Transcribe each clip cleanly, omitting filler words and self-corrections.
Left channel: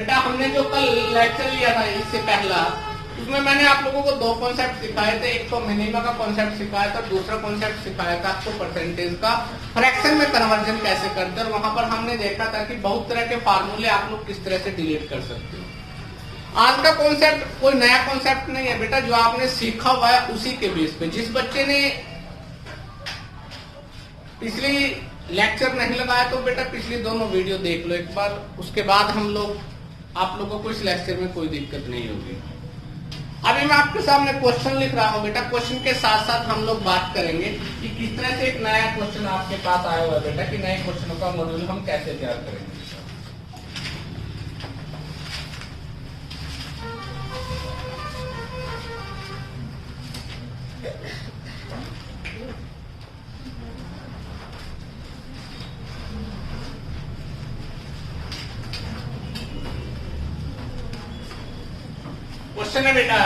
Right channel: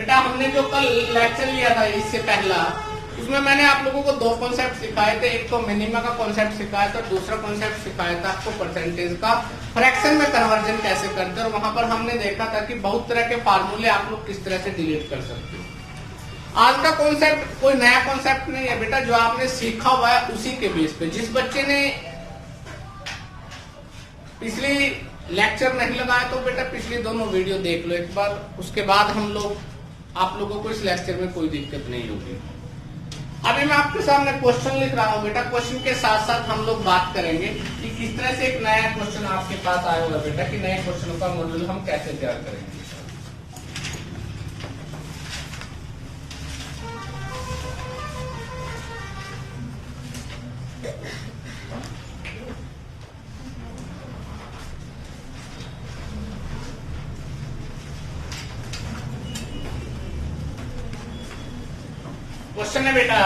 बेटा हमने जो कल लेक्चर लिया था इससे पहला, उसमें मैंने आप लोगों को दो कॉन्सेप्ट सिखाए थे। एक तो मिनिमा का कॉन्सेप्ट सिखाया था, दूसरा कॉन्सेप्ट सिखाया था आपको परसेंटेज का फ्रैक्शन में कन्वर्जन कैसे करते हैं। और वहां पर हमने देखा था कि बहुत तरह के फार्मूले आप लोग किस तरह से डिलीट कर सकते हो। आज का कॉन्सेप्ट कोई नया कॉन्सेप्ट नहीं है बेटा, जो आपने सीखा हुआ है उसी के बेस पे। जिस बच्चे ने पिछली लेक्चर नहीं लगाया तो बेटा पिछली दोनों वीडियो देख लो एक बार, उसके बाद हम लोग आप लोगों को इस लेक्चर में कोई दिक्कत नहीं होगी। अभी मैं आपके सामने क्वेश्चन लिख रहा हूँ बेटा, क्वेश्चन के साथ साथ हम लोग बात करेंगे कि किस तरह से एक नया क्वेश्चन आपके पास आया हुआ है बेटा, कि नए क्वेश्चनों का मॉड्यूल हम कैसे तैयार करेंगे। क्वेश्चन है बेटा,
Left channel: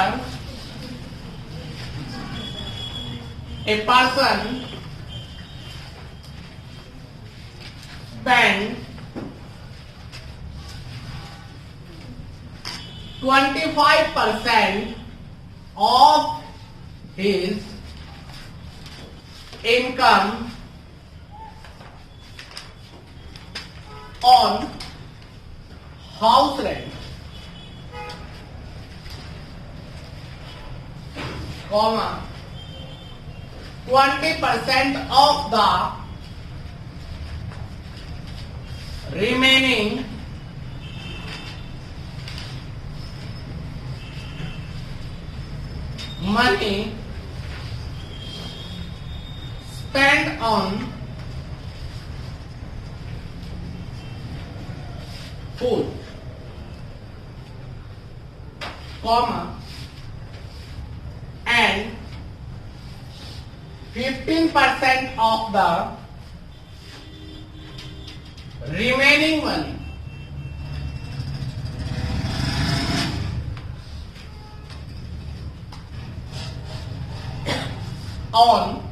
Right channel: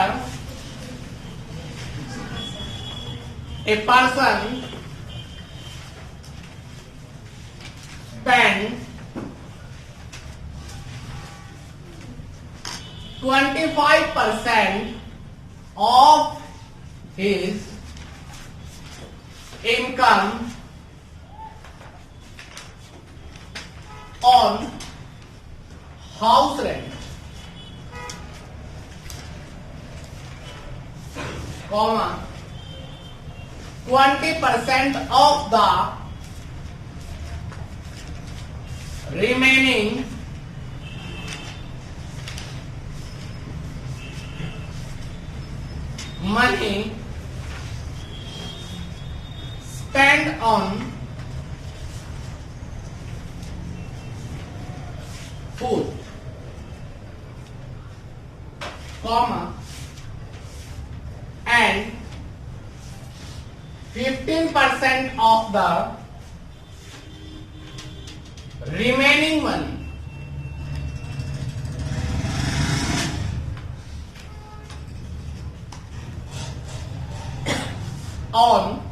a person spent 25% of his income on house rent, comma 20% of the remaining money spent on food, comma, and 15% of the remaining money on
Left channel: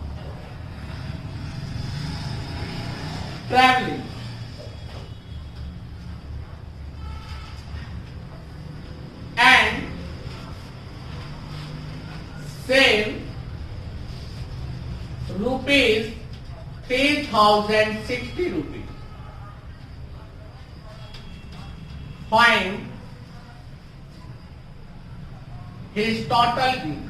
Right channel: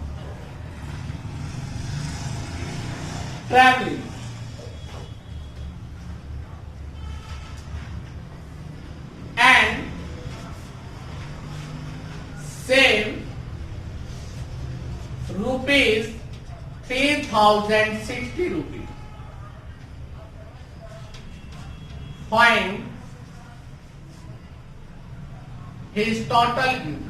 traveling, and save rupees 3060 rupees. Find his total income.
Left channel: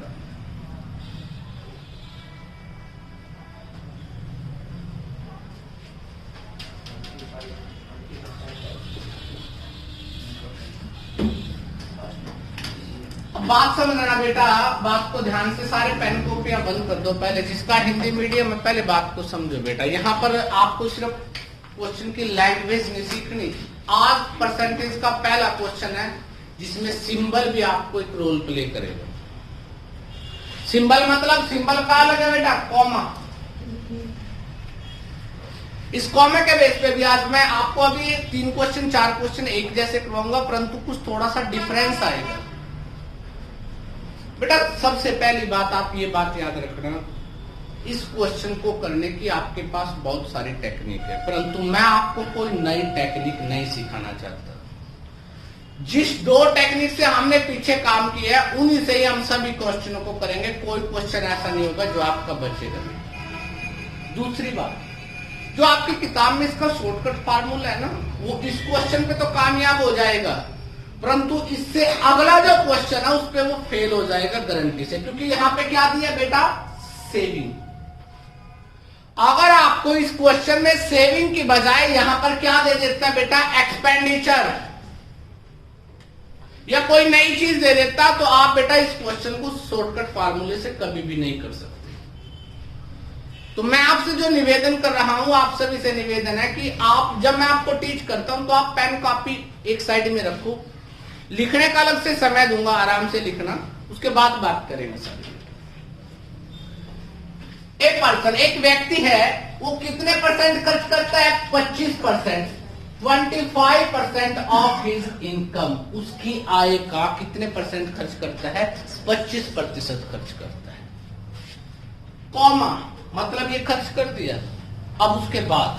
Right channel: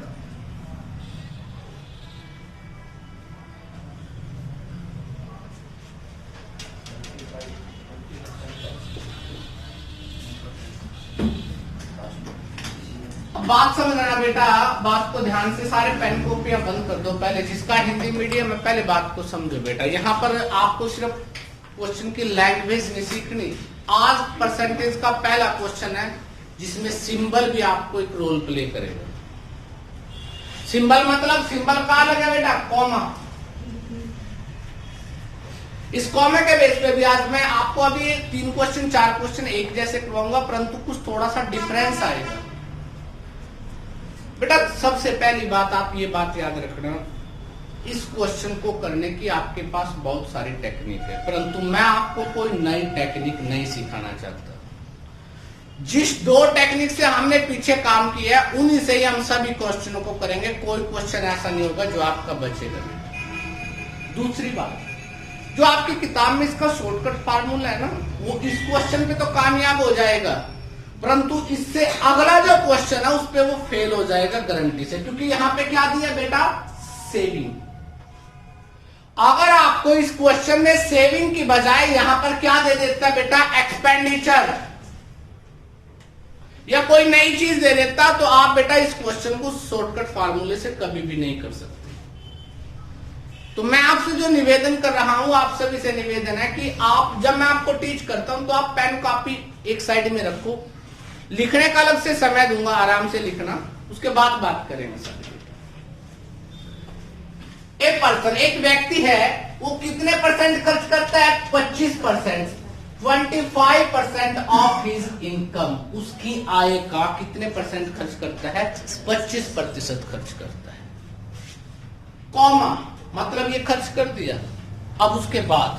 अब बात समझना बेटा, बात को ध्यान से, सारे pen कॉपियां बंद कर दो पहले। जिसका हिंदी मीडियम है पहले बात को समझो बेटा। यहाँ पर आपको सिर्फ क्वेश्चन की लैंग्वेज नहीं सीखनी। आज परसेंटेज का पहला क्वेश्चन है जिसमें सिंबल भी आपको एक रोल प्ले करेगा। सिंबल मतलब सिंबल कहाँ लगे बेटा? कॉमा। इस कॉमा के बेस पे भी आज मैं आपको अभी 3 क्वेश्चन 4 क्वेश्चन एक जैसे करवाऊंगा, परंतु कुछ थोड़ा सा डिफरेंस आएगा बेटा। सबसे पहली बात आप ये बात याद रखना, इस क्वेश्चन को करने की आपके पास बहुत सारी टेक्निक है, परंतु मैं आपको कोई नई टेक्निक नहीं सिखाना चाहता। जिस 2 टेक्निक से हमने पीछे काम किया उन्हीं से ही हम सभी क्वेश्चनों को करेंगे। कोई क्वेश्चन ऐसा नहीं होगा जो आपका बचेगा नहीं। दूसरी बात, जो आपकी किताब में इसका शॉर्टकट फार्मूला है ना, वो इस क्वेश्चन पे तो कामयाब हो जाएगा, परंतु इससे अगला जो क्वेश्चन है उस पर वो फेल हो जाएगा गारंटी से। क्योंकि यहाँ पे क्या दिया बेटा? सेविंग। अगर आपको इस क्वेश्चन में सेविंग की बजाय यहां पर क्या दे देता बेटा? एक्सपेंडिचर या कोई नई चीज दे देता, तो आप बेटा इस क्वेश्चन को शॉर्टकट फार्मूले से कभी भी नहीं कर सकते। तो मैं आपसे जो निवेदन कर रहा हूं, आप सभी से निवेदन है कि आप, जब मैं आपको टीच करता हूं तो आप पेन कॉपी एक साइड में रखो, लिखने का अलग से समय दूंगा, आराम से लिखना, उसके बाद बात करेंगे सर। एक पर्सन, एक व्यक्ति है, वो कितने परसेंट खर्च करता है? 25%। 25% ऑफ हिज इनकम, उसकी आय का कितने परसेंट खर्च करता है? 25% खर्च करता है। कॉमा मतलब ये खर्च कर दिया। अब उसके बाद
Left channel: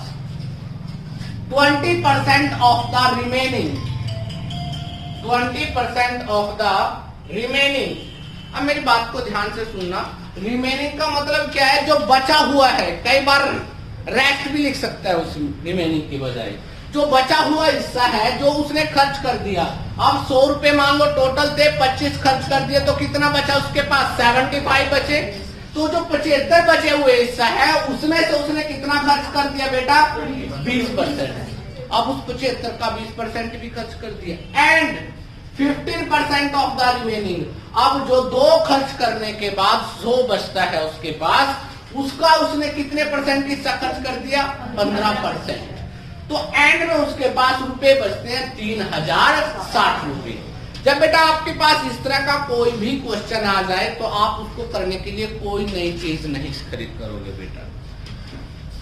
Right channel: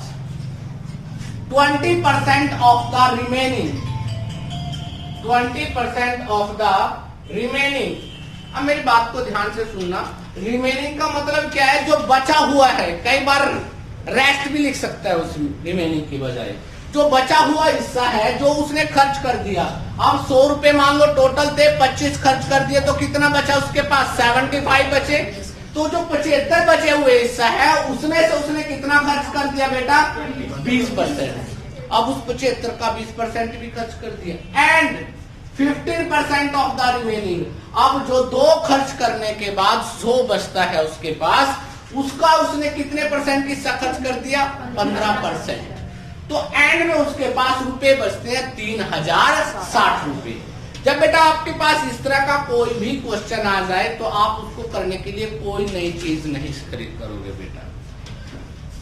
20% of the remaining 20% of the remaining. अब मेरी बात को ध्यान से सुनना, रिमेनिंग का मतलब क्या है? जो बचा हुआ है। कई बार रेस्ट भी लिख सकता है उस रिमेनिंग की बजाय। जो बचा हुआ हिस्सा है जो उसने खर्च कर दिया। अब 100 रुपए मान लो टोटल थे, 25 खर्च कर दिए तो कितना बचा उसके पास? 75 बचे। तो जो 75 बचे हुए हिस्सा है उसमें से उसने कितना खर्च कर दिया बेटा? 20%। अब उस 75 का 20% भी खर्च कर दिया। And 15% of the remaining. अब जो 2 खर्च करने के बाद 100 बचता है उसके पास, उसका उसने कितने परसेंट हिस्सा खर्च कर दिया? 15%। तो एंड में उसके पास रुपए बचते हैं 3060 रुपए। जब बेटा आपके पास इस तरह का कोई भी क्वेश्चन आ जाए तो आप उसको करने के लिए कोई नई चीज नहीं खरीद करोगे बेटा।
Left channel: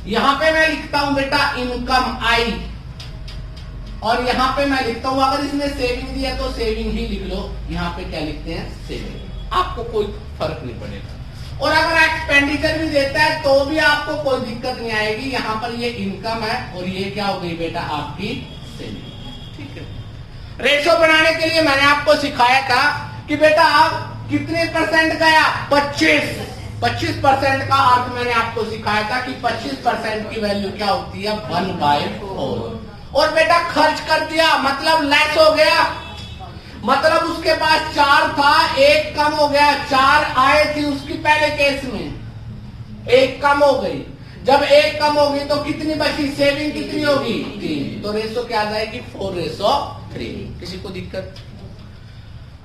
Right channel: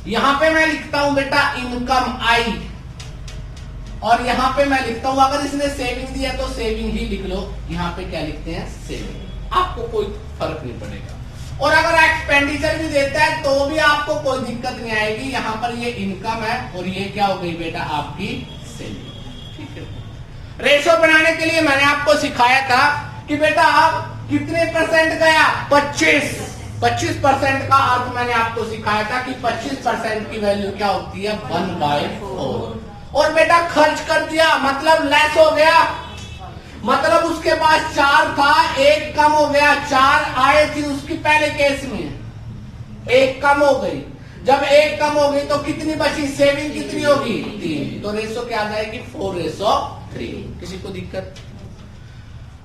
यहां पे मैं लिखता हूं बेटा इनकम आई, और यहां पे मैं लिखता हूं अगर इसने सेविंग दिया तो सेविंग ही लिख लो। यहां पे क्या लिखते हैं? सेविंग। आपको कोई फर्क नहीं पड़ेगा। और अगर एक्सपेंडिचर भी देता है तो भी आपको कोई दिक्कत नहीं आएगी। यहां पर ये इनकम है और ये क्या हो गई बेटा? आपकी सेविंग। ठीक है। रेशो बनाने के लिए मैंने आपको सिखाया था कि बेटा कितने परसेंट गया? 25% का अर्थ मैंने आपको सिखाया था कि 25% की वैल्यू क्या होती है? 1/4। और बेटा खर्च कर दिया मतलब लेस हो गया, मतलब उसके पास 4 था, 1 कम हो गया। 4 आए थे उसकी पहले केस में, 1 कम हो गई। जब 1 कम हो गई तो कितनी बची? सेविंग कितनी होगी? 3। तो रेशो क्या आ जाएगी? 4:3। किसी को दिक्कत?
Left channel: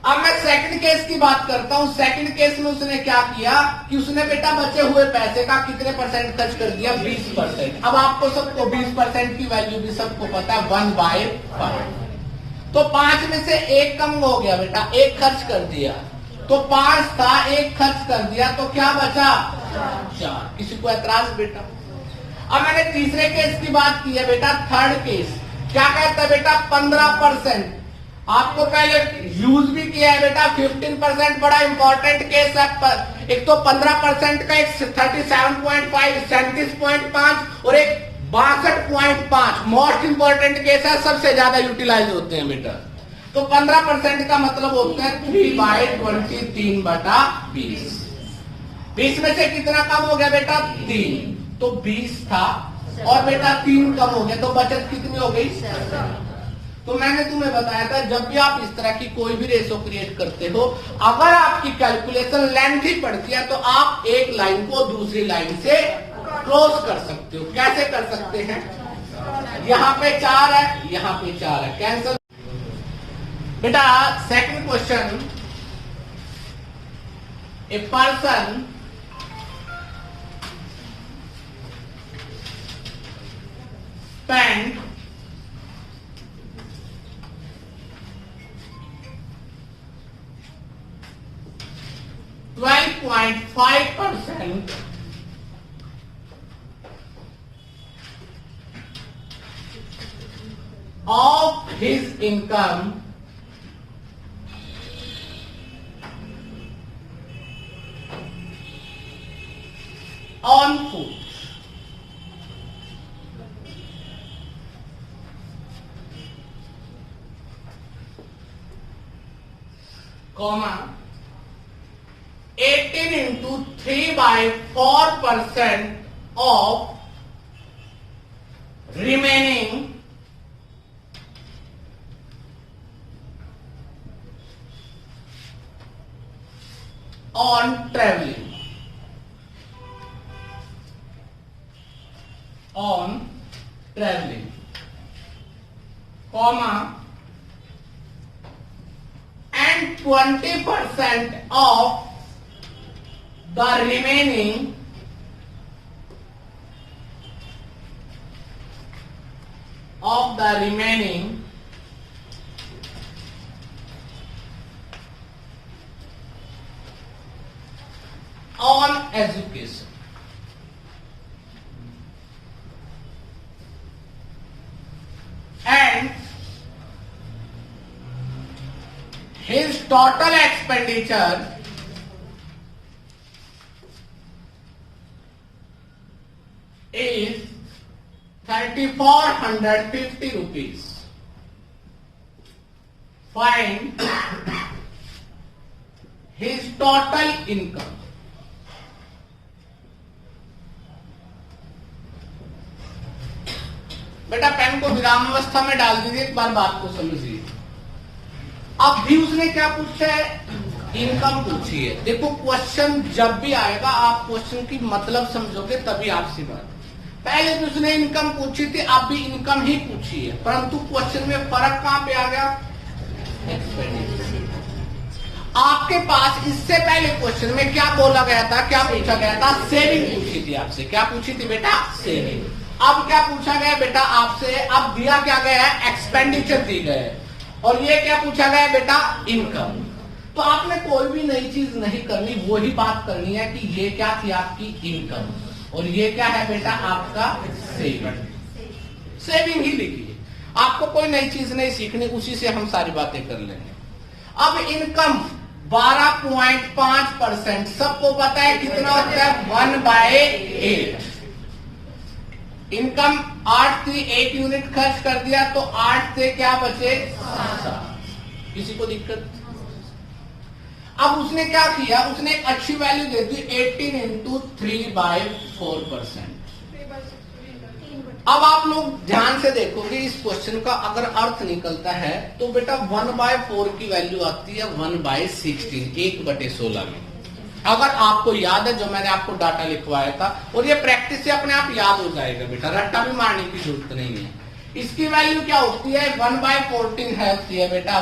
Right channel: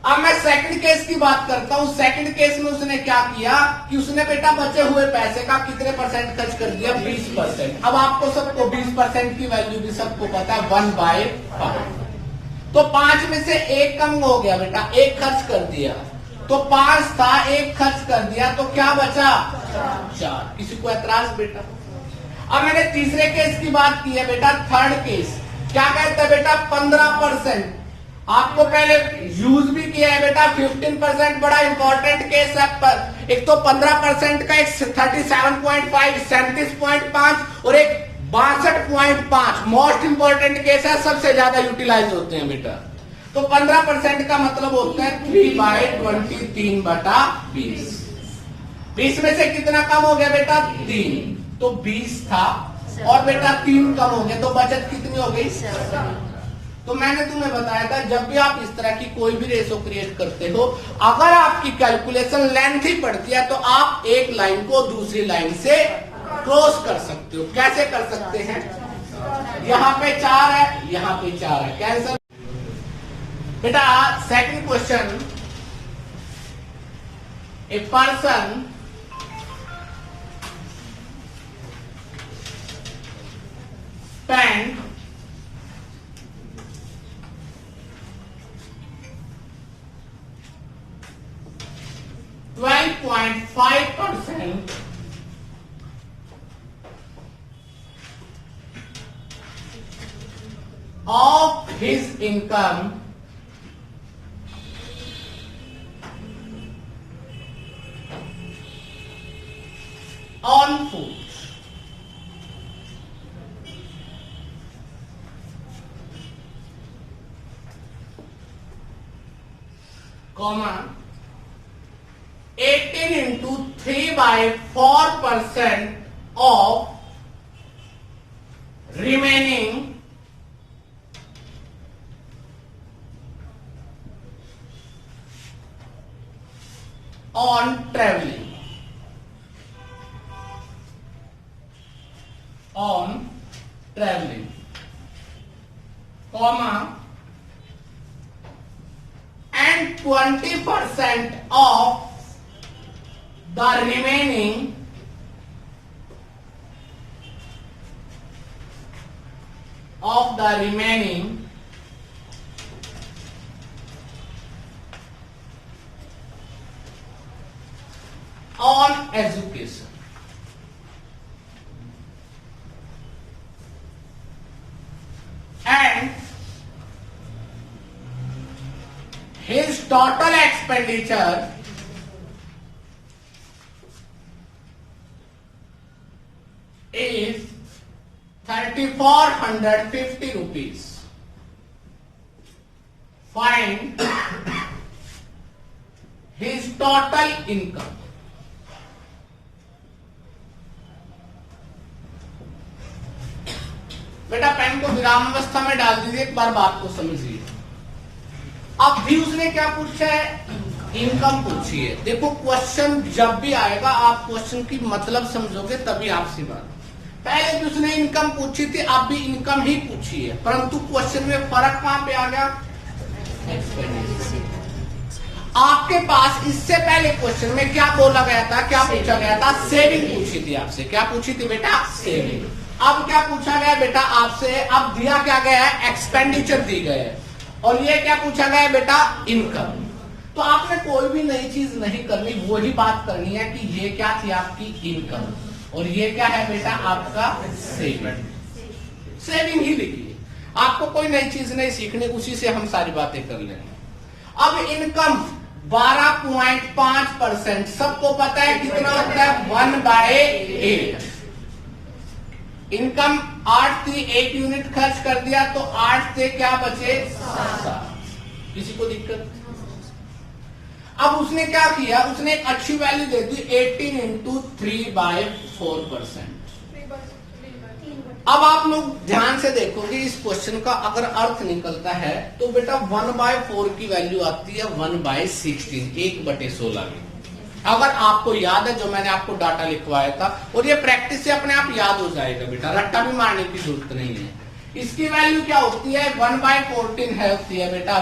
अब मैं सेकंड केस की बात करता हूं। सेकंड केस में उसने क्या किया कि उसने बेटा बचे हुए पैसे का कितने परसेंट खर्च कर दिया? 20%। अब आपको सबको 20% की वैल्यू भी सबको पता है, 1/5। तो 5 में से 1 कम हो गया बेटा, 1 खर्च कर दिया। तो 5 था, 1 खर्च कर दिया तो क्या बचा? 4। किसी को ऐतराज बेटा? अब मैंने तीसरे केस की बात की है बेटा। थर्ड केस क्या कहता है बेटा? 15%। आपको पहले यूज भी किया है बेटा। 15% बड़ा इंपॉर्टेंट केस है। एक तो 15% का एक 37.5, 37.5 और एक 62.5 मोस्ट इंपॉर्टेंट केस है, सबसे ज्यादा यूटिलाइज होते हैं बेटा। तो 15% का मतलब होते हैं 3/20, 3/20। 20 में से कितना कम हो गया बेटा? 3। तो 20 था और बेटा 3 कम हो गया तो बचत कितनी हो गई? 7। तो मैंने तुम्हें बताया था जब भी आप इस तरह की कोई भी रेशो क्रिएट करते हो, अगर आपकी कैलकुलेशन लेंथी पड़ती है तो आप एक लाइन को दूसरी लाइन से क्रॉस कर सकते हो। कैसे कर सकते हैं? यहां पे 4 है, यहां पे 4 है, कैंसल। बेटा second question, a person spent 12.5% of his income on food. Comma 18 into 3/4% of remaining on traveling. Comma and 20% of the remaining on education. And his total expenditure is 3,450 rupees find his total income. बेटा pen को विराम अवस्था में डाल दीजिए, एक बार बात को समझिए। अब भी उसने क्या पूछा है, इनकम पूछी है। देखो क्वेश्चन जब भी आएगा आप क्वेश्चन की मतलब समझोगे तभी आपसे बात। पहले भी उसने इनकम पूछी थी, अब भी इनकम ही पूछी है, परंतु क्वेश्चन में फर्क कहां पे आ गया, एक्सपेंडिचर। आपके पास इससे पहले क्वेश्चन में क्या बोला गया था, क्या पूछा गया था, सेविंग पूछी थी आपसे। क्या पूछी थी बेटा, सेविंग। अब क्या पूछा गया बेटा आपसे, अब दिया क्या गया है, एक्सपेंडिचर दी गए है। और ये क्या पूछा गया है बेटा, इनकम। तो आपने कोई भी नई चीज नहीं करनी, वही बात करनी है कि ये क्या थी आपकी इनकम और ये क्या है बेटा आपका सेविंग। सेविंग ही लिखिए, आपको कोई नई चीज नहीं सीखनी, उसी से हम सारी बातें कर लेंगे। अब इनकम 12.5%, सबको पता है कितना होता है, 1/8। इनकम 8 थी, 1 यूनिट खर्च कर दिया तो 8 से क्या बचे, 7। किसी को दिक्कत? अब उसने क्या किया, उसने एक अच्छी वैल्यू दे दी, 18 इंटू 3/4%। अब आप लोग ध्यान से देखोगे इस क्वेश्चन का अगर अर्थ निकलता है तो बेटा 1/4 की वैल्यू आती है 1/16, 1/16 की। अगर आपको याद है जो मैंने आपको डाटा लिखवाया था, और ये प्रैक्टिस से अपने आप याद हो जाएगा बेटा, रट्टा भी मारने की जरूरत नहीं है। इसकी वैल्यू क्या होती है, 1/14 है बेटा,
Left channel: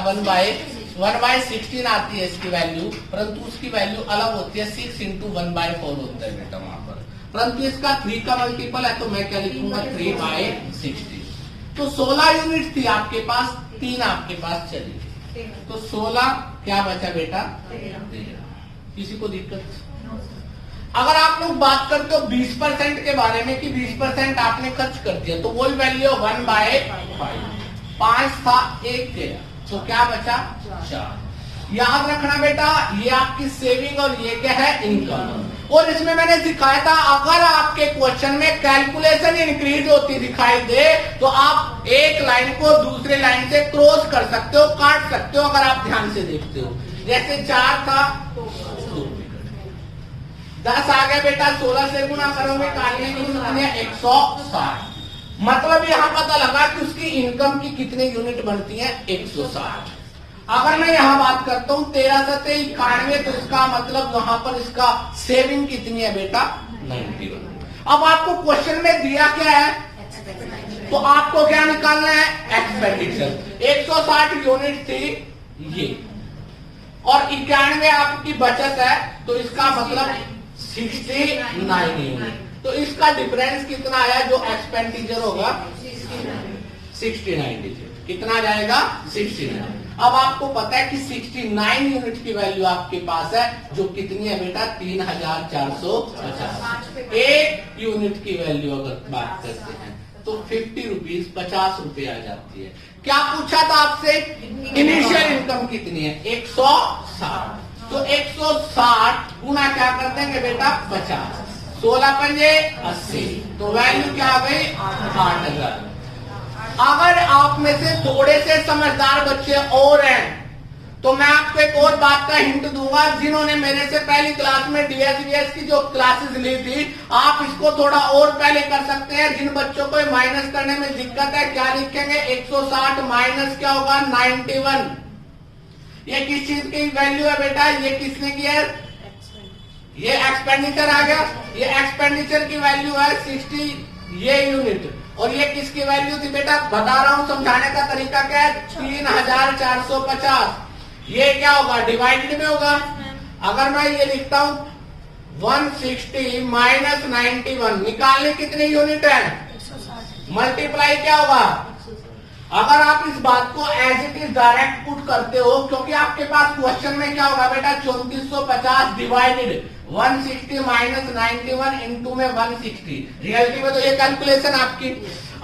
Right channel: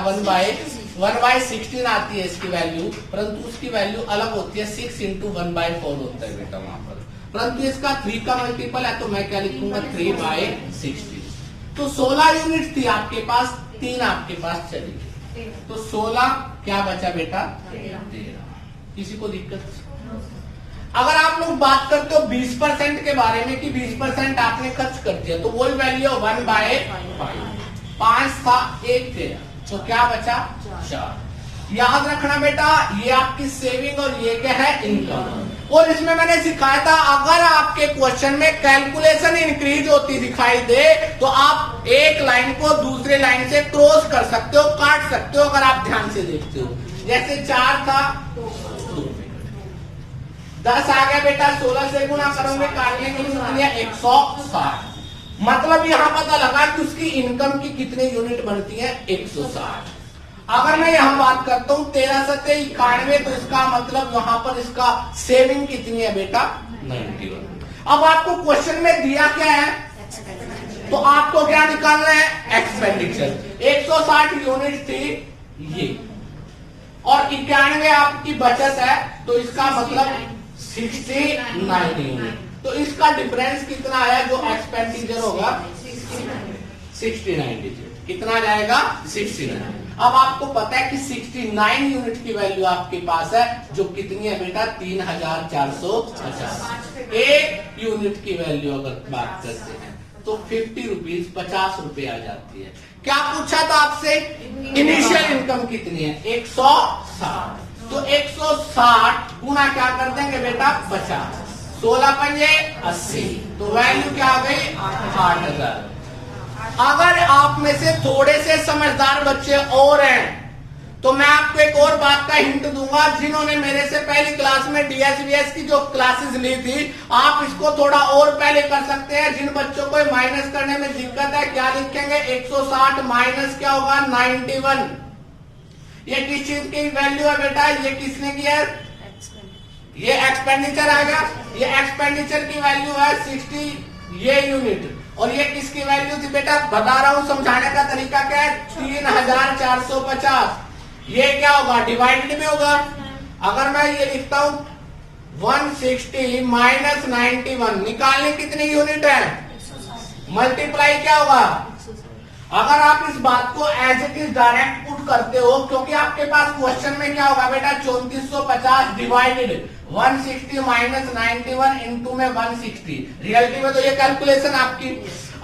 1/16 आती है इसकी वैल्यू, परंतु उसकी वैल्यू अलग होती है, 6 इंटू 1/4 होता है बेटा वहां पर। परंतु इसका 3 का मल्टीपल है तो मैं क्या लिखूंगा, 3/16। तो 16 यूनिट थी आपके पास, 3 आपके पास चली, तो 16 क्या बचा बेटा, 13। किसी को दिक्कत? अगर आप लोग बात करते हो 20% के बारे में कि 20% आपने खर्च कर दिया, तो वही वैल्यू 1/5। 5 था, 1 गया, तो क्या बचा, 4। याद रखना बेटा, ये आपकी सेविंग और ये क्या है, इनकम। और इसमें मैंने सिखाया था अगर आपके क्वेश्चन में कैलकुलेशन इंक्रीज होती दिखाई दे तो आप एक लाइन को दूसरे लाइन से क्रॉस कर सकते हो, काट सकते हो, अगर आप ध्यान से देखते हो। जैसे 4 था, 10 आ गया बेटा, 16 से गुणा करोगे, काटने की कितनी है, 160। मतलब यहां पता लगा कि उसकी इनकम की कितनी यूनिट बनती है, 160। अगर मैं यहां बात करता हूं 13 से 91, तो इसका मतलब वहां पर इसका सेविंग कितनी है बेटा, 91। अब आपको क्वेश्चन में दिया क्या है, तो आपको क्या निकालना है, एक्सपेंडिचर। 160 यूनिट थी ये, और 91 आपकी बचत है, तो इसका मतलब 69 यूनिट। तो इसका डिफरेंस कितना आया, जो एक्सपेंडिचर होगा 69 डिजिट। कितना जाएगा, 69। अब आपको पता है कि 69 यूनिट की वैल्यू आपके पास है, जो कितनी है बेटा, 3450। 1 यूनिट की वैल्यू अगर बात करते हैं तो 50 रुपीज, 50 रुपए आ जाती है। क्या पूछा था आपसे, इनिशियल इनकम कितनी है, 160। तो 160 गुना क्या कर देंगे बेटा, 50, 16 पंजे 80, तो वैल्यू क्या आ गई, 8000। अगर आप में से थोड़े से समझदार बच्चे और हैं तो मैं आपको एक और बात का हिंट दूंगा, जिन्होंने मेरे से पहली क्लास में डीएसबीएस की जो क्लासेस ली थी, आप इसको थोड़ा और पहले कर सकते हैं। जिन बच्चों को माइनस करने में दिक्कत है, क्या लिखेंगे, 160 माइनस क्या होगा, 91। ये किस चीज की वैल्यू है बेटा, ये किसने किया है, ये एक्सपेंडिचर आ गया। ये एक्सपेंडिचर की वैल्यू है 60 ये यूनिट, और ये किसकी वैल्यू थी बेटा, बता रहा हूं, समझाने का तरीका क्या है, 3450। ये क्या होगा, डिवाइडेड में होगा। अगर मैं ये लिखता हूं 160 माइनस 91, निकालने कितनी यूनिट है, मल्टीप्लाई क्या होगा। अगर आप इस बात को as it is direct put करते हो, क्योंकि आपके पास क्वेश्चन में क्या होगा बेटा, 3450 डिवाइडेड 160 माइनस 91 इंटू में 160। रियलिटी में तो ये कैलकुलेशन आपकी,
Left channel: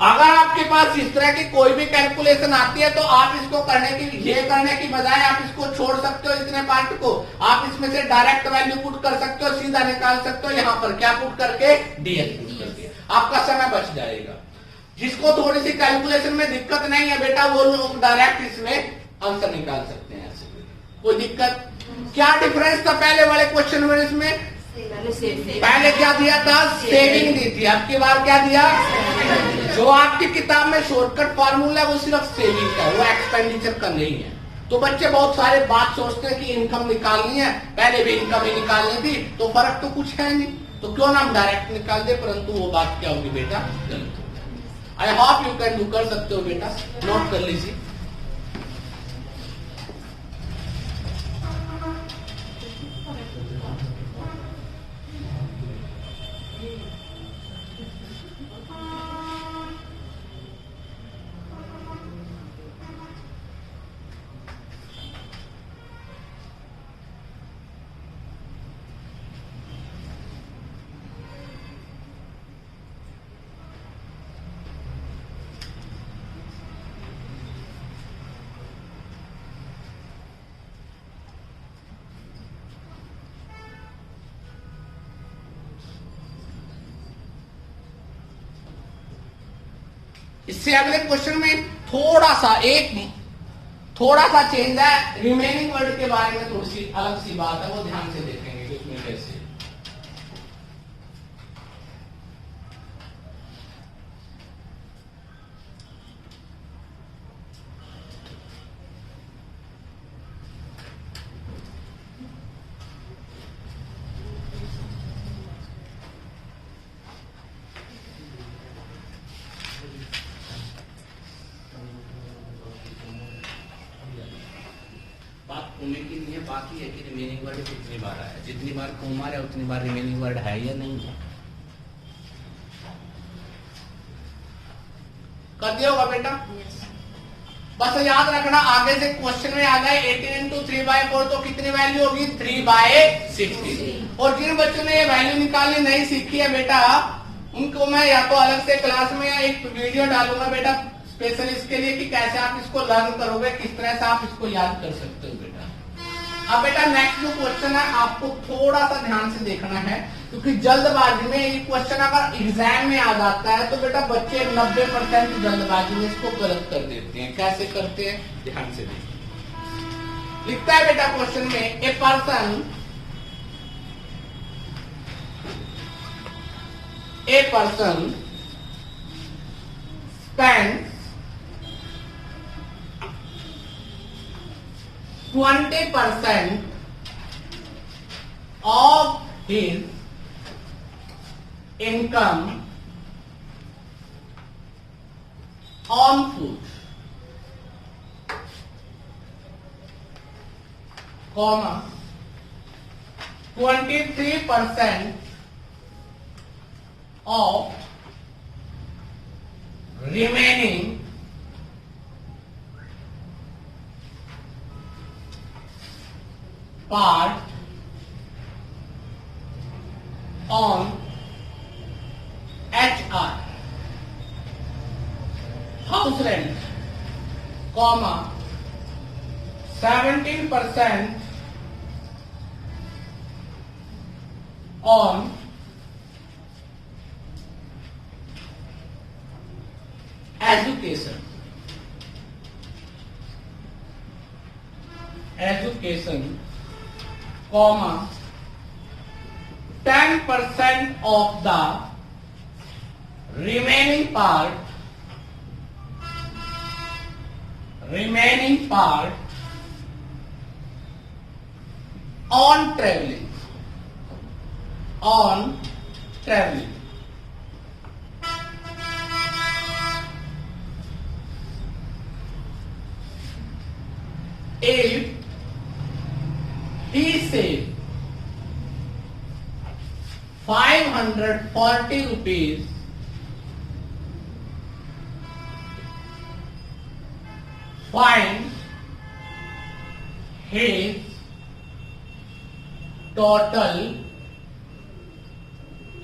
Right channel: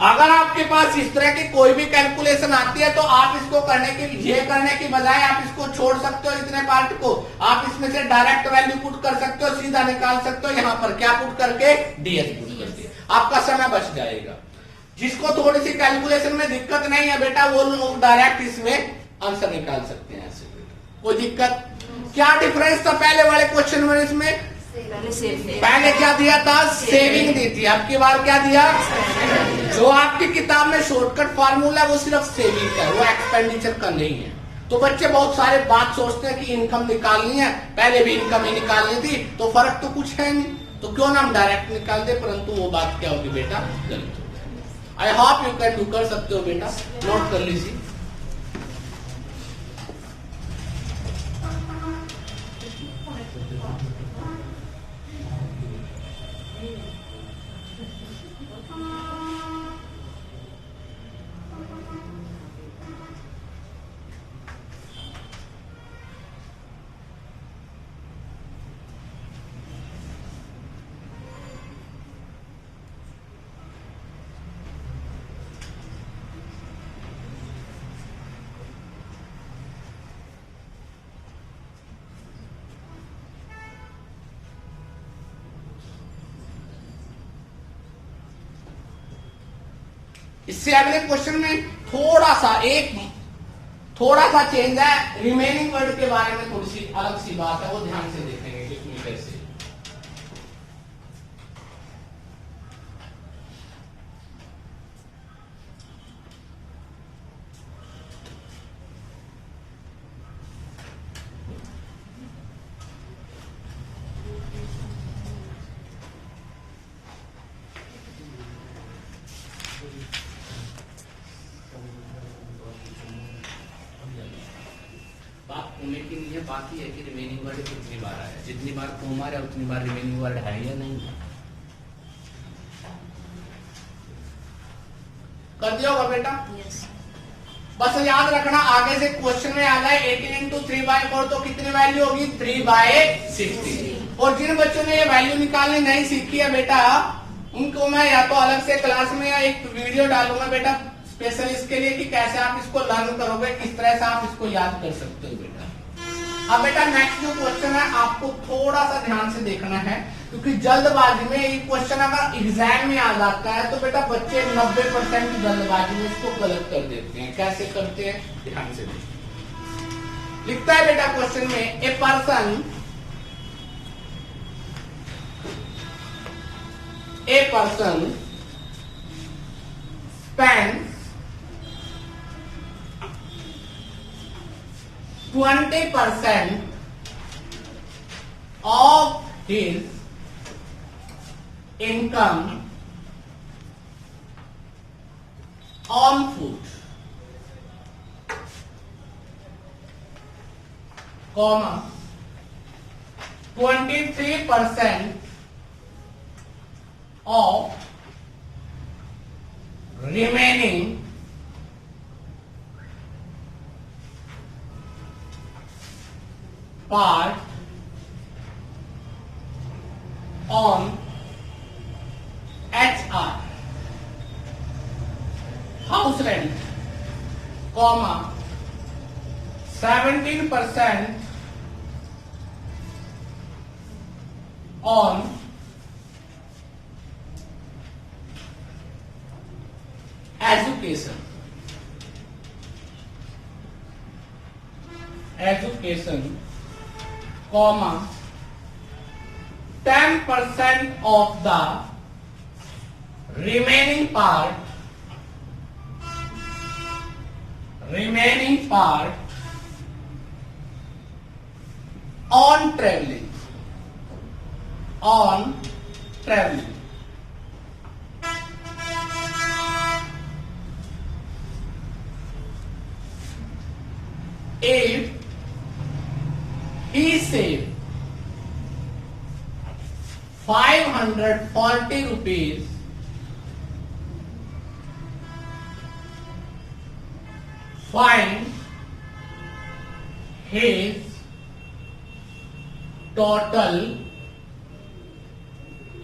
अगर आपके पास इस तरह की कोई भी कैलकुलेशन आती है तो आप इसको करने की बजाय आप इसको छोड़ सकते हो, इतने पार्ट को आप इसमें से डायरेक्ट वैल्यू पुट कर सकते हो, सीधा निकाल सकते हो। यहाँ पर क्या पुट करके, डीएस पुट करके, आपका समय बच जाएगा। जिसको थोड़ी सी कैलकुलेशन में दिक्कत नहीं है बेटा, वो लोग डायरेक्ट इसमें आंसर निकाल सकते हैं ऐसे। कोई दिक्कत? क्या डिफरेंस था पहले वाले क्वेश्चन में? इसमें पहले क्या दिया था? सेविंग दी थी। अब की बार क्या दिया? जो आपकी किताब में शॉर्टकट फार्मूला वो सिर्फ सेविंग का, वो एक्सपेंडिचर का नहीं है। तो बच्चे बहुत सारे बात सोचते हैं कि इनकम निकालनी है, पहले भी इनकम ही निकालनी थी, तो फर्क तो कुछ है नहीं, तो क्यों ना हम डायरेक्ट निकाल दे, परंतु वो बात क्या होगी बेटा? गलत होगी। आई होप यू कैन, कर सकते हो बेटा, नोट कर लीजिए। इससे अगले क्वेश्चन में थोड़ा सा चेंज है। रिमेनिंग वर्ड के बारे में थोड़ी सी अलग सी बात है, वो ध्यान से देखेंगे कि उसमें कैसे। बात होने की नहीं है, बात ही है कि रिमेनिंग वर्ड कितनी बार आया। जितनी बार कॉमा है उतनी बार रिमेनिंग वर्ड है या नहीं है। कर दिया होगा बेटा? बस याद रखना, आगे से क्वेश्चन में आ गए 18 इंटू 3/4 तो कितनी वैल्यू होगी? 3/60। और जिन बच्चों ने ये वैल्यू निकालनी नहीं सीखी है बेटा, उनको मैं या तो अलग से क्लास में एक वीडियो डालूंगा बेटा स्पेशल इसके लिए कि कैसे आप इसको लर्न करोगे, किस तरह से आप इसको याद कर सकते हो बेटा। अब बेटा नेक्स्ट जो क्वेश्चन है आपको थोड़ा सा ध्यान से देखना है, क्योंकि जल्दबाजी में ये क्वेश्चन अगर एग्जाम में आ जाता है तो बेटा बच्चे 90% जल्दबाजी में इसको गलत कर देते हैं। कैसे करते हैं? ध्यान से देखिए। लिखता है बेटा क्वेश्चन में, a person spends 20% of his income on food, comma 23% of remaining part on HR, house rent, comma 17% on education, comma 10% of the remaining part on traveling. If he saved 540 rupees, find his total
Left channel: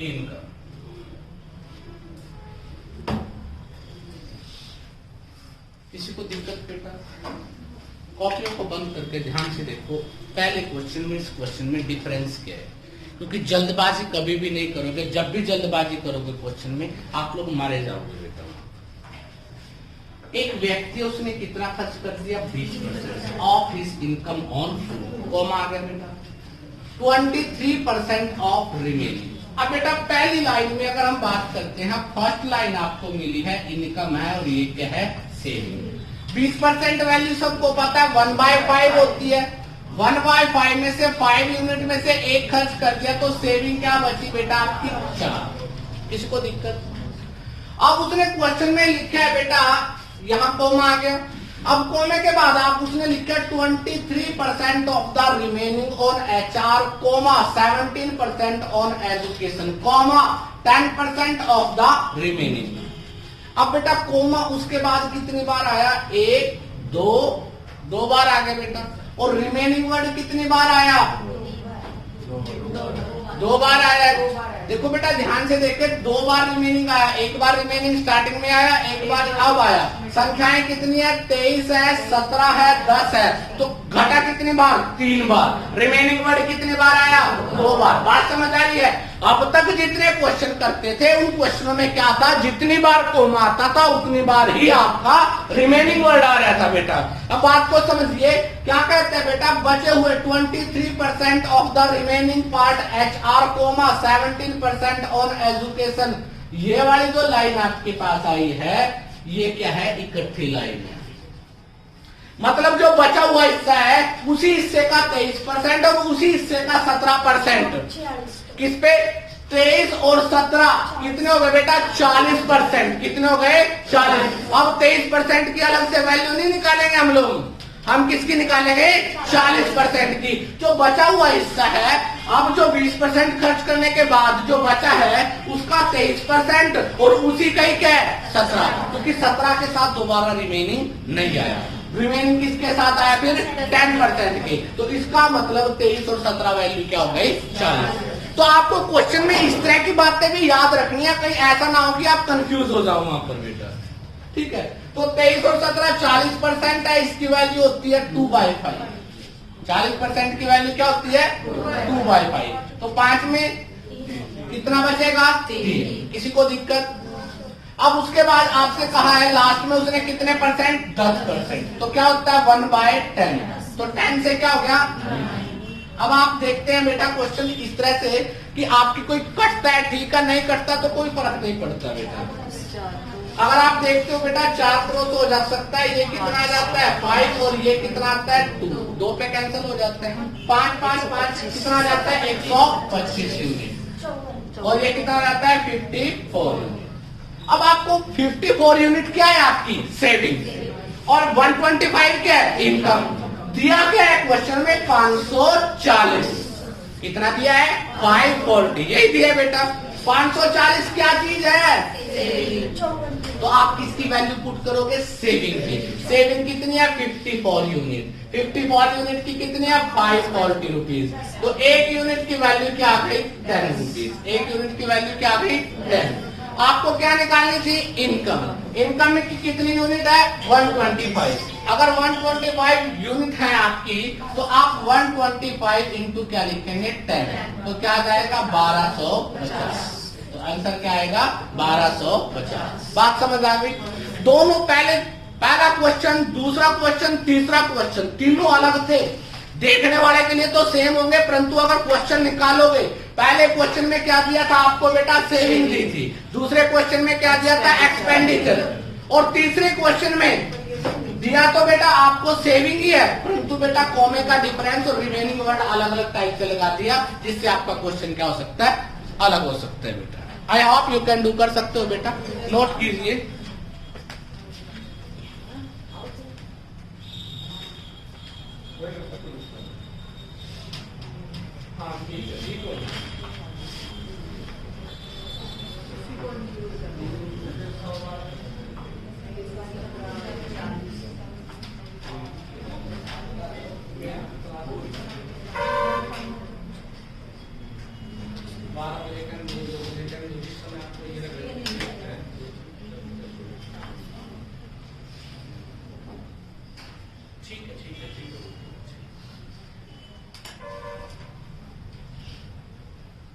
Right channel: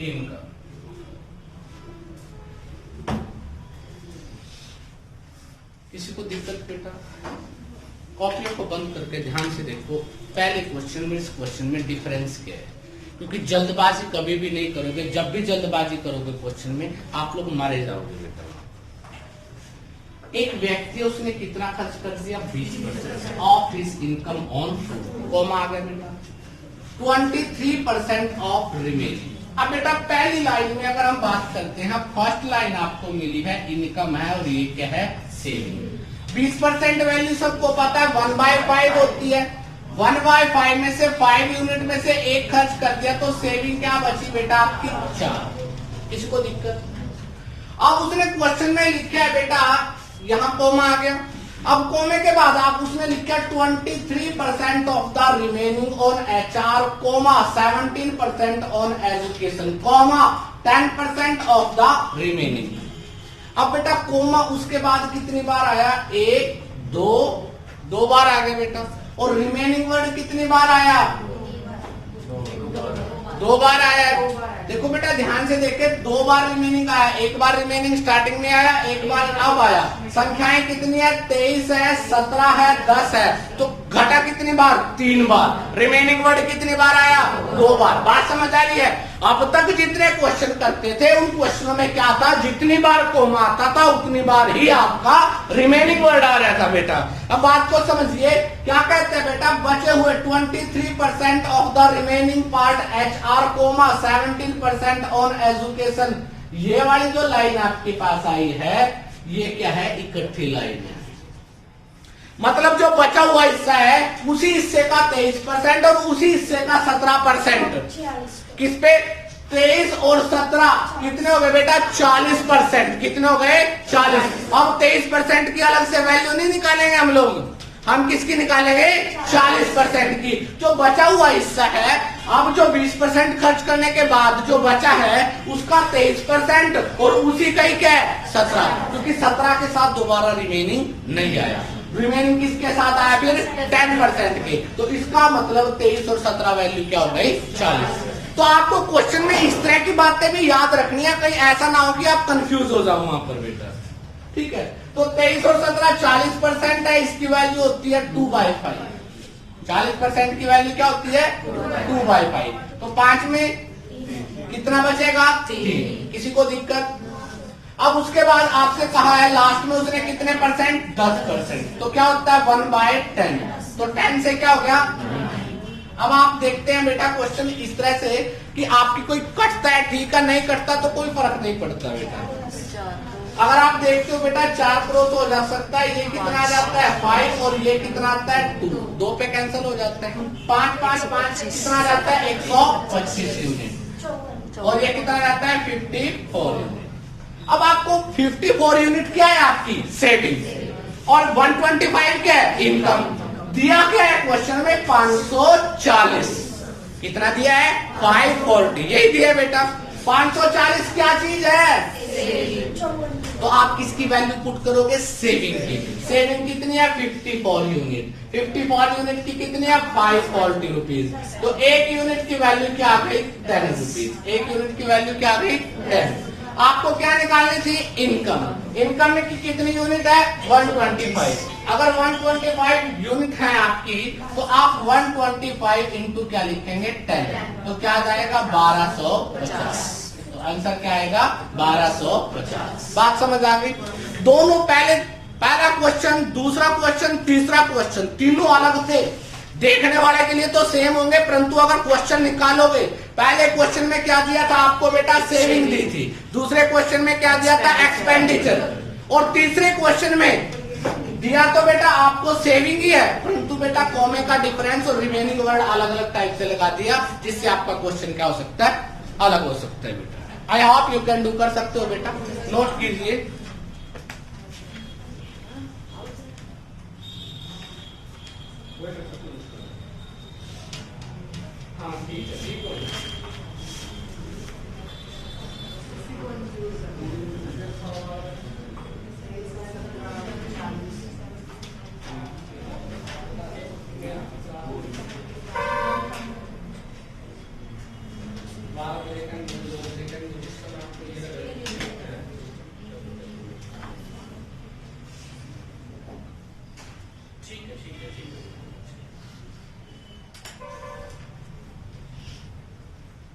income. किसी को दिक्कत बेटा? कॉपियों को बंद करके ध्यान से देखो पहले क्वेश्चन में इस क्वेश्चन में डिफरेंस क्या है, क्योंकि जल्दबाजी कभी भी नहीं करोगे। जब भी जल्दबाजी करोगे क्वेश्चन में आप लोग मारे जाओगे बेटा। एक व्यक्ति उसने कितना खर्च कर दिया 20% of his income on food, comma आ गया बेटा 23% ऑफ रिमेनिंग। अब बेटा पहली लाइन में अगर हम बात करते हैं, फर्स्ट लाइन आपको मिली है इनकम है और ये क्या है सेविंग। 20% वैल्यू सबको पता है 1/5 होती है। 1/5 में से 5 यूनिट में से एक खर्च कर दिया तो सेविंग क्या बची बेटा आपकी 4। इसको दिक्कत। अब उसने क्वेश्चन में लिखा है बेटा, यहां कोमा आ गया। अब कोमे के बाद आप उसने लिखा 23% of the remaining on HR, comma 17% on education, comma 10% of the remaining. अब बेटा कोमा उसके बाद कितनी बार आया, 1 2 बार आ गया बेटा। और रिमेनिंग वर्ड कितनी बार आया, 2 बार आया। देखो बेटा ध्यान से देखे, 2 बार रिमेनिंग आया, 1 बार रिमेनिंग स्टार्टिंग में आया, 1 बार अब आया। संख्याएं कितनी है, 23 है, 17 है, 10 है। तो घटा कितनी बार, 3 बार। रिमेनिंग वर्ड कितनी बार आया, 2 बार। बात समझ आ रही है। अब तक जितने क्वेश्चन करते थे उन क्वेश्चनों में क्या था, जितनी बार कोमा आता था उतनी बार ही आपका रिमेनिंग वर्ड आ रहा था बेटा। अब बात को समझिए, क्या कहते हैं बेटा, बचे हुए 23% of the remaining part HR, comma 17% on education. ये वाली जो लाइन आपके पास आई है ये क्या है, इकट्ठी लाइन है। मतलब जो बचा हुआ हिस्सा है उसी हिस्से का 23% और उसी हिस्से का 17%। किस पे, 23 और 17 कितने हो गए बेटा, 40%। कितने हो गए, 40। अब 23% की अलग से वैल्यू नहीं निकालेंगे हम लोग, हम किसकी निकालेंगे, 40% की। जो बचा हुआ हिस्सा है, अब जो 20% खर्च करने के बाद जो बचा है उसका 23% और उसी का ही क्या है 17, क्योंकि 17 के साथ दोबारा रिमेनिंग नहीं आया। रिमेनिंग किसके साथ आया फिर, 10% के। तो इसका मतलब 23 और 17 वैल्यू क्या हो गई, 40। तो आपको क्वेश्चन में इस तरह की बातें भी याद रखनी है, कहीं ऐसा ना हो कि आप कंफ्यूज हो जाओ वहां पर बेटा। ठीक है, तो 23 और 17 40% है, इसकी वैल्यू होती है 2/5। 40% की वैल्यू क्या होती है, 2/5। तो 5 में कितना बचेगा, 3। किसी को दिक्कत। अब उसके बाद आपसे कहा है लास्ट में उसने कितने परसेंट, 10%। तो क्या होता है 1/10। तो 10 से क्या हो गया। अब आप देखते हैं बेटा क्वेश्चन इस तरह से कि आपकी कोई कटता है ठीक है, नहीं कटता तो कोई फर्क नहीं पड़ता बेटा। अगर आप देखते हो बेटा 4 करो तो हो जा सकता है, ये कितना आ जाता है 5 और ये कितना आता है 2, 2 पे कैंसिल हो जाता है। 5 5 5 कितना आ जाता है 125 यूनिट और ये कितना आ जाता है 54 यूनिट। अब आपको 54 यूनिट क्या है आपकी सेविंग और 125 क्या है इनकम। दिया क्या है क्वेश्चन में 540। कितना दिया है 540, यही दिया बेटा। 540 क्या चीज है, तो आप किसकी वैल्यू पुट करोगे, सेविंग की। सेविंग कितनी है 54 यूनिट। 54 यूनिट की कितनी है 540 रुपीज। तो 1 यूनिट की वैल्यू क्या आ गई 10 रुपीज। 1 यूनिट की वैल्यू क्या आ गई 10। आपको क्या निकालनी थी इनकम। इनकम में कितनी यूनिट है 125। अगर 125 यूनिट है आपकी तो आप 125 इंटू क्या लिखेंगे 10, तो क्या आ जाएगा 1250। तो आंसर क्या आएगा 1250। बात समझ आ गई। दोनों पहला क्वेश्चन, दूसरा क्वेश्चन, तीसरा क्वेश्चन तीनों अलग थे। देखने वाले के लिए तो सेम होंगे, परंतु अगर क्वेश्चन निकालोगे, पहले क्वेश्चन में क्या दिया था आपको बेटा सेविंग दी थी, दूसरे क्वेश्चन में क्या दिया था एक्सपेंडिचर, और तीसरे क्वेश्चन में दिया तो बेटा आपको सेविंग ही है, परंतु बेटा कॉमे का डिफरेंस और रिमेनिंग वर्ड अलग अलग टाइप से लगा दिया, जिससे आपका क्वेश्चन क्या हो सकता है अलग हो सकता है बेटा। आई आप ये कैन डू कर सकते हो बेटा, नोट कीजिए। हाँ ठीक है, ठीक है।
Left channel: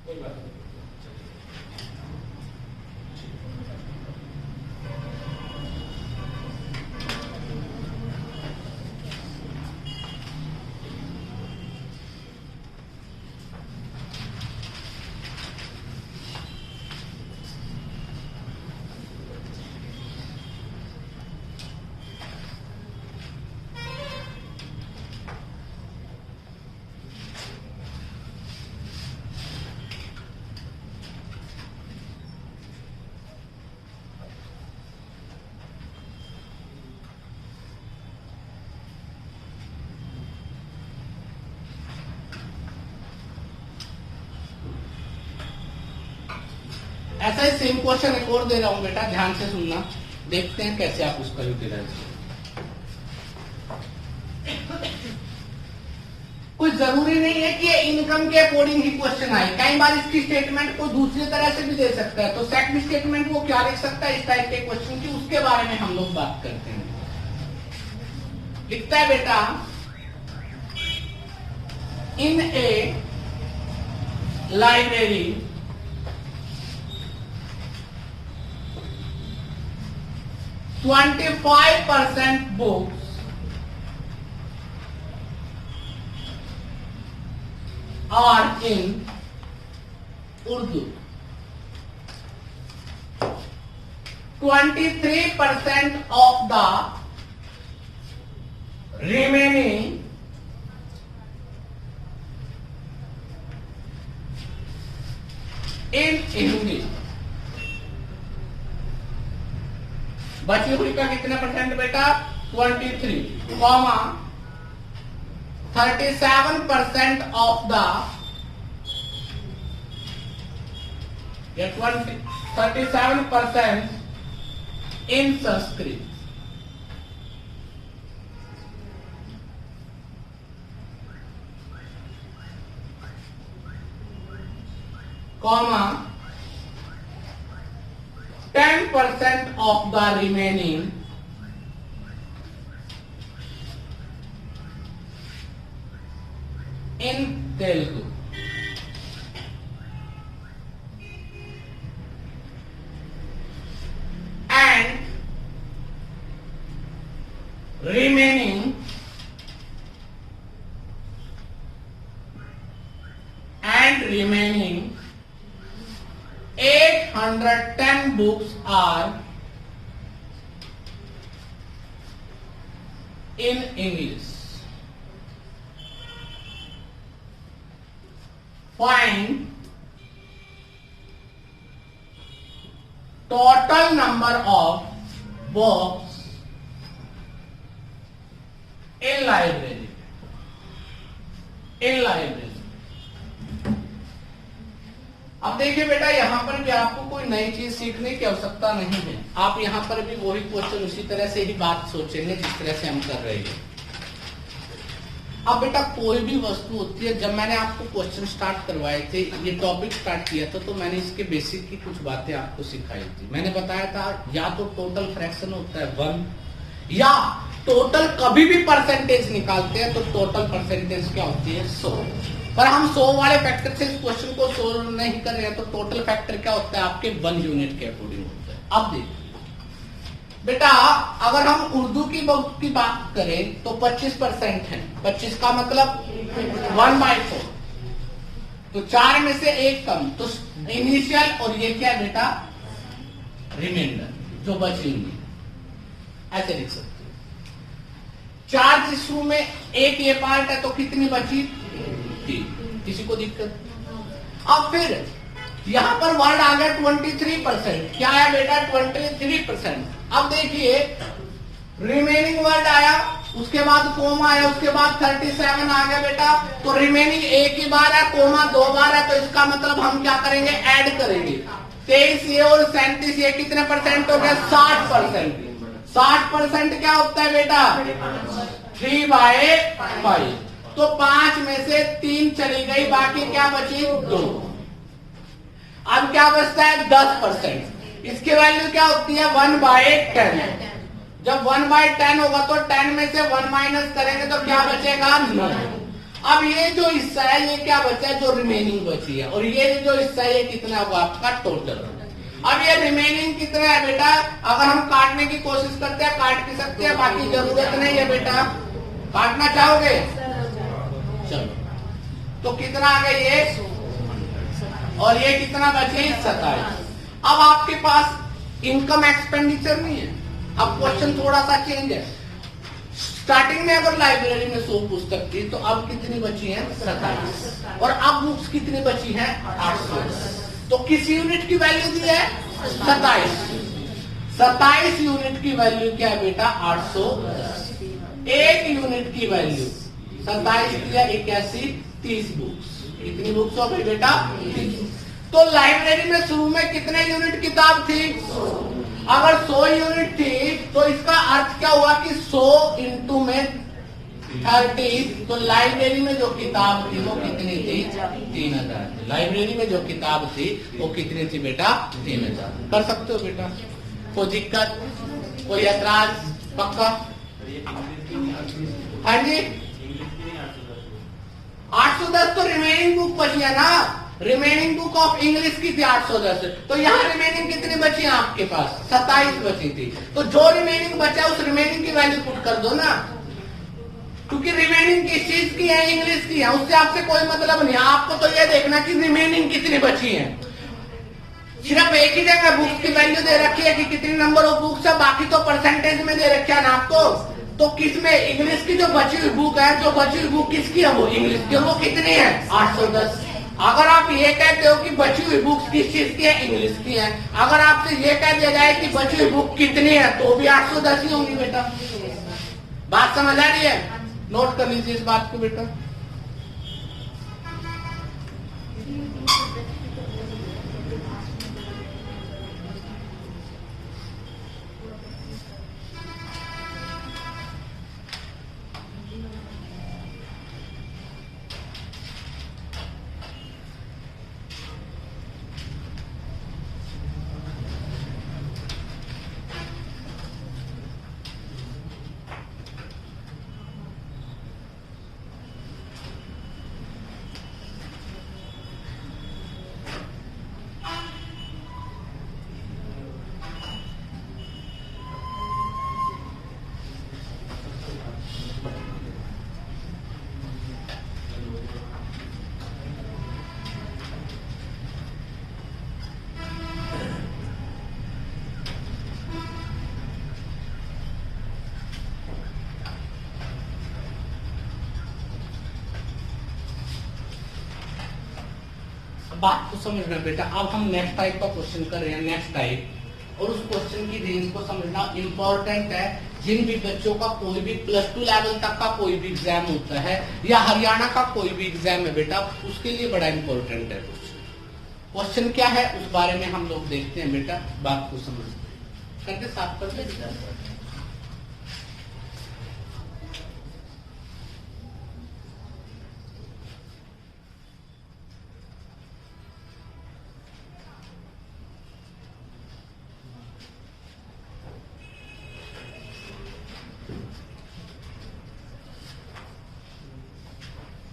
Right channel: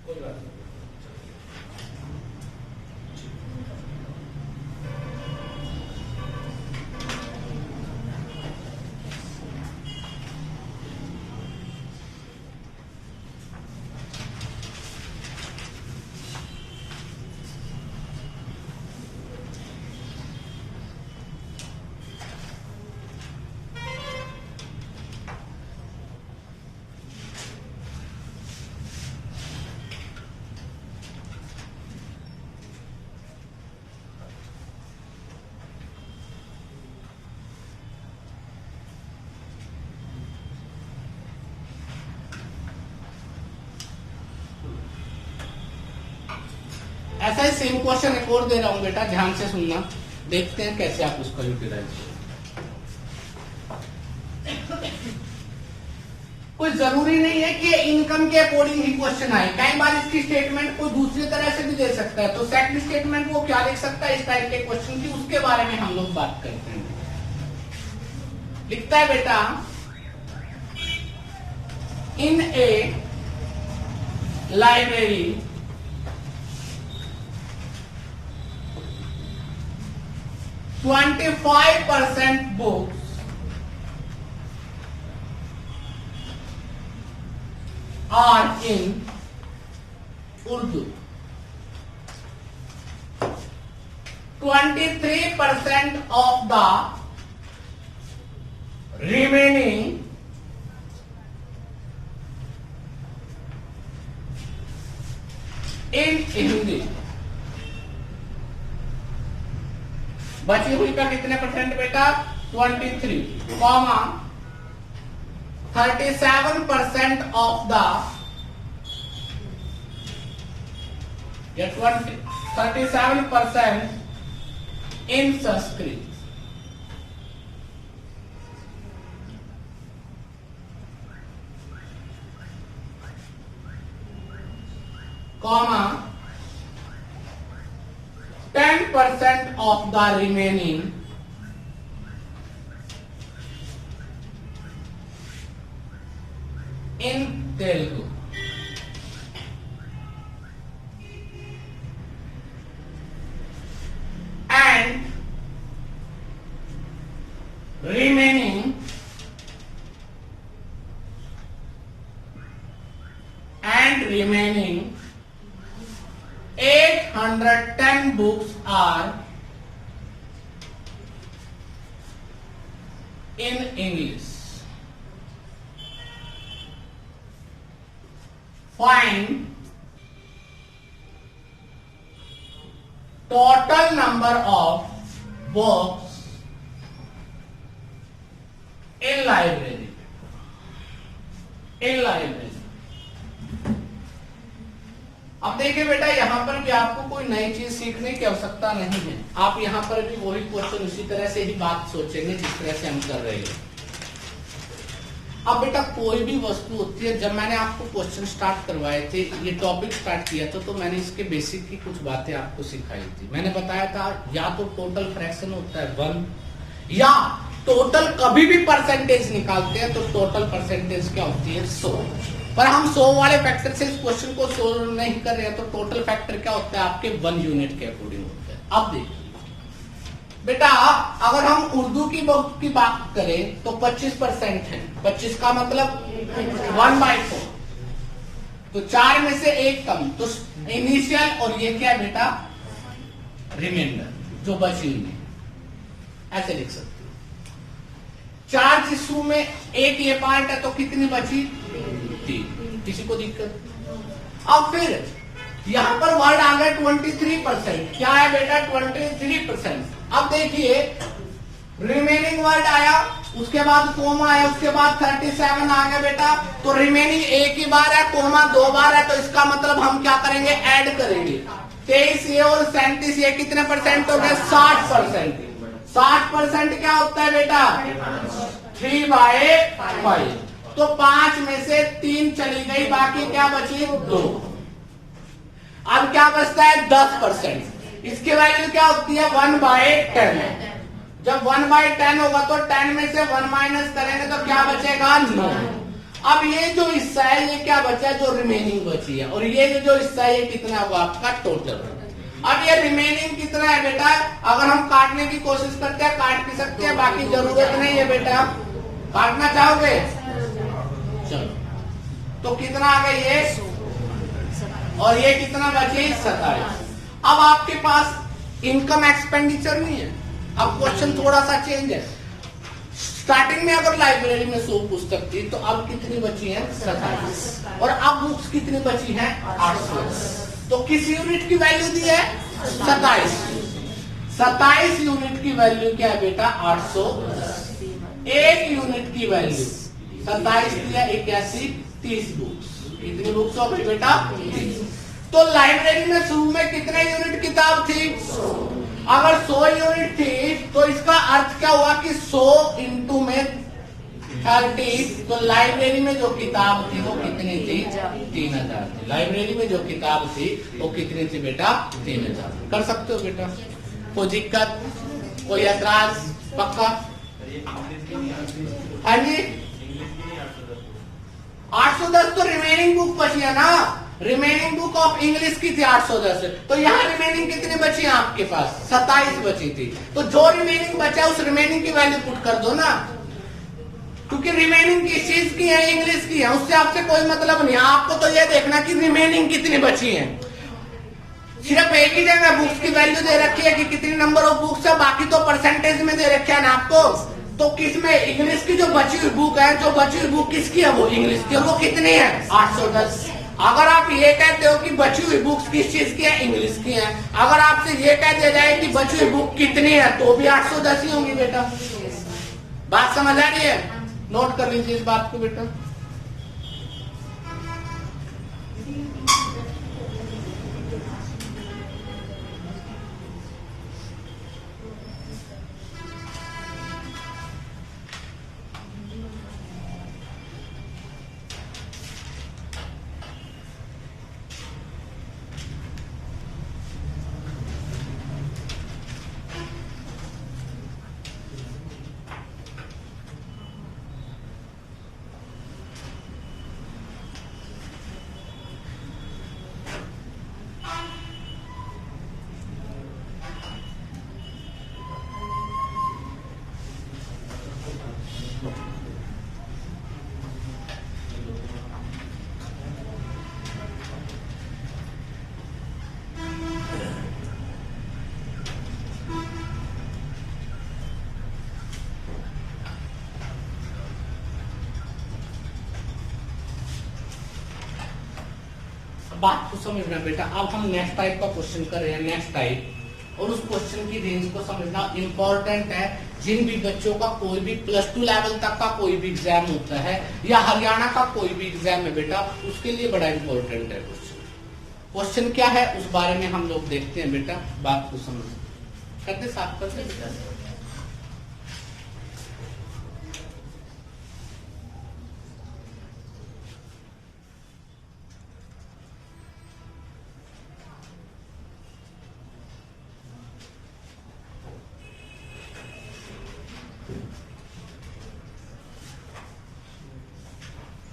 कोई बात नहीं। ऐसा ही सेम क्वेश्चन एक और दे रहा हूं बेटा, ध्यान से सुनना, देखते हैं कैसे आप उसका यूटिलाइज करें। कोई जरूरी नहीं है कि इनकम के अकॉर्डिंग ही क्वेश्चन आए, कई बार इसकी स्टेटमेंट को दूसरी तरह से भी दे सकता है, तो सेकंड स्टेटमेंट वो क्या लिख सकता है इस टाइप के क्वेश्चन की, उसके बारे में हम लोग बात करते हैं। लिखता है बेटा, in a library 25% books are in Urdu. 23% of the remaining in Hindi. बची हुई का कितने परसेंट बेटा? 23, 37% of the 37% in Sanskrit. Comma 10% of the remaining in Telugu. And remaining 810 books are in English. Find total number of books in library. अब देखिए बेटा, यहां पर भी आपको कोई नई चीज सीखने की आवश्यकता नहीं है, आप यहां पर भी वही क्वेश्चन उसी तरह से ही बात सोचेंगे जिस तरह से हम कर रहे हैं। अब बेटा कोई भी वस्तु होती है, जब मैंने आपको क्वेश्चन स्टार्ट करवाए थे, ये टॉपिक स्टार्ट किया था, तो मैंने इसके बेसिक की कुछ बातें आपको सिखाई थी। मैंने बताया था या तो टोटल फ्रैक्शन होता है 1, या टोटल कभी भी परसेंटेज निकालते हैं तो टोटल परसेंटेज क्या होती है 100। पर हम 100 वाले फैक्टर से इस क्वेश्चन को सोल्व नहीं कर रहे हैं, तो टोटल फैक्टर क्या होता है आपके 1 यूनिट के अकॉर्डिंग होता है। अब देखिए बेटा, अगर हम उर्दू की बुक की बात करें तो 25% है, 25 का मतलब 1/4, तो 4 में से 1 कम, तो इनिशियल, और ये क्या है बेटा रिमाइंडर जो बची हुई, ऐसे लिख सकते हो। 4 जिसू में 1 ये पार्ट है, तो कितनी बची? 3। किसी को दिक्कत? अब फिर यहां पर वर्ड आ गया 23%, क्या है बेटा 23%। अब देखिए रिमेनिंग वर्ड आया, उसके बाद कोमा आया, उसके बाद 37 आ गया बेटा, तो रिमेनिंग एक ही बार है, कोमा 2 बार है, तो इसका मतलब हम क्या करेंगे, ऐड करेंगे। 23 ये और 37 ये कितने परसेंट हो गए? 60%। 60% क्या होता है बेटा? 3/5। तो 5 में से 3 चली गई, बाकी क्या बची? 2। अब क्या बचता है? 10%। इसकी वैल्यू क्या होती है? 1/10। जब 1/10 होगा तो 10 में से 1 माइनस करेंगे तो क्या बचेगा? 9। अब ये जो हिस्सा है ये क्या बचा है? जो रिमेनिंग बची है, और ये जो हिस्सा है ये कितना होगा आपका टोटल। अब ये रिमेनिंग कितना है बेटा? अगर हम काटने की कोशिश करते हैं काट भी सकते हैं, बाकी जरूरत नहीं है बेटा। काटना चाहोगे? चलो, तो कितना आ गया ये, और ये कितना बचे? 27। अब आपके पास इनकम एक्सपेंडिचर नहीं है, अब क्वेश्चन थोड़ा सा चेंज है। स्टार्टिंग में अगर लाइब्रेरी में 100 पुस्तक थी, तो अब कितनी बची है? 27। और अब बुक्स कितनी बची है? 800। तो किस यूनिट की वैल्यू दी है? 27। 27 यूनिट की वैल्यू क्या है बेटा? 800। 1 यूनिट की वैल्यू 27 किया 81, 30 बुक्स। कितनी बुक्स हो गई बेटा? 30। तो लाइब्रेरी में शुरू में कितने यूनिट किताब थी? अगर 100 यूनिट थी तो इसका अर्थ क्या हुआ कि 100 इंटू में 30, तो लाइब्रेरी में जो किताब थी वो कितनी थी? 3000 थी। लाइब्रेरी में जो किताब थी वो कितनी थी बेटा? 3000। कर सकते हो बेटा? कोई दिक्कत, कोई ऐतराज? पक्का? हाँ जी, 810 तो रिमेनिंग बुक बची है ना। रिमेनिंग बुक ऑफ इंग्लिश की थी 810, तो यहाँ रिमेनिंग कितनी बची है आपके पास? 27 बची थी। तो जो रिमेनिंग बचा उस रिमेनिंग की वैल्यू पुट कर दो ना, क्योंकि रिमेनिंग किस चीज की है? इंग्लिश की है। उससे आपसे कोई मतलब नहीं। आपको तो ये देखना कि रिमेनिंग कितनी बची है। सिर्फ एक ही जगह बुक्स की वैल्यू दे रखी है कि कितनी नंबर ऑफ बुक्स है, बाकी तो परसेंटेज में दे रखा है ना आपको। तो किसमें? इंग्लिश की जो बची हुई बुक है, जो बची हुई बुक किसकी है? वो इंग्लिश की। वो कितनी है? 810। अगर आप ये कहते हो कि बची हुई बुक्स किस चीज की है? इंग्लिश की है। अगर आपसे ये कह दिया जाए कि बची हुई बुक कितनी है, तो भी 810 ही होंगी बेटा। बात समझ आ रही है? नोट कर लीजिए इस बात को बेटा। बात को समझना बेटा। अब हम नेक्स्ट टाइप का क्वेश्चन कर रहे हैं, नेक्स्ट टाइप, और उस क्वेश्चन की रेंज को समझना इंपॉर्टेंट है। जिन भी बच्चों का कोई भी +2 लेवल तक का कोई भी एग्जाम होता है या हरियाणा का कोई भी एग्जाम है बेटा, उसके लिए बड़ा इंपॉर्टेंट है क्वेश्चन। क्वेश्चन क्या है उस बारे में हम लोग देखते हैं बेटा। बात को समझ करके साथ पर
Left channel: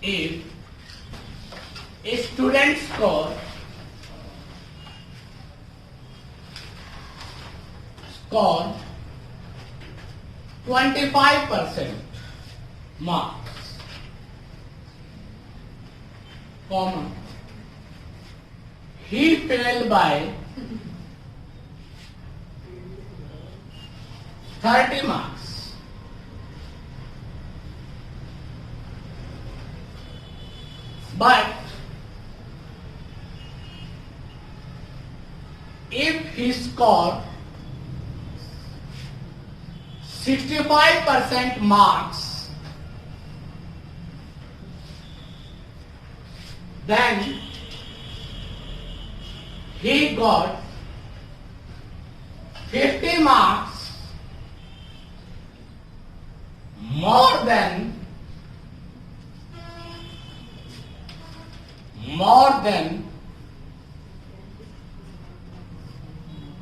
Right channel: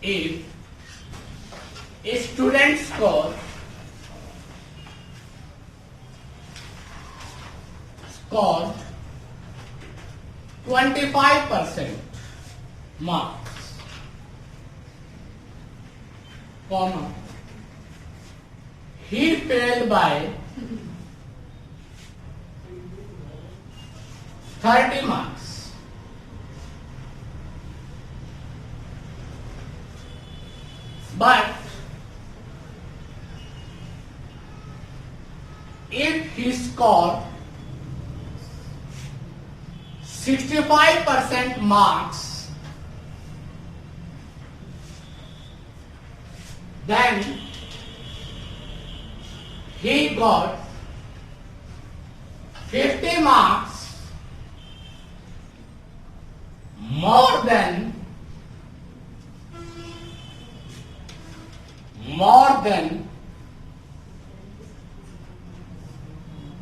if a student score 25% marks, comma, he failed by 30 marks. But if he scored 65% marks, then he got 50 marks more than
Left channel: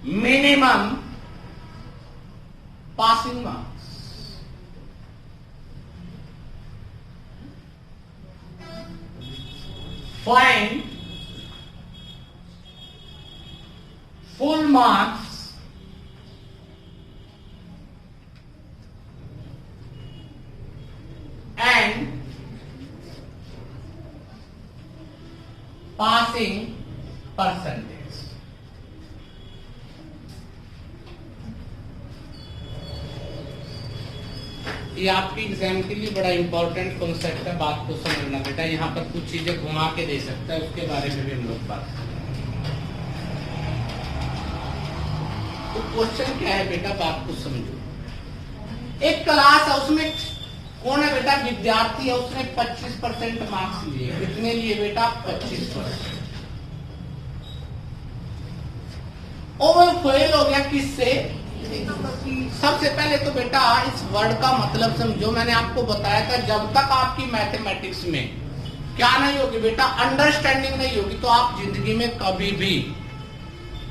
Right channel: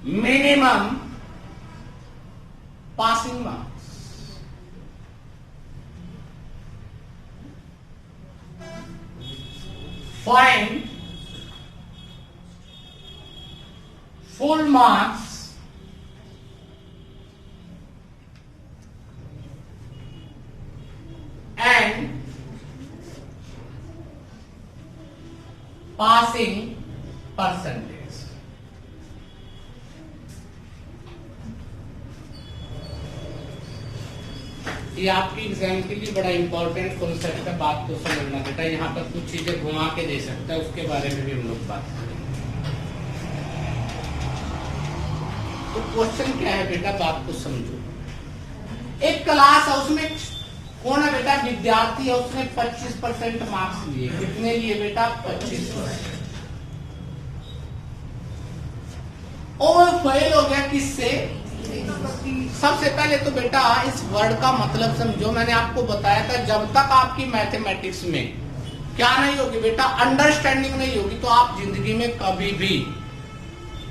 minimum passing marks. Find full marks and passing percentage. ये आपकी एग्जाम के लिए बड़ा important concept है। बात को समझना बेटा। यहाँ पर कुछ चीजें घुमा के दे सकता है, उसके बारे में भी हम लोग बात करेंगे। तो क्वेश्चन क्या है बेटा, बात को समझो। एक क्लास है, उसमें कौन है बेटा? विद्यार्थी है। उसने 25% मार्क्स लिए। कितने लिए बेटा? 25%। और वो फेल हो गया किससे? सबसे पहले तो बेटा इस वर्ड का मतलब समझो। मैंने आपको बताया था जब तक आपकी मैथमेटिक्स में क्या नहीं होगी बेटा, अंडरस्टैंडिंग नहीं होगी, तो आप जिंदगी में कभी भी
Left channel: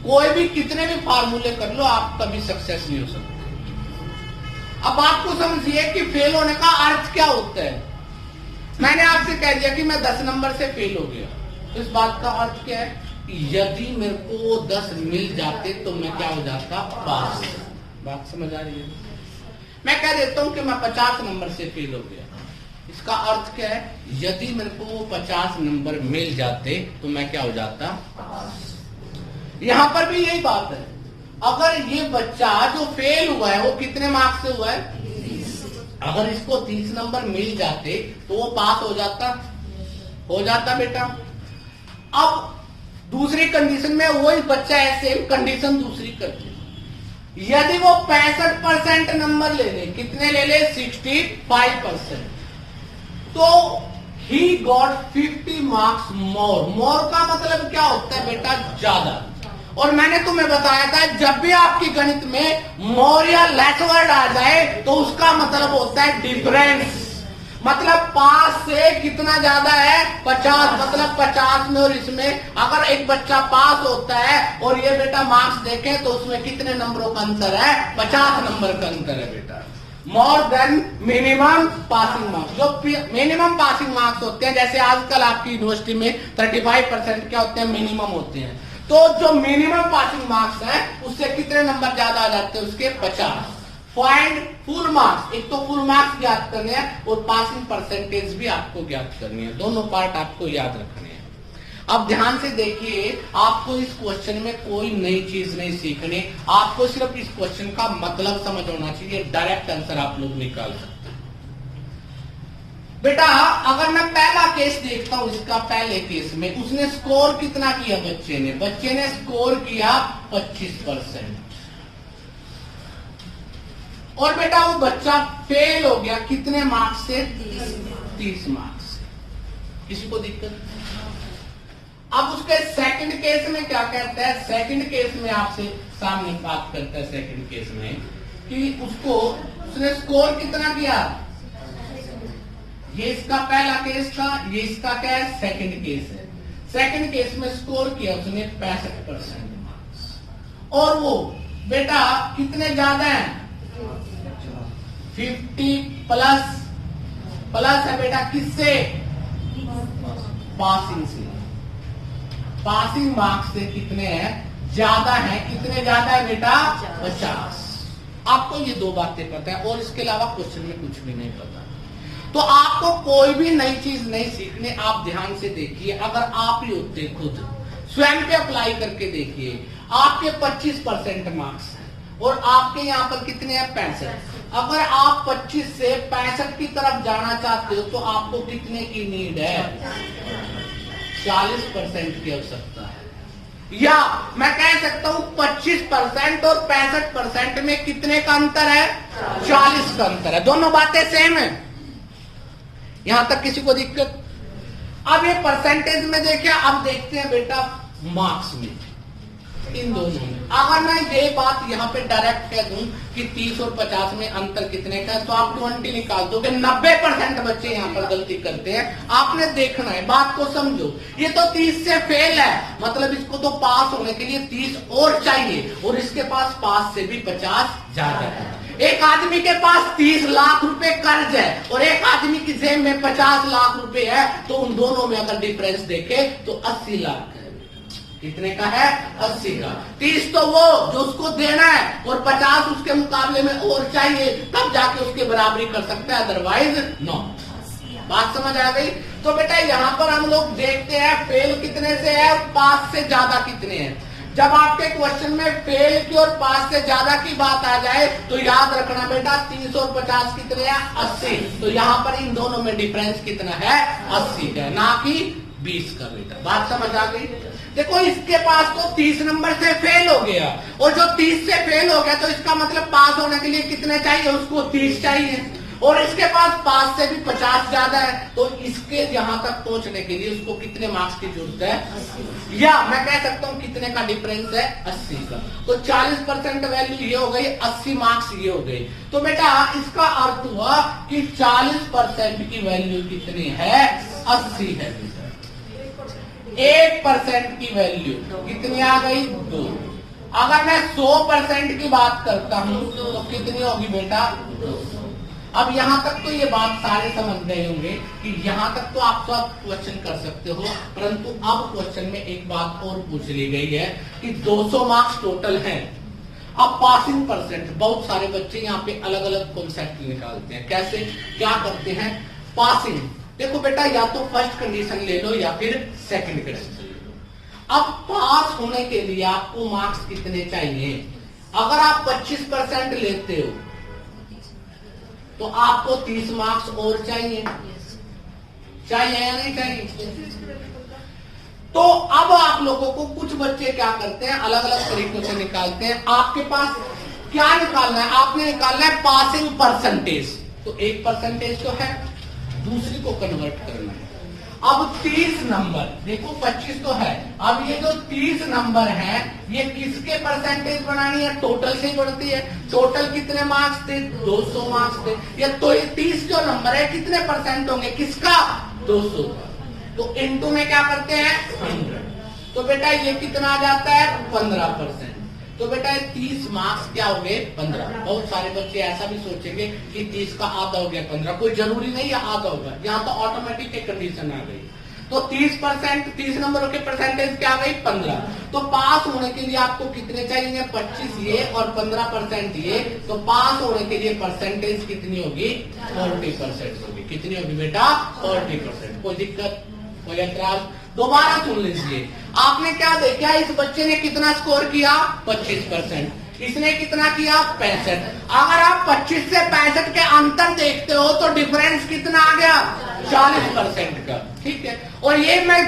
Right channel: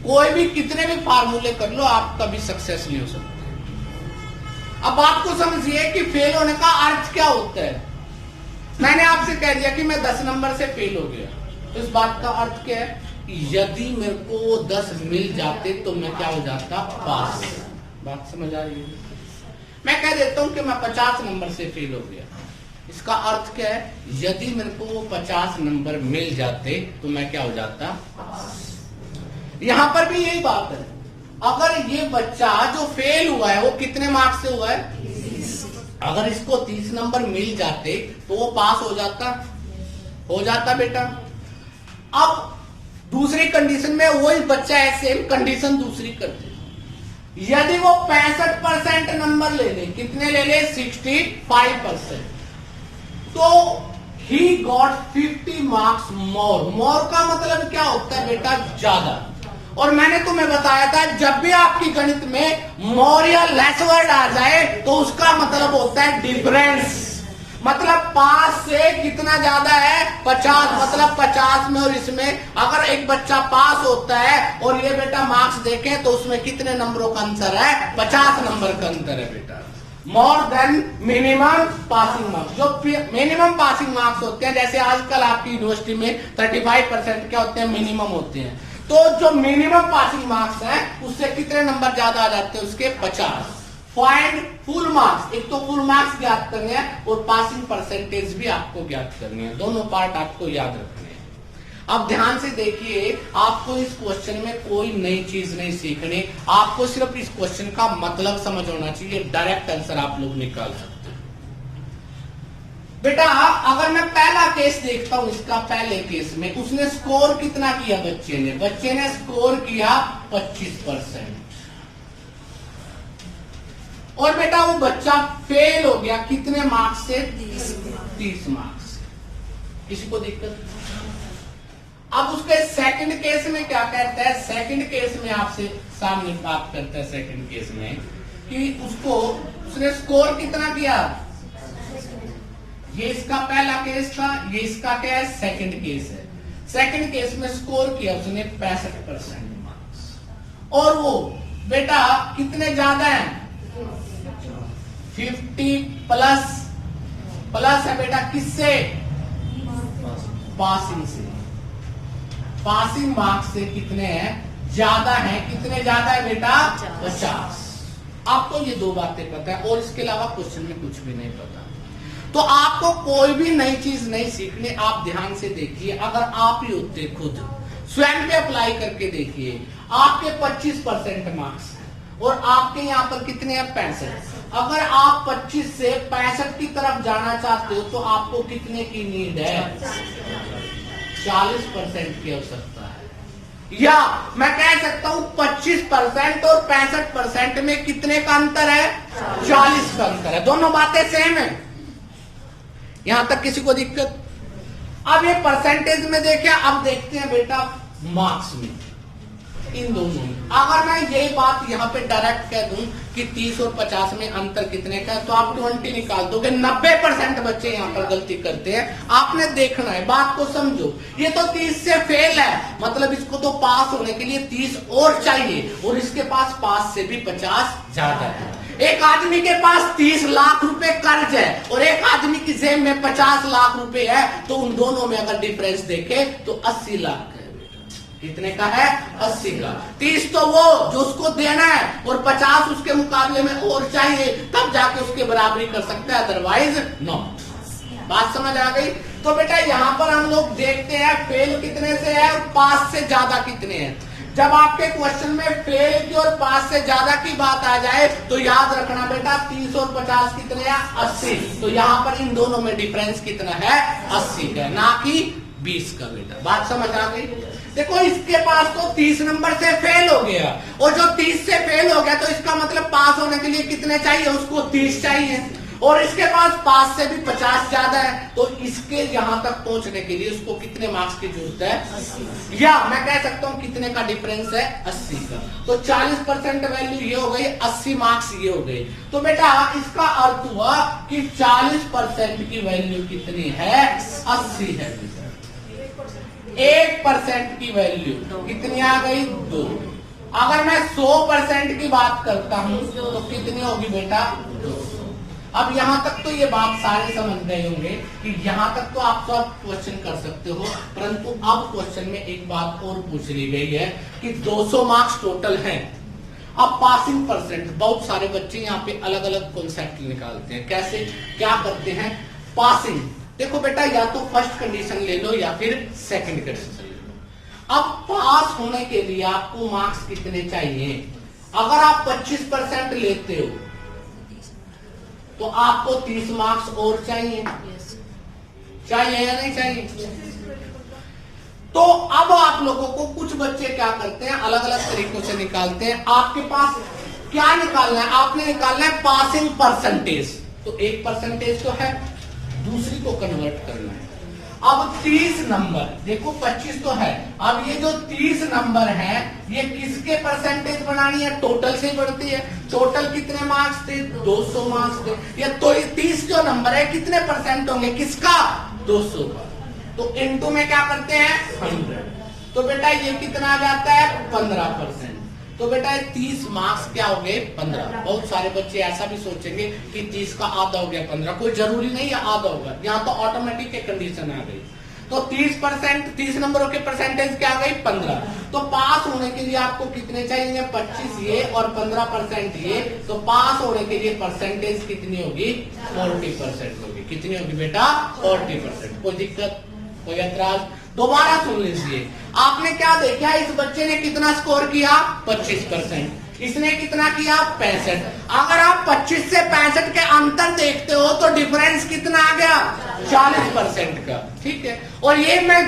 कोई भी कितने भी फार्मूले कर लो, आप कभी सक्सेस नहीं हो सकते। अब बात को समझिए कि फेल होने का अर्थ क्या होता है। मैंने आपसे कह दिया कि मैं 10 नंबर से फेल हो गया, तो इस बात का अर्थ क्या है? यदि मेरे को 10 मिल जाते तो मैं क्या हो जाता? पास। बात समझ आ रही है? मैं कह देता हूं कि मैं 50 नंबर से फेल हो गया, इसका अर्थ क्या है? यदि मेरे को वो 50 नंबर मिल जाते तो मैं क्या हो जाता? यहां पर भी यही बात है। अगर ये बच्चा जो फेल हुआ है वो कितने मार्क्स से हुआ है? 30। अगर इसको 30 नंबर मिल जाते तो वो पास हो जाता? हो जाता बेटा। अब दूसरी कंडीशन में वही बच्चा ऐसे कंडीशन दूसरी करती, यदि वो 65% नंबर ले ले, कितने ले ले? 65%, तो ही गॉट 50 मार्क्स मोर। मोर का मतलब क्या होता है बेटा? ज्यादा। और मैंने तुम्हें बताया था जब भी आपकी गणित में मोर या लेस वर्ड आ जाए तो उसका मतलब होता है डिफरेंस। मतलब पास से कितना ज्यादा है? 50। मतलब 50 में और इसमें अगर एक बच्चा पास होता है और ये बेटा मार्क्स देखें तो उसमें कितने नंबरों का अंतर है? 50 नंबर का अंतर है बेटा। More than minimum passing marks. जो मिनिमम पासिंग मार्क्स होते हैं, जैसे आजकल आपकी यूनिवर्सिटी में 35% क्या होते हैं? मिनिमम होते हैं। तो जो मिनिमम पासिंग मार्क्स है उससे कितने नंबर ज्यादा आ जाते हैं? उसके 50। Find full marks. एक तो फुल मार्क्स ज्ञात करने हैं और पासिंग परसेंटेज भी आपको ज्ञात करनी है। दोनों पार्ट आपको याद रखने हैं। अब ध्यान से देखिए, आपको इस क्वेश्चन में कोई नई चीज नहीं सीखनी, आपको सिर्फ इस क्वेश्चन का मतलब समझ होना चाहिए। डायरेक्ट आंसर आप लोग निकाल सकते हैं। बेटा अगर मैं पहला केस देखता हूं, इसका पहले केस में उसने स्कोर कितना किया? बच्चे ने स्कोर किया 25%। और बेटा वो बच्चा फेल हो गया कितने मार्क्स से? 30 मार्क्स। किसी को दिक्कत? अब उसके सेकंड केस में क्या कहता है? सेकंड केस में आपसे सामने बात करता है सेकंड केस में कि उसने स्कोर कितना किया? ये इसका पहला केस था, ये इसका क्या है? सेकंड केस है। सेकंड केस में स्कोर किया उसने 65% मार्क्स। और वो बेटा कितने ज्यादा है? 50 प्लस है बेटा किससे? पासिंग से। पासिंग मार्क्स से कितने हैं? ज्यादा है। कितने ज्यादा है बेटा? 50। आपको ये दो बातें पता है और इसके अलावा क्वेश्चन में कुछ भी नहीं पता, तो आपको कोई भी नई चीज नहीं सीखनी। आप ध्यान से देखिए, अगर आप ही होते खुद स्वयं पे अप्लाई करके देखिए, आपके 25% मार्क्स है और आपके यहाँ पर कितने हैं? 65। अगर आप 25 से 65 की तरफ जाना चाहते हो तो आपको कितने की नीड है? 40% की आवश्यकता है। या मैं कह सकता हूं 25% और 65% में कितने का अंतर है? 40 का अंतर है। दोनों बातें सेम है। यहां तक किसी को दिक्कत? अब ये परसेंटेज में देखिए, अब देखते हैं बेटा मार्क्स में, इन दोनों में। अगर मैं ये बात यहाँ पे डायरेक्ट कह दूं कि 30 और 50 में अंतर कितने का है, तो आप 20 निकाल दोगे। 90% बच्चे यहाँ पर गलती करते हैं। आपने देखना है, बात को समझो। ये तो 30 से फेल है, मतलब इसको तो पास होने के लिए 30 और चाहिए, और इसके पास पास से भी 50 ज्यादा है। एक आदमी के पास 30 लाख रुपए कर्ज है और एक आदमी की जेब में 50 लाख रुपए है, तो उन दोनों में अगर डिफरेंस देखे तो 80 लाख है। कितने का है? 80 का। 30 तो वो जो उसको देना है और 50 उसके मुकाबले में और चाहिए, तब जाके उसके बराबरी कर सकते हैं, अदरवाइज नो। बात समझ आ गई? तो बेटा यहाँ पर हम लोग देखते हैं फेल कितने से है, पास से ज्यादा कितने हैं। जब आपके क्वेश्चन में फेल की और पास से ज्यादा की बात आ जाए तो याद रखना बेटा 30 और 50 कितने हैं? 80। तो यहाँ पर इन दोनों में डिफरेंस कितना है? 80 का, ना कि 20 का बेटा। बात समझ आ गई? देखो इसके पास तो 30 नंबर से फेल हो गया, और जो 30 से फेल हो गया तो इसका मतलब पास होने के लिए कितने चाहिए? उसको 30 चाहिए। और इसके पास 5 से भी 50 ज्यादा है, तो इसके यहां तक पहुंचने के लिए उसको कितने मार्क्स की जरूरत है, या मैं कह सकता हूं कितने का डिफरेंस है, 80 का। तो 40% वैल्यू ये हो गई, 80 मार्क्स ये हो गए। तो बेटा इसका अर्थ हुआ कि 40% की वैल्यू कितनी है, 80 है। 1% की वैल्यू कितनी आ गई, 2। अगर मैं 100% की बात करता हूं तो कितनी होगी बेटा, 200। अब यहां तक तो ये बात सारे समझ गए होंगे कि यहां तक तो आप सब क्वेश्चन कर सकते हो, परंतु अब क्वेश्चन में एक बात और पूछ ली गई है कि 200 मार्क्स टोटल हैं। अब पासिंग परसेंट, बहुत सारे बच्चे यहाँ पे अलग अलग कॉन्सेप्ट निकालते हैं। कैसे, क्या करते हैं, पासिंग। देखो बेटा या तो फर्स्ट कंडीशन ले लो या फिर सेकंड कंडीशन ले लो। अब पास होने के लिए आपको मार्क्स कितने चाहिए, अगर आप 25% लेते हो तो आपको 30 मार्क्स और चाहिए, चाहिए या नहीं चाहिए। तो अब आप लोगों को, कुछ बच्चे क्या करते हैं, अलग अलग तरीकों से निकालते हैं। आपके पास क्या निकालना है, आपने निकालना है पासिंग परसेंटेज। तो एक परसेंटेज तो है, दूसरी को कन्वर्ट करना है। अब 30 नंबर, देखो 25 तो है, अब ये जो 30 नंबर है ये किसके परसेंटेज बनानी है, टोटल से ही बढ़ती है। टोटल कितने मार्क्स थे, 200 मार्क्स थे। ये तो ये 30 जो नंबर है कितने परसेंट होंगे, किसका, 200 का। तो इनटू में क्या करते हैं, 100। तो बेटा ये कितना आ जाता है, 15%। तो बेटा ये 30 मार्क्स क्या हो गए, 15। बहुत सारे बच्चे ऐसा भी सोचेंगे कि 30 का आधा हो गया 15, कोई जरूरी नहीं है आधा होगा, यहाँ तो ऑटोमेटिक एक कंडीशन आ गई। तो 30%, 30 नंबरों के परसेंटेज क्या आ गई, 15। तो पास होने के लिए आपको कितने चाहिए, 25 ये और 15% ये। तो पास होने के लिए परसेंटेज कितनी होगी, 40% होगी। कितनी होगी बेटा, 40%। कोई दिक्कत, कोई एतराज, दोबारा सुन लीजिए। आपने क्या देखा, इस बच्चे ने कितना स्कोर किया, 25%, इसने कितना किया, 65। अगर आप 25 से 65 के अंतर देखते हो तो डिफरेंस कितना आ गया, 40% का। ठीक है, और ये मैं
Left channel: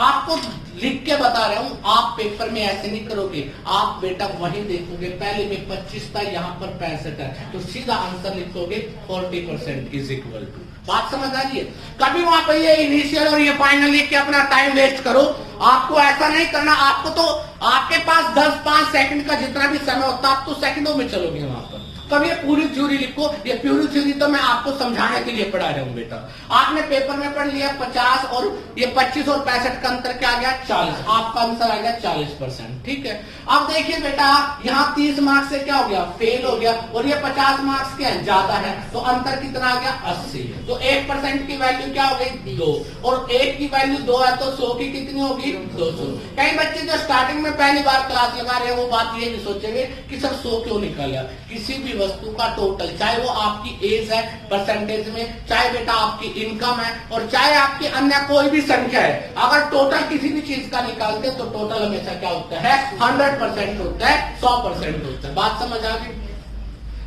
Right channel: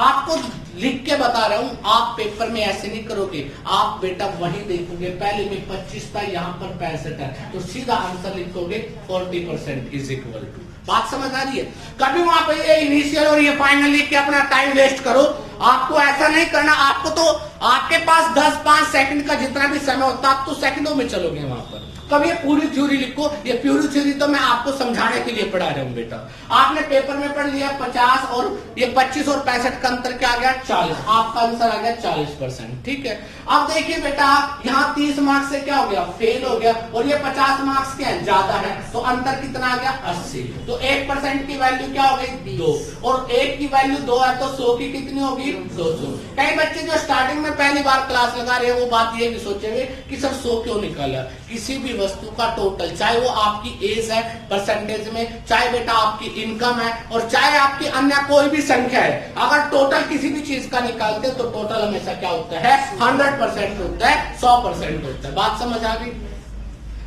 आपको लिख के बता रहा हूं, आप पेपर में ऐसे नहीं करोगे। आप बेटा वही देखोगे, पहले में 25 था, यहाँ पर 65 है, तो सीधा आंसर लिखोगे 40% इज इक्वल टू। बात समझ आ रही है। कभी वहां पे ये इनिशियल और ये फाइनल लिख के अपना टाइम वेस्ट करो, आपको ऐसा नहीं करना। आपको तो आपके पास 10-5 सेकंड का जितना भी समय होता है, आप तो सेकंडों में चलोगे वहां पर। कभी ये पूरी थ्योरी लिखो, ये पूरी थ्योरी तो मैं आपको समझाने के लिए पढ़ा रहा हूँ बेटा। आपने पेपर में पढ़ लिया 50 और ये 25 और 65 का अंतर क्या आ गया, 40। आपका आंसर आ गया 40%। ठीक है, अब देखिए बेटा यहाँ 30 मार्क्स से क्या हो गया, फेल हो गया, और ये 50 मार्क्स के ज्यादा है, तो अंतर कितना आ गया, 80। तो 1% की वैल्यू क्या हो गई, 2, और 1 की वैल्यू 2 है, तो 100 की कितनी होगी, 200। कई बच्चे जो स्टार्टिंग में पहली बार क्लास लगा रहे हैं वो बात ये भी सोचेंगे कि सर 100 क्यों निकाला। किसी भी वस्तु का टोटल, चाहे वो आपकी एज है परसेंटेज में, चाहे बेटा आपकी इनकम है, और चाहे आपकी अन्य कोई भी संख्या है, अगर टोटल किसी भी चीज का निकालते हैं तो टोटल हमेशा क्या होता है, 100% होता है, 100% होता है। बात समझ आ गई।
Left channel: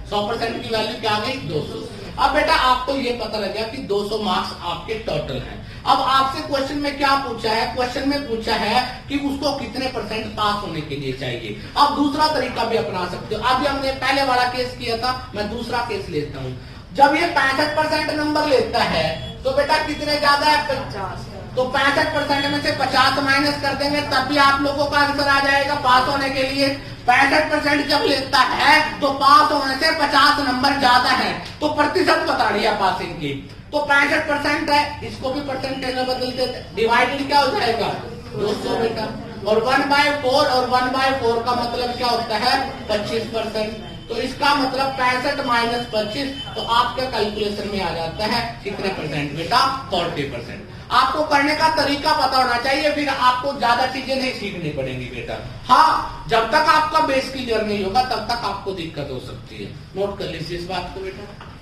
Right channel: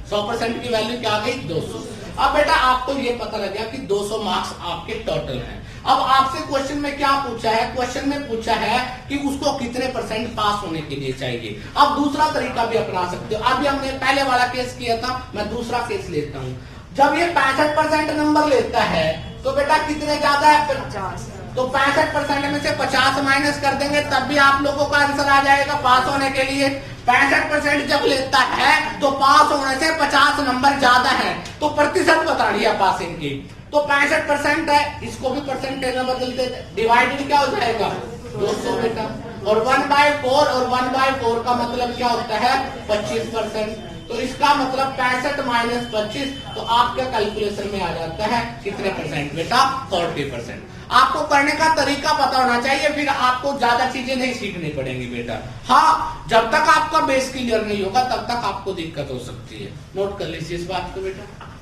100% की वैल्यू क्या आ गई, 200। अब बेटा आपको ये पता लग गया कि 200 मार्क्स आपके टोटल हैं। अब आपसे क्वेश्चन में क्या पूछा है, क्वेश्चन में पूछा है कि उसको कितने परसेंट पास होने के लिए चाहिए। अब दूसरा तरीका भी अपना सकते हो। अभी हमने पहले वाला केस किया था, मैं दूसरा केस लेता हूँ। जब ये 65% नंबर लेता है तो बेटा कितने ज्यादा है, 50। तो 65% में से 50 माइनस कर देंगे, तब भी आप लोगों का आंसर आ जाएगा पास होने के लिए। 65% जब लेता है तो पास होने से 50 नंबर ज्यादा है, तो प्रतिशत बतानी है पासिंग की। तो 65% है, इसको भी परसेंटेज में बदलते, डिवाइडेड क्या हो जाएगा, 200 बेटा। और 1/4, और 1/4 का मतलब क्या होता है, 25%। तो इसका मतलब 65 माइनस 25, तो आपके कैलकुलेशन में आ जाता है कितने परसेंट बेटा, 40%। आपको करने का तरीका पता होना चाहिए, फिर आपको ज्यादा चीजें नहीं सीखनी पड़ेंगी बेटा। हाँ, जब तक आपका बेस क्लियर नहीं होगा तब तक आपको दिक्कत हो सकती है। नोट कर लीजिए इस बात को बेटा।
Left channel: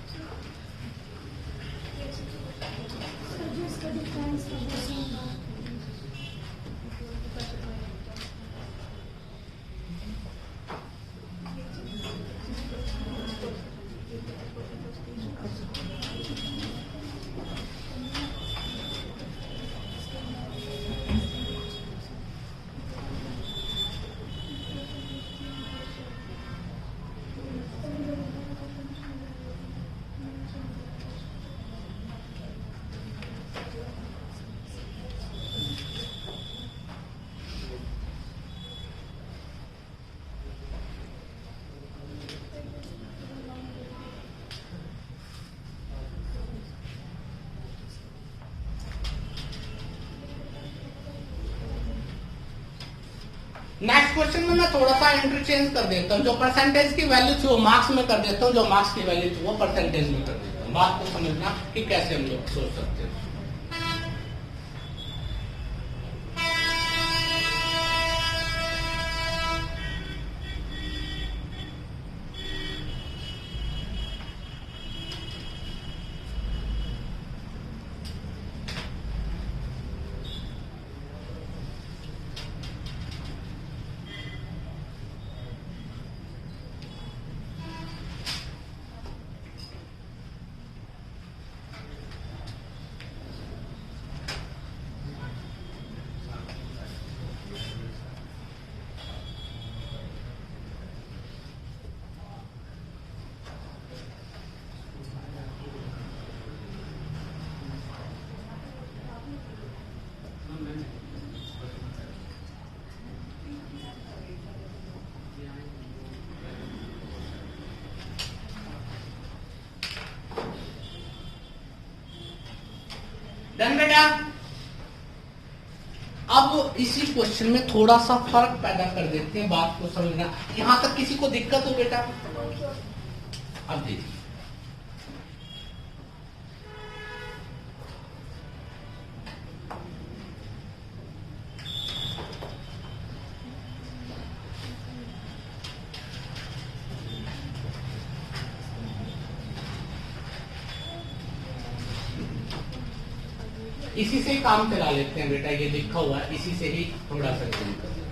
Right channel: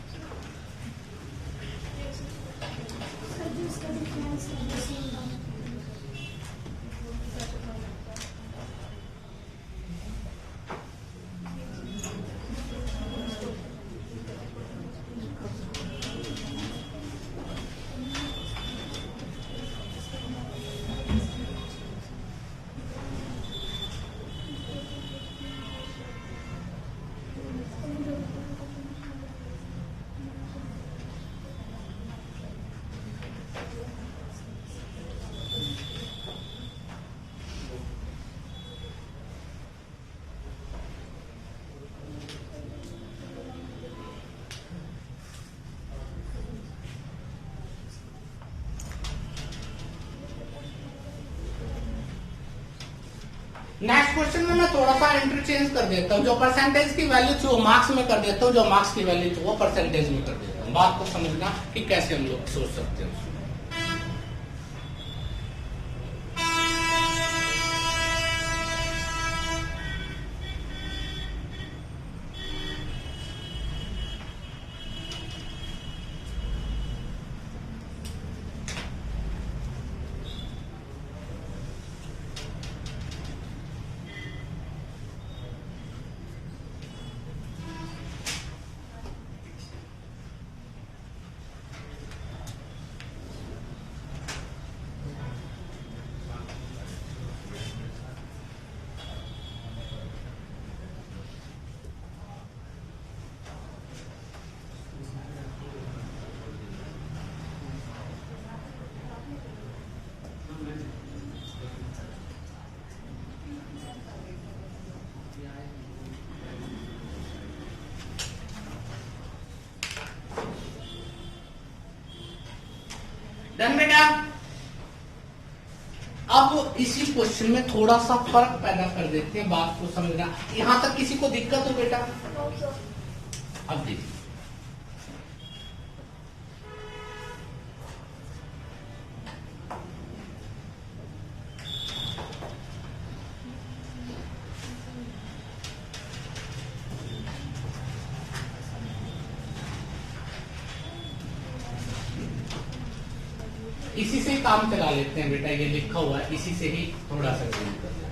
नेक्स्ट क्वेश्चन में मैं थोड़ा सा इंटरचेंज कर देता हूँ, जो परसेंटेज की वैल्यू थी वो मार्क्स में कर देता हूँ, जो मार्क्स की वैल्यू थी वो परसेंटेज में कर देता हूँ। बात को समझना कि कैसे हम लोग सोच सकते हैं। डन बेटा। अब इसी क्वेश्चन में थोड़ा सा फर्क पैदा कर देते हैं, बात को समझना। यहां तक किसी को दिक्कत हो बेटा? अब देखिए, इसी से ही काम चला लेते हैं बेटा, ये लिखा हुआ है, इसी से ही थोड़ा सा काम कर लेते हैं।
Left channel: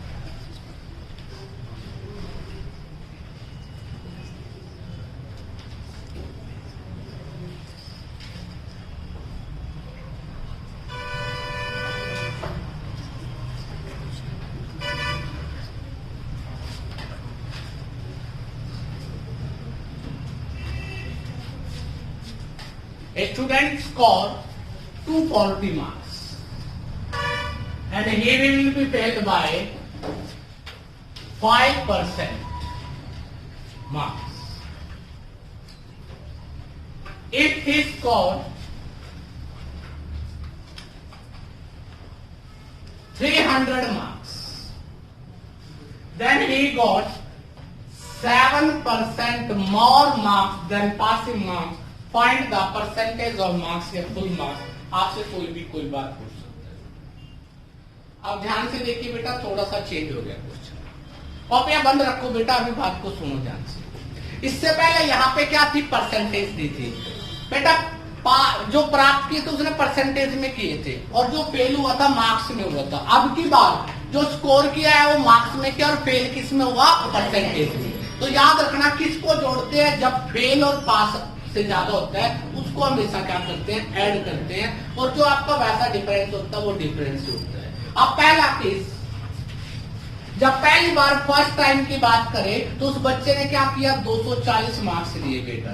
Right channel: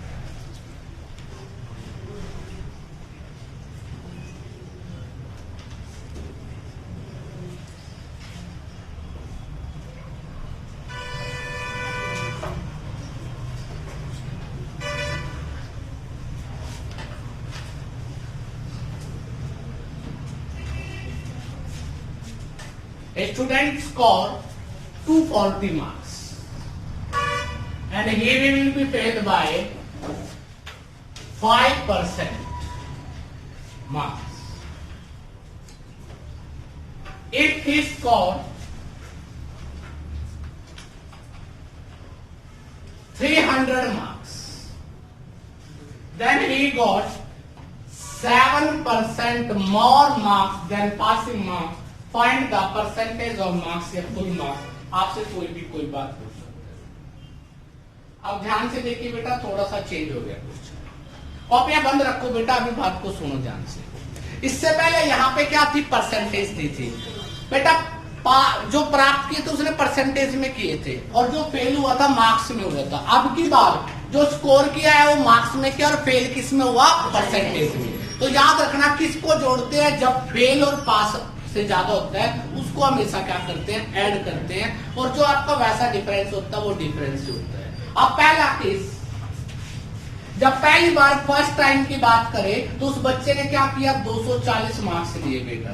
A student scored 240 marks and he will be paid by 5% marks. If he scored 300 marks, then he got 7% more marks than passing marks. Find the percentage of marks या full marks. आपसे कोई भी कोई बात पूछ सकते हैं। अब ध्यान से देखिए बेटा, थोड़ा सा चेंज हो गया क्वेश्चन। कॉपियां बंद रखो बेटा, अभी बात को सुनो ध्यान से। इससे पहले यहाँ पे क्या थी? परसेंटेज दी थी बेटा। जो प्राप्त किए थे उसने परसेंटेज में किए थे, और जो फेल हुआ था मार्क्स में हुआ था। अब की बार जो स्कोर किया है वो मार्क्स में किया, और फेल किस में हुआ? परसेंटेज में। तो याद रखना, किसको जोड़ते हैं? जब फेल और पास से ज्यादा होता है उसको हमेशा क्या करते हैं? ऐड करते हैं, और जो आपका वैसा डिफरेंस होता है वो डिफरेंस होता है। अब पहला केस, जब पहली बार फर्स्ट टाइम की बात करें तो उस बच्चे ने क्या किया? 240 मार्क्स लिए बेटा,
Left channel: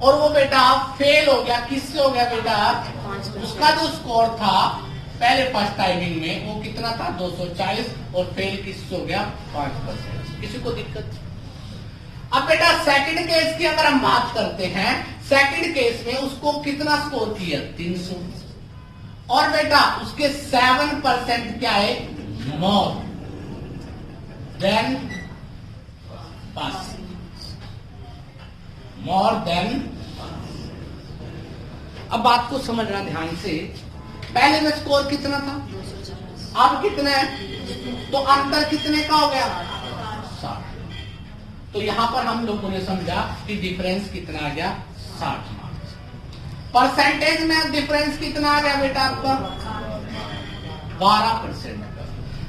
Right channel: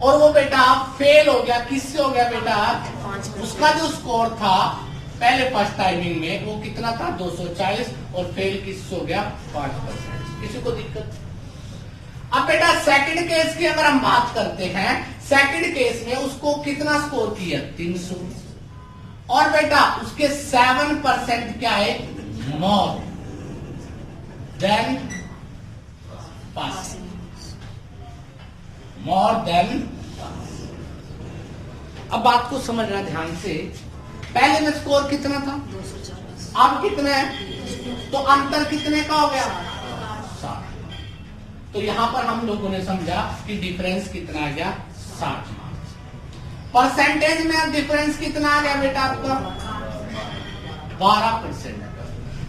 और वो बेटा फेल हो गया। किससे हो गया बेटा? उसका जो स्कोर था पहले फर्स्ट टाइमिंग में वो कितना था? 240, और फेल किससे हो गया? 5%। किसी को दिक्कत? अब बेटा सेकंड केस की अगर हम बात करते हैं, सेकंड केस में उसको कितना स्कोर किया? 300, और बेटा उसके 7% क्या है? More than pass, more than pass. अब बात को समझना ध्यान से। पहले में स्कोर कितना था? 240। अब कितना है? तो अंतर कितने का हो गया? 60। तो यहां पर हम लोगों ने समझा कि डिफरेंस कितना आ गया? 60 मार्क्स। परसेंटेज में डिफरेंस कितना आ गया बेटा आपका? 12%।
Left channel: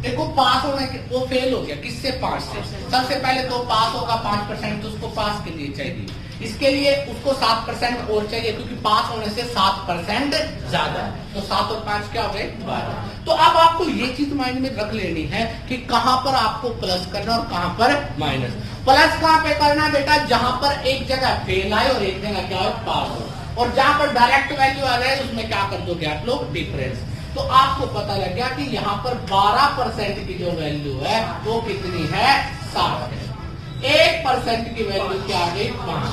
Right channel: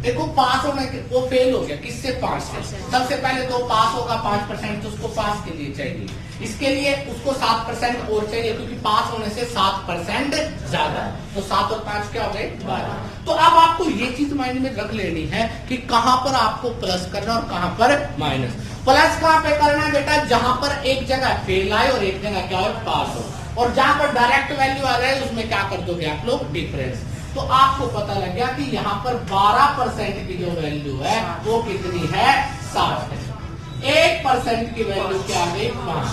देखो पास होने के, वो फेल हो गया किससे? 5 से। सबसे पहले तो पास होगा 5%, तो उसको पास के लिए चाहिए, इसके लिए उसको 7% और चाहिए, क्योंकि पास होने से 7% ज्यादा है। तो 7 और 5 क्या हो गए? 12। तो अब आपको ये चीज माइंड में रख लेनी है कि कहां पर आपको प्लस करना और कहां पर माइनस। प्लस कहां पे करना है बेटा? जहां पर एक जगह फेल आए और एक जगह क्या हो? पास हो। और जहां पर डायरेक्ट वैल्यू आ जाए उसमें क्या कर दोगे आप लोग? डिफरेंस। तो आपको पता लग गया कि यहाँ पर 12% की जो वैल्यू है वो कितनी है? 60 है। 1% की वैल्यू क्या आ गई? 5।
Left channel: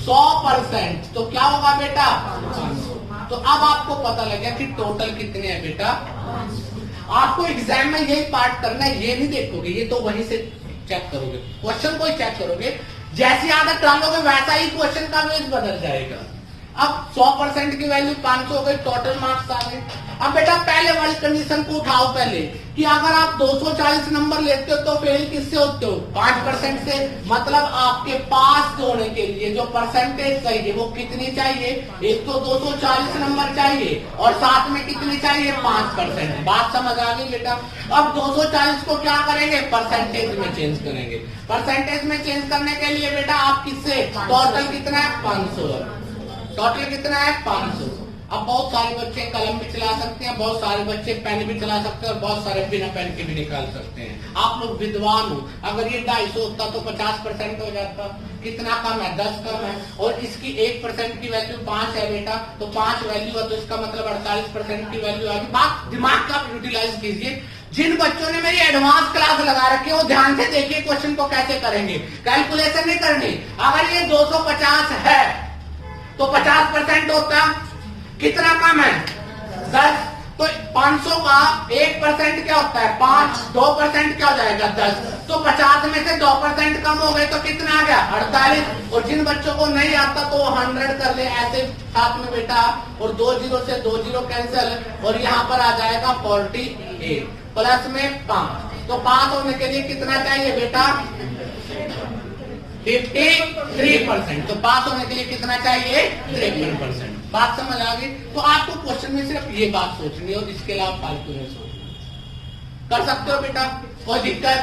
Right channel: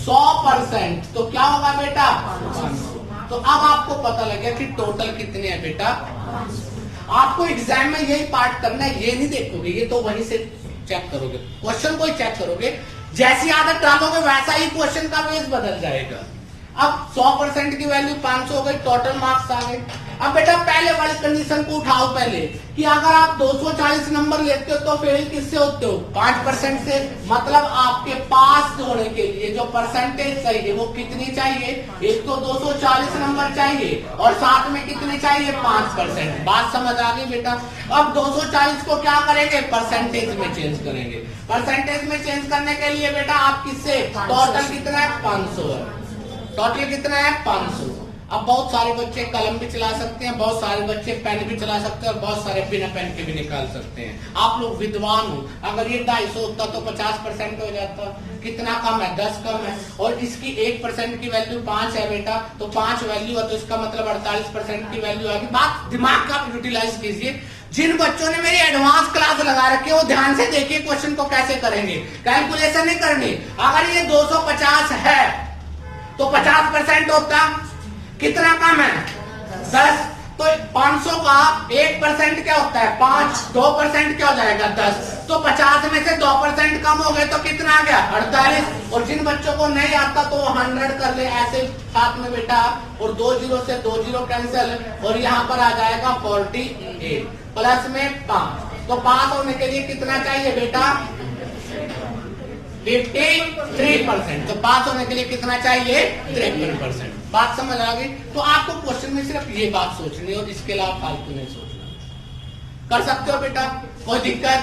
100% तो क्या होगा बेटा? 500। तो अब आपको पता लग गया कि टोटल कितनी है बेटा? आपको एग्जाम में यही पार्ट करना है, ये नहीं देखोगे, ये तो वहीं से चेक करोगे, क्वेश्चन को ही चेक करोगे। जैसी आदत डालोगे वैसा ही क्वेश्चन का बेस बदल जाएगा। अब 100% की वैल्यू 500 हो गई, टोटल मार्क्स आ गए। अब बेटा पहले वाली कंडीशन को उठाओ पहले कि अगर आप 240 नंबर लेते हो तो फेल किससे होते हो? 5% से। मतलब आपके पास होने के लिए जो परसेंटेज चाहिए वो कितनी चाहिए? एक तो 240 नंबर चाहिए और साथ में कितनी चाहिए? 5%। बात समझ आ गई बेटा? अब 240 को क्या करेंगे? परसेंटेज में चेंज करेंगे। परसेंटेज में चेंज करने के लिए बेटा आप किससे? टोटल कितना है? 500 है। टोटल कितना है? 500। अब बहुत सारे बच्चे कलम भी चला सकते हैं, बहुत सारे बच्चे पेन भी चला सकते हैं और बहुत सारे बिना पेन के भी निकाल सकते हैं। आप लोग विद्वान हो, अगर ये 250 होता तो 50% हो जाता। कितना कम है? 10 कम है। और इसकी 1% की वैल्यू 5 है बेटा, तो 5 वैल्यू है तो इसका मतलब 48% की वैल्यू आएगी। बात दिमाग का यूटिलाइज कीजिए। जिन बच्चों ने मेरी एडवांस क्लास लगा रखी है वो ध्यान से देखिए क्वेश्चन को कैसे करेंगे। कैलकुलेशन नहीं करनी। अगर ये 250 है तो 50% होता कितना कम है? 10। तो 500 का 1% क्या होता है? 5। 2% क्या हो जाएगा? 10। तो 50 में से 2% कम हो गए तो कितना आ गया? 48। और जिन बच्चों को नहीं आता तो 100 कर ले ऐसे साथ में बेटा, और 2 जीरो से 2 जीरो कैंसिल, और यहाँ पर आ जाएगा 48 प्लस में 5। तो पास होने के लिए कितना चाहिए बेटा? 53%। तो पास होने के लिए कितना चाहिए? 53%। बात समझ आ गई? तो आपको क्वेश्चन में सिर्फ ये बात सोचनी है और इसके अलावा फालतू नहीं सोचना। कर सकते हो बेटा, कोई दिक्कत?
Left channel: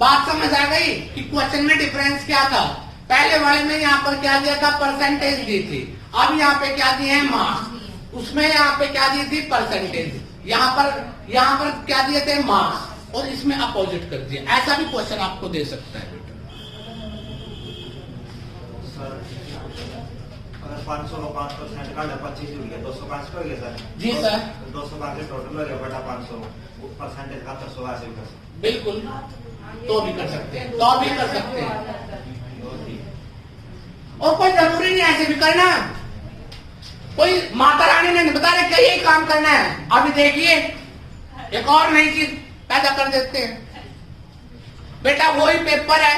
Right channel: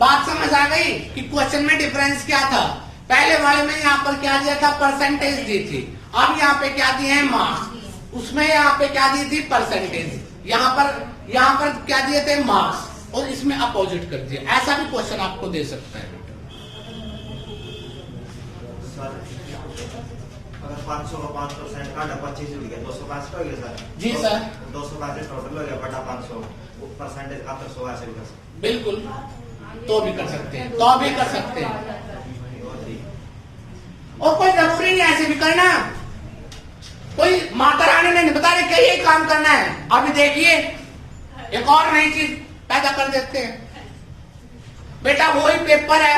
बात समझ आ गई कि क्वेश्चन में डिफरेंस क्या था? पहले वाले में यहाँ पर क्या दिया था? परसेंटेज दी थी। अब यहाँ पे क्या दिए हैं? मार्क्स। उसमें यहाँ पे क्या दी थी? परसेंटेज। यहाँ पर क्या दिए थे? मार्क्स। और इसमें अपोजिट कर दिया। ऐसा भी क्वेश्चन आपको दे सकता है बेटा। अगर 500 का 5% का 25 जुड़ गया 205 का हो गया सर। जी सर। 205 टोटल हो गया बटा 500 परसेंटेज का 100 ऐसे भी कर सकते। बिल्कुल, तो भी कर सकते हैं, तो भी कर सकते हैं। और कोई जरूरी नहीं ऐसे भी करना। कोई माता रानी ने बता रहे क्या यही काम करना है। अभी देखिए एक और नई चीज पैदा कर देते हैं बेटा। वही पेपर है,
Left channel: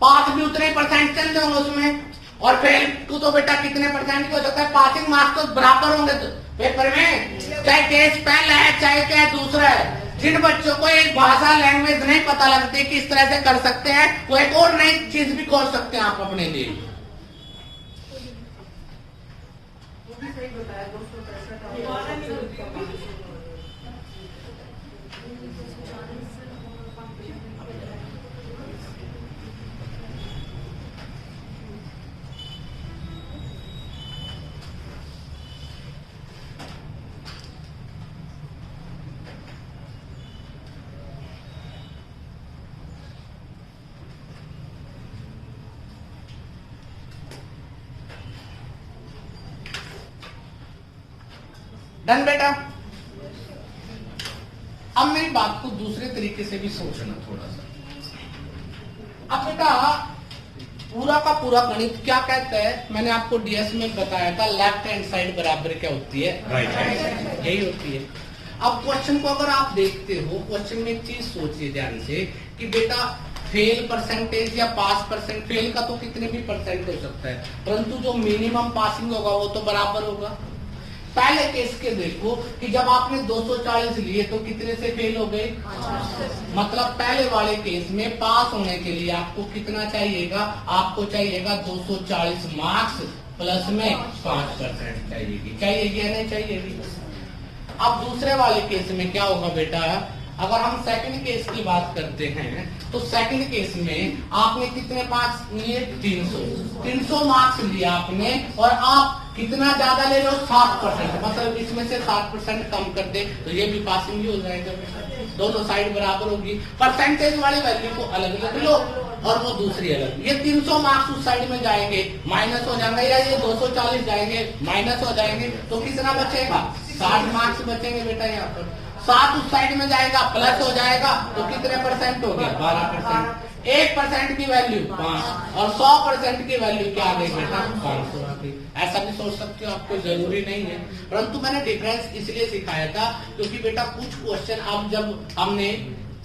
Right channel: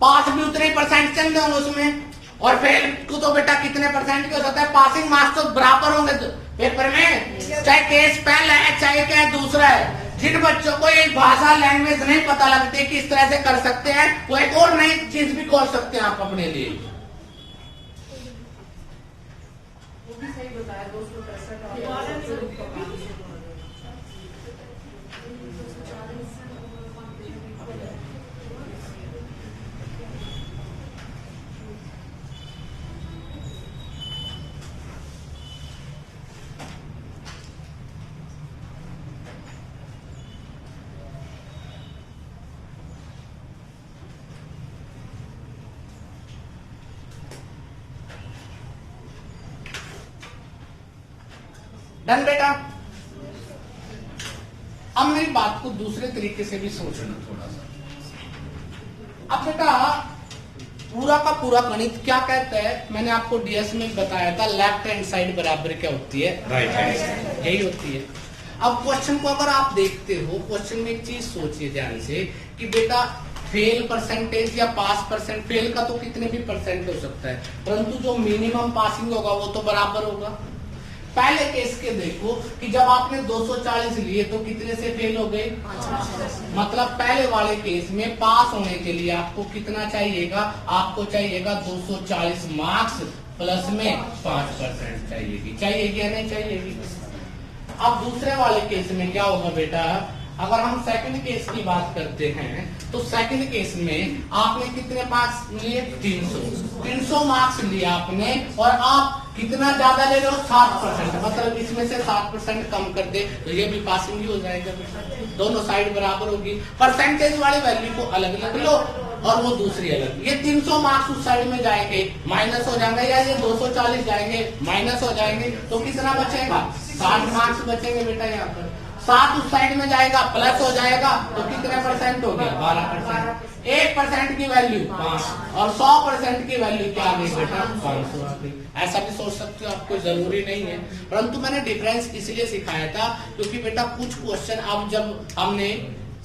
पास भी उतने परसेंट चल रहे उसमें, और फेल तो बेटा कितने परसेंट का हो सकता है? पासिंग मार्क्स तो बराबर होंगे पेपर में, चाहे केस पहला है चाहे क्या दूसरा है। जिन बच्चों को एक भाषा लैंग्वेज नहीं पता लगती कि इस तरह से कर सकते हैं, वो एक और नई चीज भी खोल सकते हैं आप अपने लिए। सही बताया। 200 डन बेटा? अब मेरी बात को दूसरे तरीके से भी सोचना थोड़ा सा। अब बेटा पूरा का पूरा गणित क्या कहता है? मैंने आपको डीएस में बताया था, लेफ्ट हैंड साइड बराबर क्या होती है? Right hand side. यही होती है। अब क्वेश्चन को अगर आप देखते हो, क्वेश्चन में एक चीज सोचिए ध्यान से कि बेटा फेल परसेंटेज या पास परसेंट, फेल का तो कितने भी परसेंट हो सकता है, परंतु जो मिनिमम पासिंग होगा वो तो बराबर होगा। पहले केस के देखो कि जब आपने 240 लिए तो कितने से फेल हो गए? मतलब पहले वाले केस में पास होने के लिए आपको कितना चाहिएगा? आपको चाहिएगा 240 मार्क्स प्लस में 5% चाहिएगी या नहीं चाहिएगी? अब दूसरे वाले केस में क्या होगा बेटा? अगर हम सेकंड केस की बात करते हैं तो सेकंड केस में आपने कितने मार्क्स लिए? 300 मार्क्स लिए आपने, और आप कितना ज्यादा ले रहे हो? 60%। मतलब इसमें से 60% कम कर दे तो ये भी पासिंग ही हो जाएगा। दोनों साइड बराबर होगी। परसेंटेज वाले वैल्यू को अलग अलग लो और वो दूसरी अलग। ये 300 मार्क्स उस साइड में जाएंगे, माइनस हो जाएंगे, या ये 240 जाएंगे, माइनस हो जाएंगे, तो कितना बचेगा? 60 मार्क्स बचेंगे बेटा। यहाँ पर 7 उस साइड में जाएगा, प्लस हो जाएगा, तो कितने परसेंट हो गया? 12%। 1% की वैल्यू 5 और 100% की वैल्यू क्या आ गई बेटा? 500 आ गई। ऐसा भी सोच सकते हो, आपको जरूरी नहीं है, परंतु मैंने डिफरेंस इसलिए सिखाया था क्योंकि बेटा कुछ क्वेश्चन अब जब हमने,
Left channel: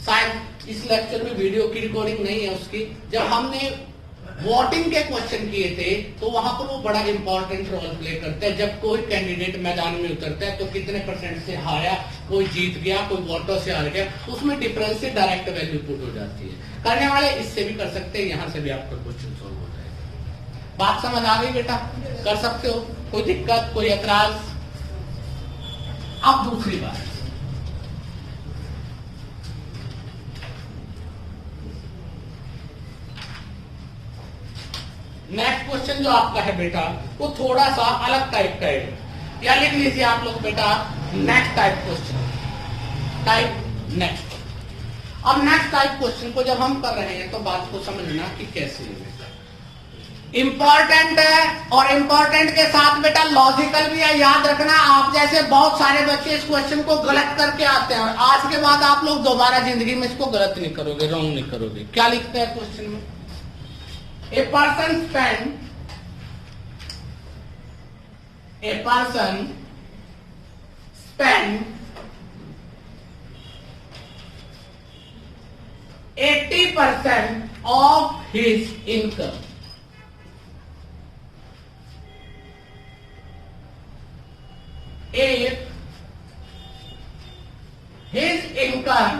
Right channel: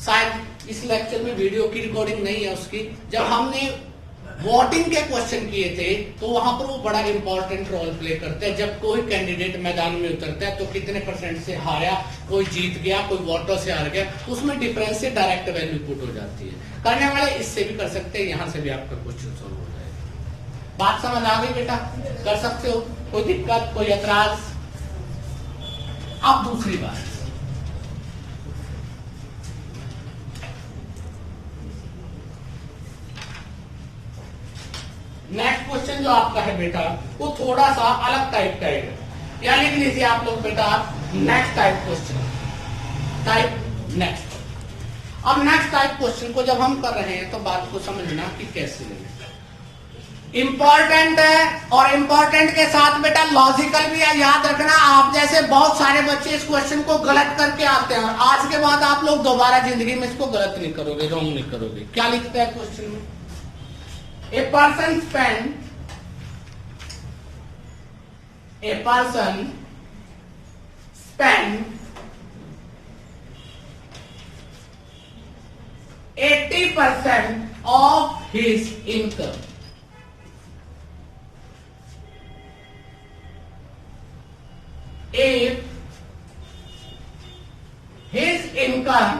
शायद इस लेक्चर में वीडियो की रिकॉर्डिंग नहीं है उसकी, जब हमने वोटिंग के क्वेश्चन किए थे तो वहां पर वो बड़ा इंपॉर्टेंट रोल प्ले करता है। जब कोई कैंडिडेट मैदान में उतरता है तो कितने परसेंट से हारा, कोई जीत गया, कोई वोटर से हार गया, उसमें डिफरेंस से डायरेक्ट वैल्यू पुट हो जाती है। करने वाले इससे भी कर सकते हैं, यहां से भी आपका क्वेश्चन सॉल्व हो जाएगा। बात समझ आ गई बेटा? कर सकते हो, कोई दिक्कत, कोई एतराज? अब दूसरी बात, नेक्स्ट क्वेश्चन जो आपका है बेटा वो थोड़ा सा अलग टाइप का है, या लिख लीजिए आप लोग बेटा next type question, type next. अब नेक्स्ट टाइप क्वेश्चन को जब हम कर रहे हैं तो बात को समझना कि कैसे लेना, इंपॉर्टेंट है और इंपॉर्टेंट के साथ बेटा लॉजिकल भी है। याद रखना, आप जैसे बहुत सारे बच्चे इस क्वेश्चन को गलत करके आते हैं और आज के बाद आप लोग दोबारा जिंदगी में इसको गलत नहीं करोगे, रॉन्ग नहीं करोगे। क्या लिखते हैं क्वेश्चन में? A person spent 80% of his income if his income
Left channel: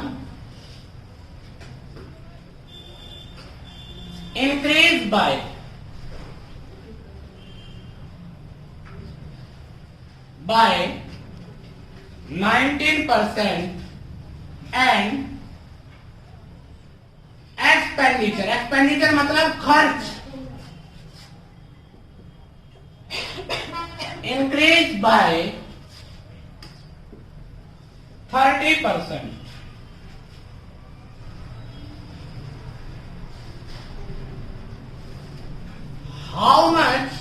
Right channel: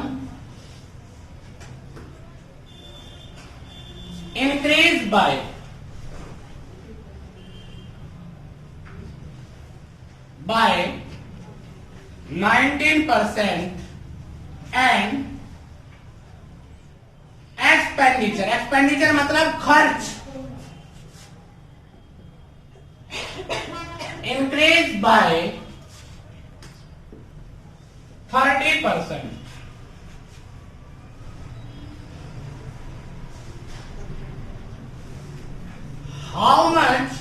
increased by 19% and expenditure मतलब खर्च increase by 30%, how much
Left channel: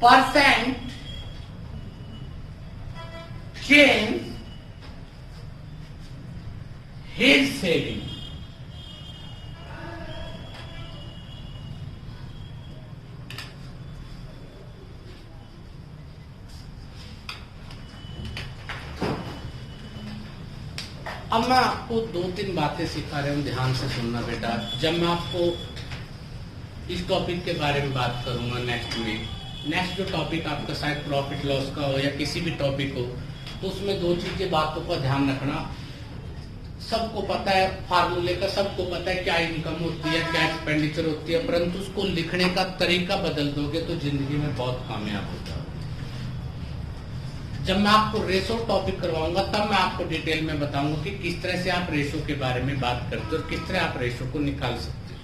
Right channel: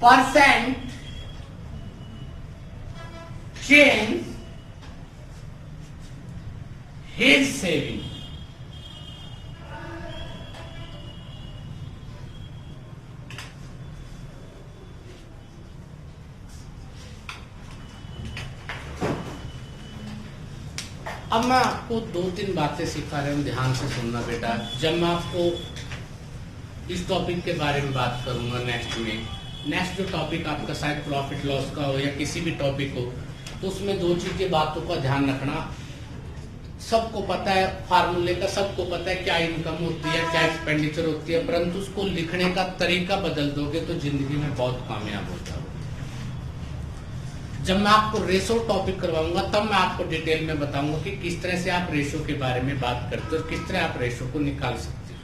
percent change his saving? अब मैं आपको 2-3 बातें सिखा रहा हूं, ध्यान से सुनना बेटा। जब मैं आपको इस टॉपिक के बारे में बात करूंगा नेक्स्ट जो टॉपिक आपका शायद प्रॉफिट लॉस का हो या किसी भी टॉपिक हो, तो उसमें 2 चीजें बातों का ध्यान रखना। सबको पता है फार्मूले का, सबको पता है क्या इनकम होती है, क्या एक्सपेंडिचर होती है, परंतु उसको लिखने का तरीका बदल दोगे तो जिंदगी में बहुत कामयाब होता है। जब मैं आपको रेशो टॉपिक करवाऊंगा तब मैं आपको डिटेल में बताऊंगा कि किस तरह से आप रेशो के बारे में बात करते हो और किस तरह आप रेशो को निकाल सकते हो।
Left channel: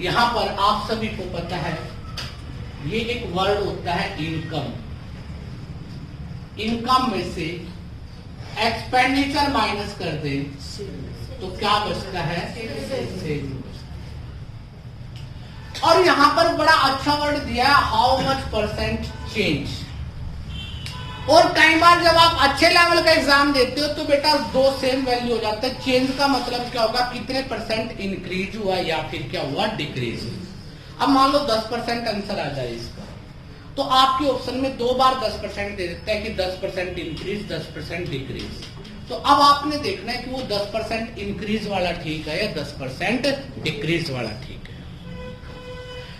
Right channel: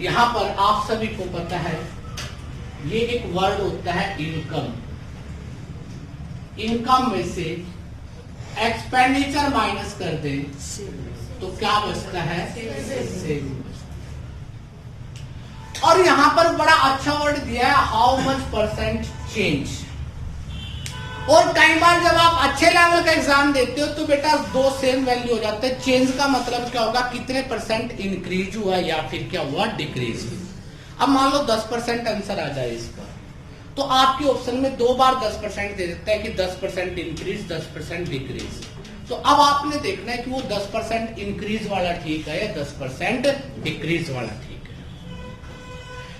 यहां पर आप सभी को पता है ये एक वर्ड होता है इनकम। इनकम में से एक्सपेंडिचर माइनस कर दे तो क्या बचता है? सेविंग। और यहां पर बड़ा अच्छा वर्ड दिया है, हाउ मच परसेंट चेंज। और कई बार जब आप अच्छे लेवल का एग्जाम देते हो तो बेटा 2 सेम वैल्यू हो जाते हैं। चेंज का मतलब क्या होगा? कितने परसेंट इंक्रीज हुआ या फिर क्या हुआ? डिक्रीज। अब मान लो 10% आंसर आ जाए इसका, तो आपके ऑप्शन में 2 बार 10% दे देता है कि 10% इंक्रीज 10% डिक्रीज। तो अब आपने देखना है कि वो 10% इंक्रीज वाला ठीक है या 10% डिक्रीज वाला ठीक है।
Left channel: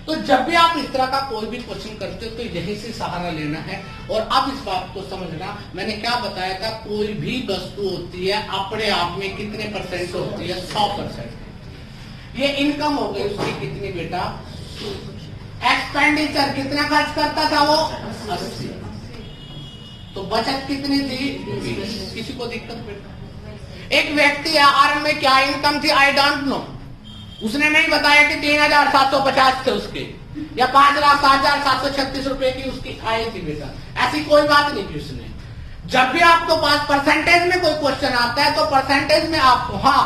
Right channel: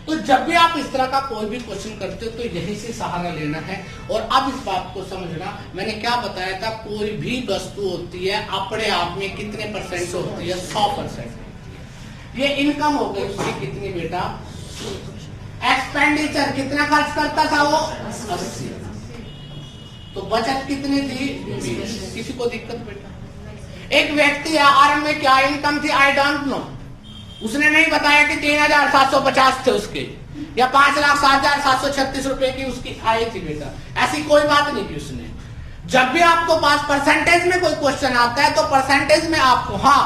तो जब भी आप इस तरह का कोई भी क्वेश्चन करते हो तो यहीं से सहारा लेना है। और अब इस बात को समझना, मैंने क्या बताया था, कोई भी वस्तु होती है अपने आप में कितने परसेंट होती है? 100%। ये इनकम हो गई उसकी कितनी बेटा? एक्सपेंडिचर कितना खर्च करता था वो? 80। तो बचत कितनी थी? 20। किसी को दिक्कत बेटा? एक व्यक्ति आरंभ में क्या इनकम थी? I don't know. उसने नहीं बताया कि 3,750 थे उसके या 5,07,736 रुपए की उसकी आय थी बेटा। ऐसी कोई बात नहीं की उसने। जब भी आपको पास परसेंटेज में कोई क्वेश्चन आता है तो परसेंटेज में आपको, हाँ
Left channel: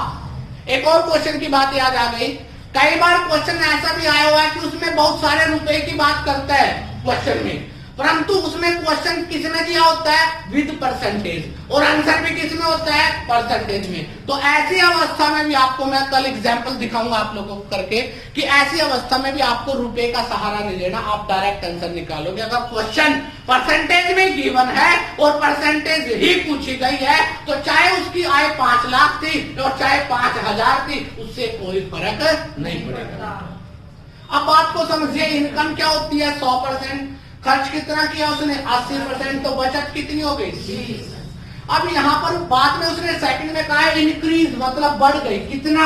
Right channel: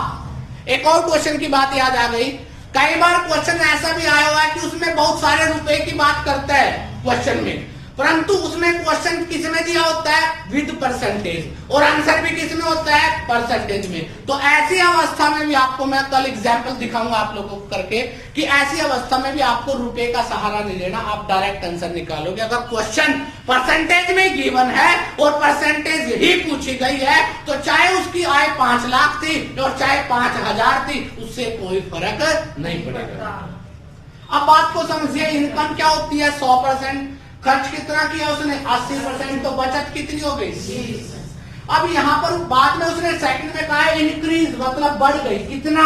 एक और क्वेश्चन की बात याद आ गई, कई बार क्वेश्चन में ऐसा भी आया हुआ है कि उसमें बहुत सारे रुपए की बात करता है क्वेश्चन में, परंतु उसमें क्वेश्चन किसमें दिया होता है? विद परसेंटेज, और आंसर भी किसमें होता है? परसेंटेज में। तो ऐसी अवस्था में भी आपको मैं कल एग्जाम्पल दिखाऊंगा आप लोगों को करके, कि ऐसी अवस्था में भी आपको रुपए का सहारा नहीं लेना, आप डायरेक्ट आंसर निकालोगे। अगर क्वेश्चन परसेंटेज में गिवन है और परसेंटेज ही पूछी गई है, तो चाहे उसकी आय 5 लाख थी और चाहे 5,000 थी, उससे कोई फर्क नहीं पड़ेगा। अब बात को समझिए, इनकम क्या होती है? 100%। खर्च कितना किया उसने? 80%। तो बचत कितनी हो गई? 30। अब यहाँ पर बाद में उसने सेकंड में कहा है इंक्रीज, मतलब बढ़ गई। कितना?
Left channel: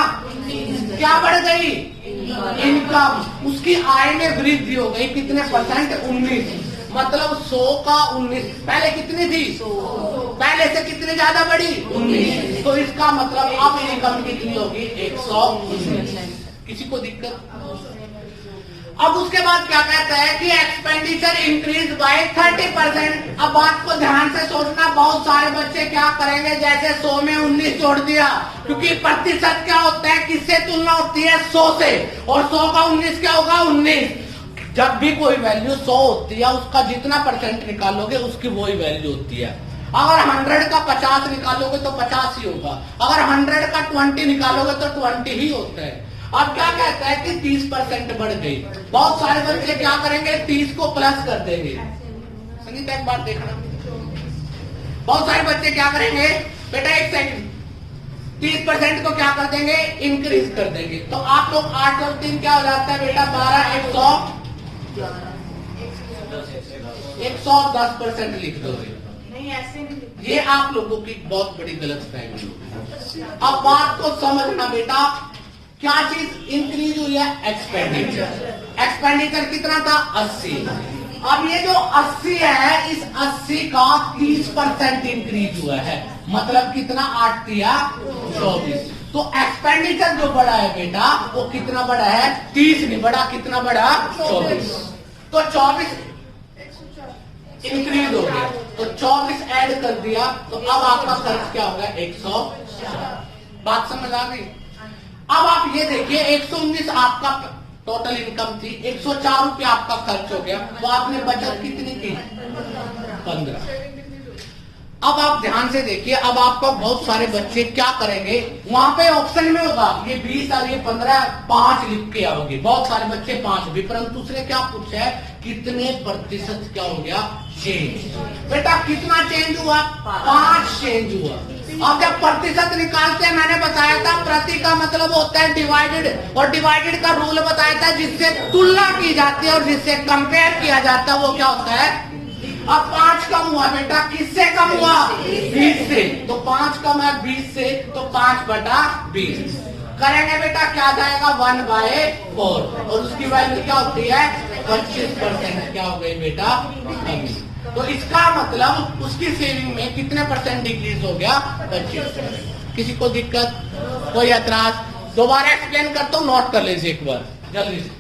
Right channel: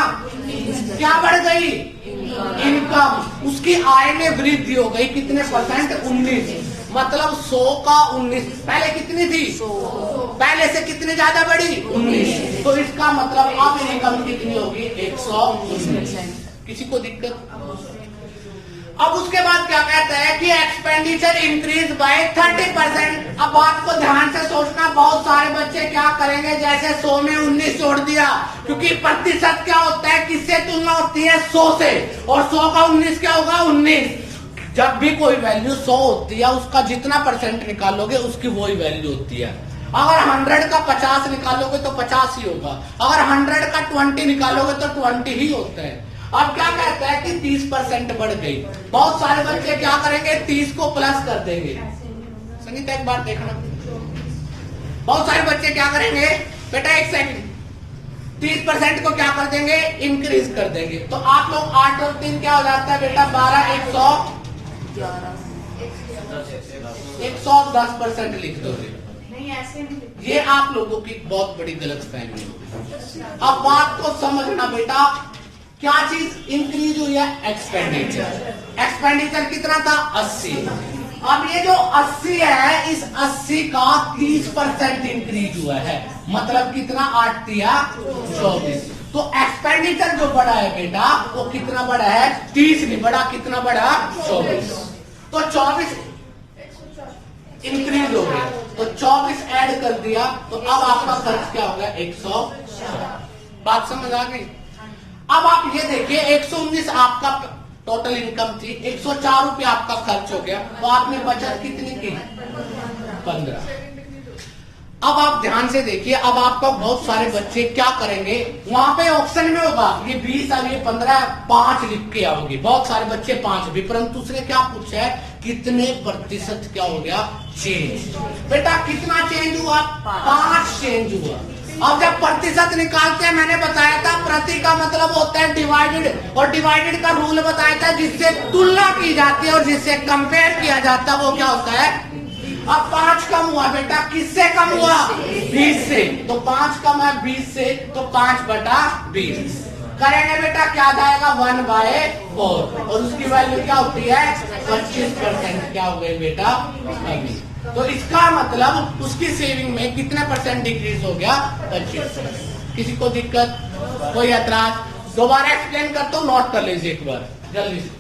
क्या बढ़ गई? इनकम। उसकी आय में वृद्धि हो गई। कितने परसेंट? 19। मतलब 100 का 19। पहले कितनी थी? 100। पहले से कितनी ज्यादा बढ़ी? 19। तो इसका मतलब अब इनकम कितनी होगी? 119। किसी को दिक्कत? अब उसके बाद क्या कहता है कि एक्सपेंडिचर इंक्रीज बाय 30%। अब बात को ध्यान से सोचना, बहुत सारे बच्चे क्या करेंगे, जैसे 100 में 19 जोड़ दिया, क्योंकि प्रतिशत क्या होता है, किससे तुलना होती है? 100 से, और 100 का 19 क्या होगा? 19। जब भी कोई वैल्यू 100 होती है, उसका जितना परसेंट निकालोगे उसकी वही वैल्यू होती है। अगर 100 का 50 निकालोगे तो 50 ही होगा, अगर 100 का 20 निकालोगे तो 20 ही होता है। अब क्या कहता है कि 30% बढ़ गई। बहुत सारे बच्चे क्या करेंगे? 30 को प्लस कर देंगे। सुनीता एक बात देखना, बहुत सारे बच्चे क्या करेंगे? बेटा एक सेकंड, 30% को क्या कर देंगे? इंक्रीज कर देंगे। तो आप लोग 8 और 3 क्या हो जाता है बेटा? 12, 110% लिख दोगे। नहीं, ऐसे नहीं। ये आप लोगों की बहुत बड़ी गलतफहमी है। अब बात को समझना बेटा, क्या चीज इंक्रीज हुई है? एक्सपेंडिचर। एक्सपेंडिचर कितना था? 80। अब ये जो 80 है, इस 80 का 30% इंक्रीज हुआ है। मतलब कितना? 8 दिया 24। तो एक्सपेंडिचर जो बढ़ा है बेटा, वो कितना बढ़ा है? 30 नहीं बढ़ा, कितना बढ़ा? 24। तो 24 इंक्रीज हो गया, तो 24 ऐड कर दिया, तो अब आपका खर्च क्या हो गया? 104। बात समझ आ गई? अब आप ये देखिए, 119 आपका टोटल इनकम थी, 104 रुपया आपका खर्च हो गया, तो आपने बचत कितनी की? 15। अब आप ध्यान से देखिए, अब आपका बहुत सारे बच्चे क्या करेंगे, वहां पे ऑप्शन में होगा ये 20 और ये 15, 5 लिख के आओगे, बहुत सारे बच्चे 5 भी, परंतु उसने क्या पूछा है? कितने प्रतिशत क्या हो गया? चेंज। बेटा कितना चेंज हुआ? 5 चेंज हुआ। अब जब प्रतिशत निकालते हैं, मैंने बताया था प्रति का मतलब होता है डिवाइडेड, और डिवाइडेड का रूल बताया था, जिससे तुलना की जाती है और जिससे कंपेयर किया जाता है वो क्या होता है? अब 5 कम हुआ बेटा, किससे कम हुआ? 20 से। तो 5 कम है 20 से, तो 5/20 करेंगे बेटा, क्या जाएगा? 1/4, और उसकी वैल्यू क्या होती है? 25%। क्या हो गई बेटा? कमी। तो इसका मतलब उसकी सेविंग में कितने परसेंट डिक्रीज हो गया? 25%। किसी को दिक्कत? कोई एतराज? दोबारा एक्सप्लेन करता हूँ, नोट कर लीजिए एक बार जल्दी से।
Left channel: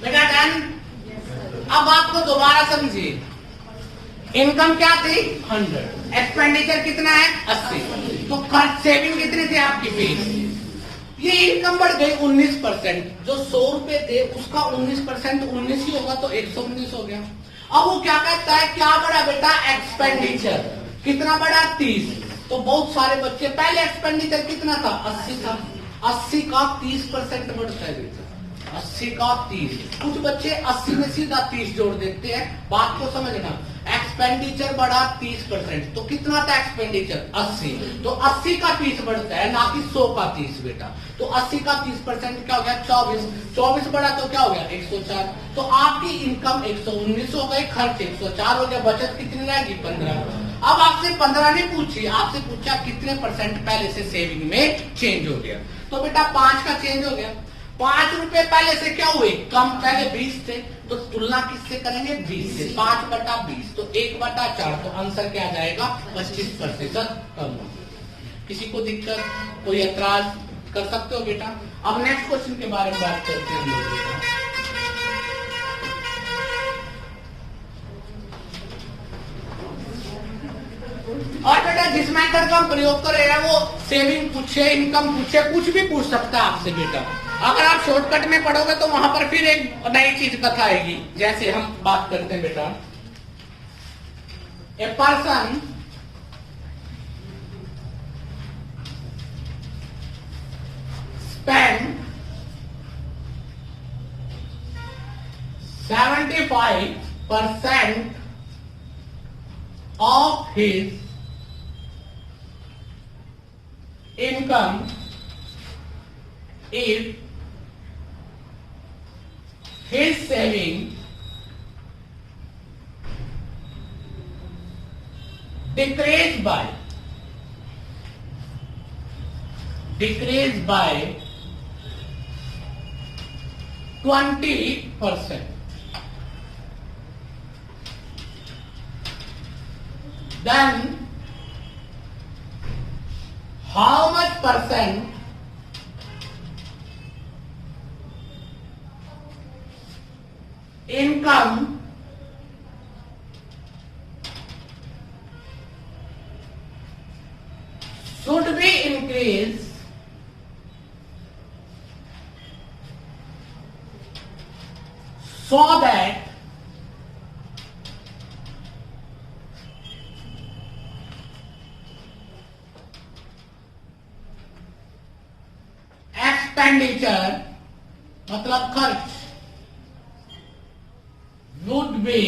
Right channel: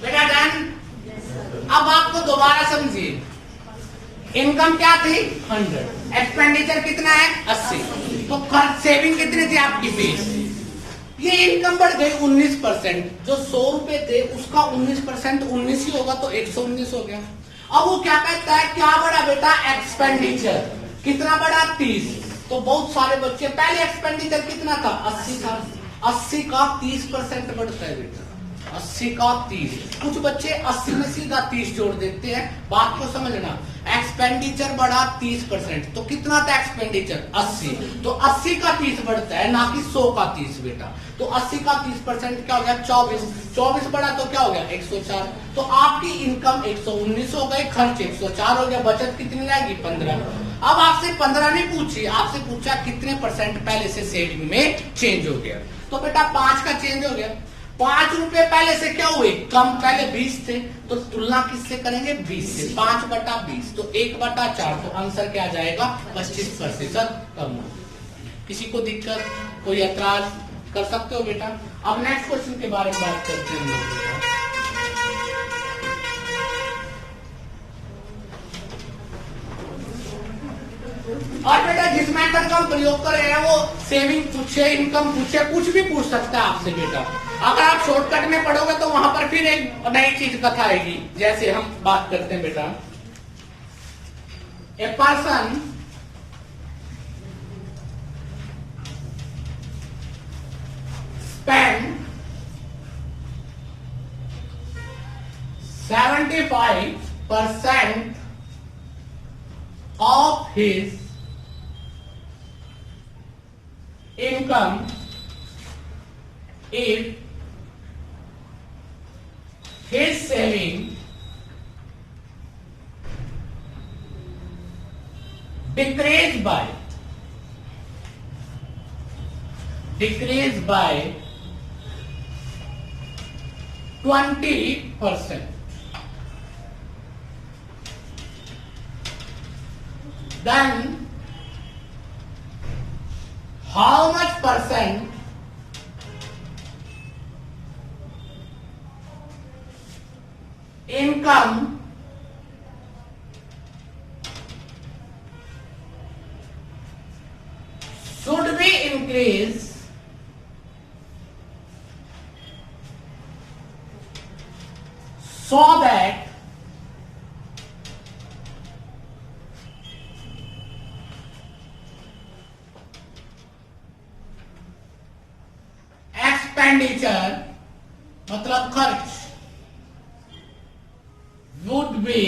बेटा डन। अब आपको दोबारा समझिए, इनकम क्या थी 100, एक्सपेंडिचर कितना है 80, तो खर्च सेविंग कितनी थी आपकी 20। ये इनकम बढ़ गई 19%, जो 100 रुपए थे उसका 19% 19 ही होगा तो 119 हो गया। अब वो क्या कहता है, क्या बढ़ा बेटा एक्सपेंडिचर, कितना बढ़ा 30। तो बहुत सारे बच्चे पहले एक्सपेंडिचर कितना था 80 था, 80 का 30% बढ़ता है बेटा, 80 का 30। कुछ बच्चे 80 में सीधा 30 जोड़ देते हैं, बात को समझना। एक्सपेंडिचर बढ़ा 30%, तो कितना था एक्सपेंडिचर 80, तो 80 का 30 बढ़ता है, ना कि 100 का 30 बेटा। तो 80 का 30% क्या हो गया 24, 24 बढ़ा तो क्या हो गया 104। तो आपकी इनकम 119 हो गई, खर्च 104 हो गया, बचत कितनी रहेगी 15। अब आपसे 15 नहीं पूछी, आपसे पूछा कितने परसेंट पहले से सेविंग में चेंज हो गया। तो बेटा 5 का चेंज हो गया। 5 रुपए पहले से क्या हुए कम, पहले 20 थे, तो तुलना किससे करेंगे 20 से, 5/20 तो 1/4, तो आंसर क्या आ जाएगा 25% कम। किसी को दिक्कत, कोई ऐतराज कर सकते हो बेटा। अब नेक्स्ट क्वेश्चन के बारे में बात करते हैं लोग बेटा। और बेटा जिस मेथड का प्रयोग करेगा वो सेविंग पूछे, इनकम पूछे, कुछ भी पूछ सकता है आपसे बेटा। अगर आप शॉर्टकट में पढ़ोगे तो वहां पर फिर एक नई चीज कथा आएगी। जैसे हम बात करते हैं बेटा, a person spend 75% of his income if his saving decreased by 20%, then how much percent income should be increased so that expenditure मतलब खर्च would be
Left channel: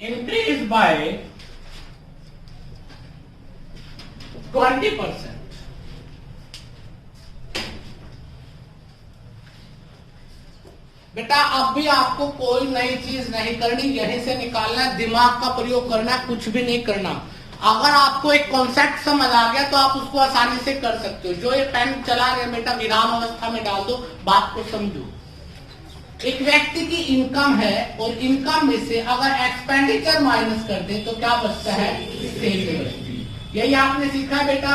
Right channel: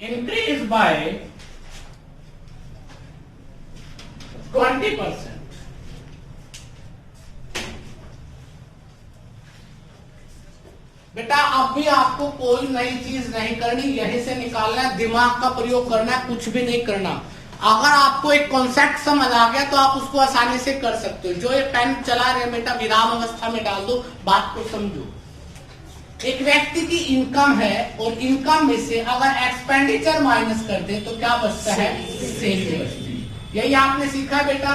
increased by 20%। बेटा अब भी आपको कोई नई चीज नहीं करनी, यहीं से निकालना है, दिमाग का प्रयोग करना है, कुछ भी नहीं करना। अगर आपको एक कॉन्सेप्ट समझ आ गया तो आप उसको आसानी से कर सकते हो। जो ये पेन चला रहे बेटा विराम अवस्था में डाल दो, बात को समझो। एक व्यक्ति की इनकम है और इनकम में से अगर एक्सपेंडिचर माइनस कर दे तो क्या बचता है? सेविंग बचती है। यही आपने सीखा है बेटा,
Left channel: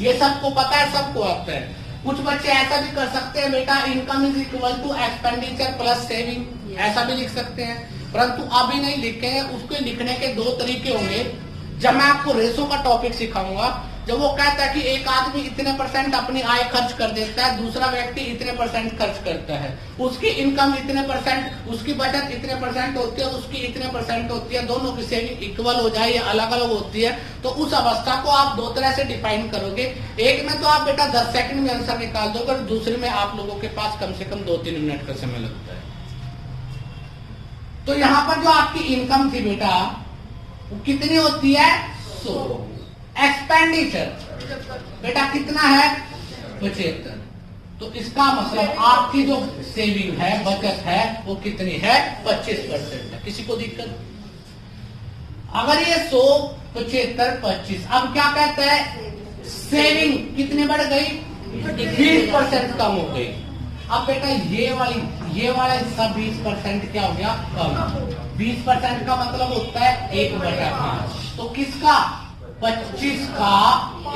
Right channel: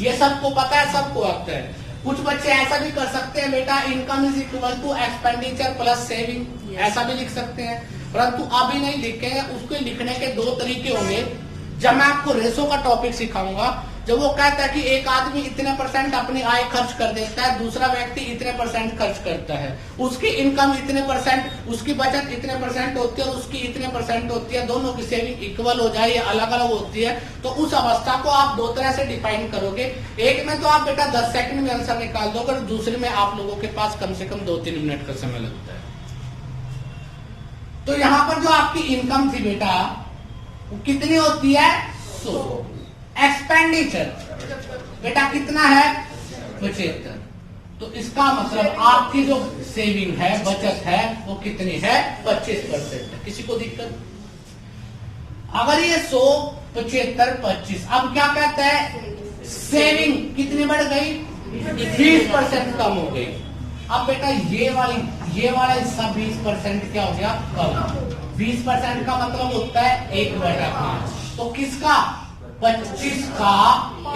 ये सबको पता है, सबको आता है। कुछ बच्चे ऐसा भी कर सकते हैं बेटा, income is equal to expenditure plus saving, ऐसा भी लिख सकते हैं, परंतु अभी नहीं लिखे हैं। उसके लिखने के दो तरीके होंगे। जब मैं आपको रेशो का टॉपिक सिखाऊंगा, जब वो कहता है कि एक आदमी इतने % अपनी आय खर्च कर देता है, दूसरा व्यक्ति इतने % खर्च करता है, उसकी इनकम इतने %, उसकी बचत इतने % होती है और उसकी इतने % होती है, दोनों की सेविंग इक्वल हो जाए या अलग अलग होती है, तो उस अवस्था को आप दो तरह से डिफाइन करोगे। एक में तो आप बेटा 10 सेकंड में आंसर निकाल दोगे और दूसरे में आप लोगों के पास कम से कम 2-3 मिनट का समय लगता है। तो यहाँ पर जो आपकी इनकम थी बेटा, वो कितनी होती है? 100। एक्सपेंडिचर बेटा कितना है? 75। तो इसका मतलब आपकी जो सेविंग है, बचत है, वो कितनी है? 25% है। किसी को दिक्कत? अगर ये 100, 75, 25, अब क्या कहते हैं? सेविंग कितनी बढ़ गई? 20% कम हो गई। अब बेटा ये वाला हिस्सा 20% क्या हो गया? कम। 20% का मतलब होता है 1/5। तो किसका? 25 का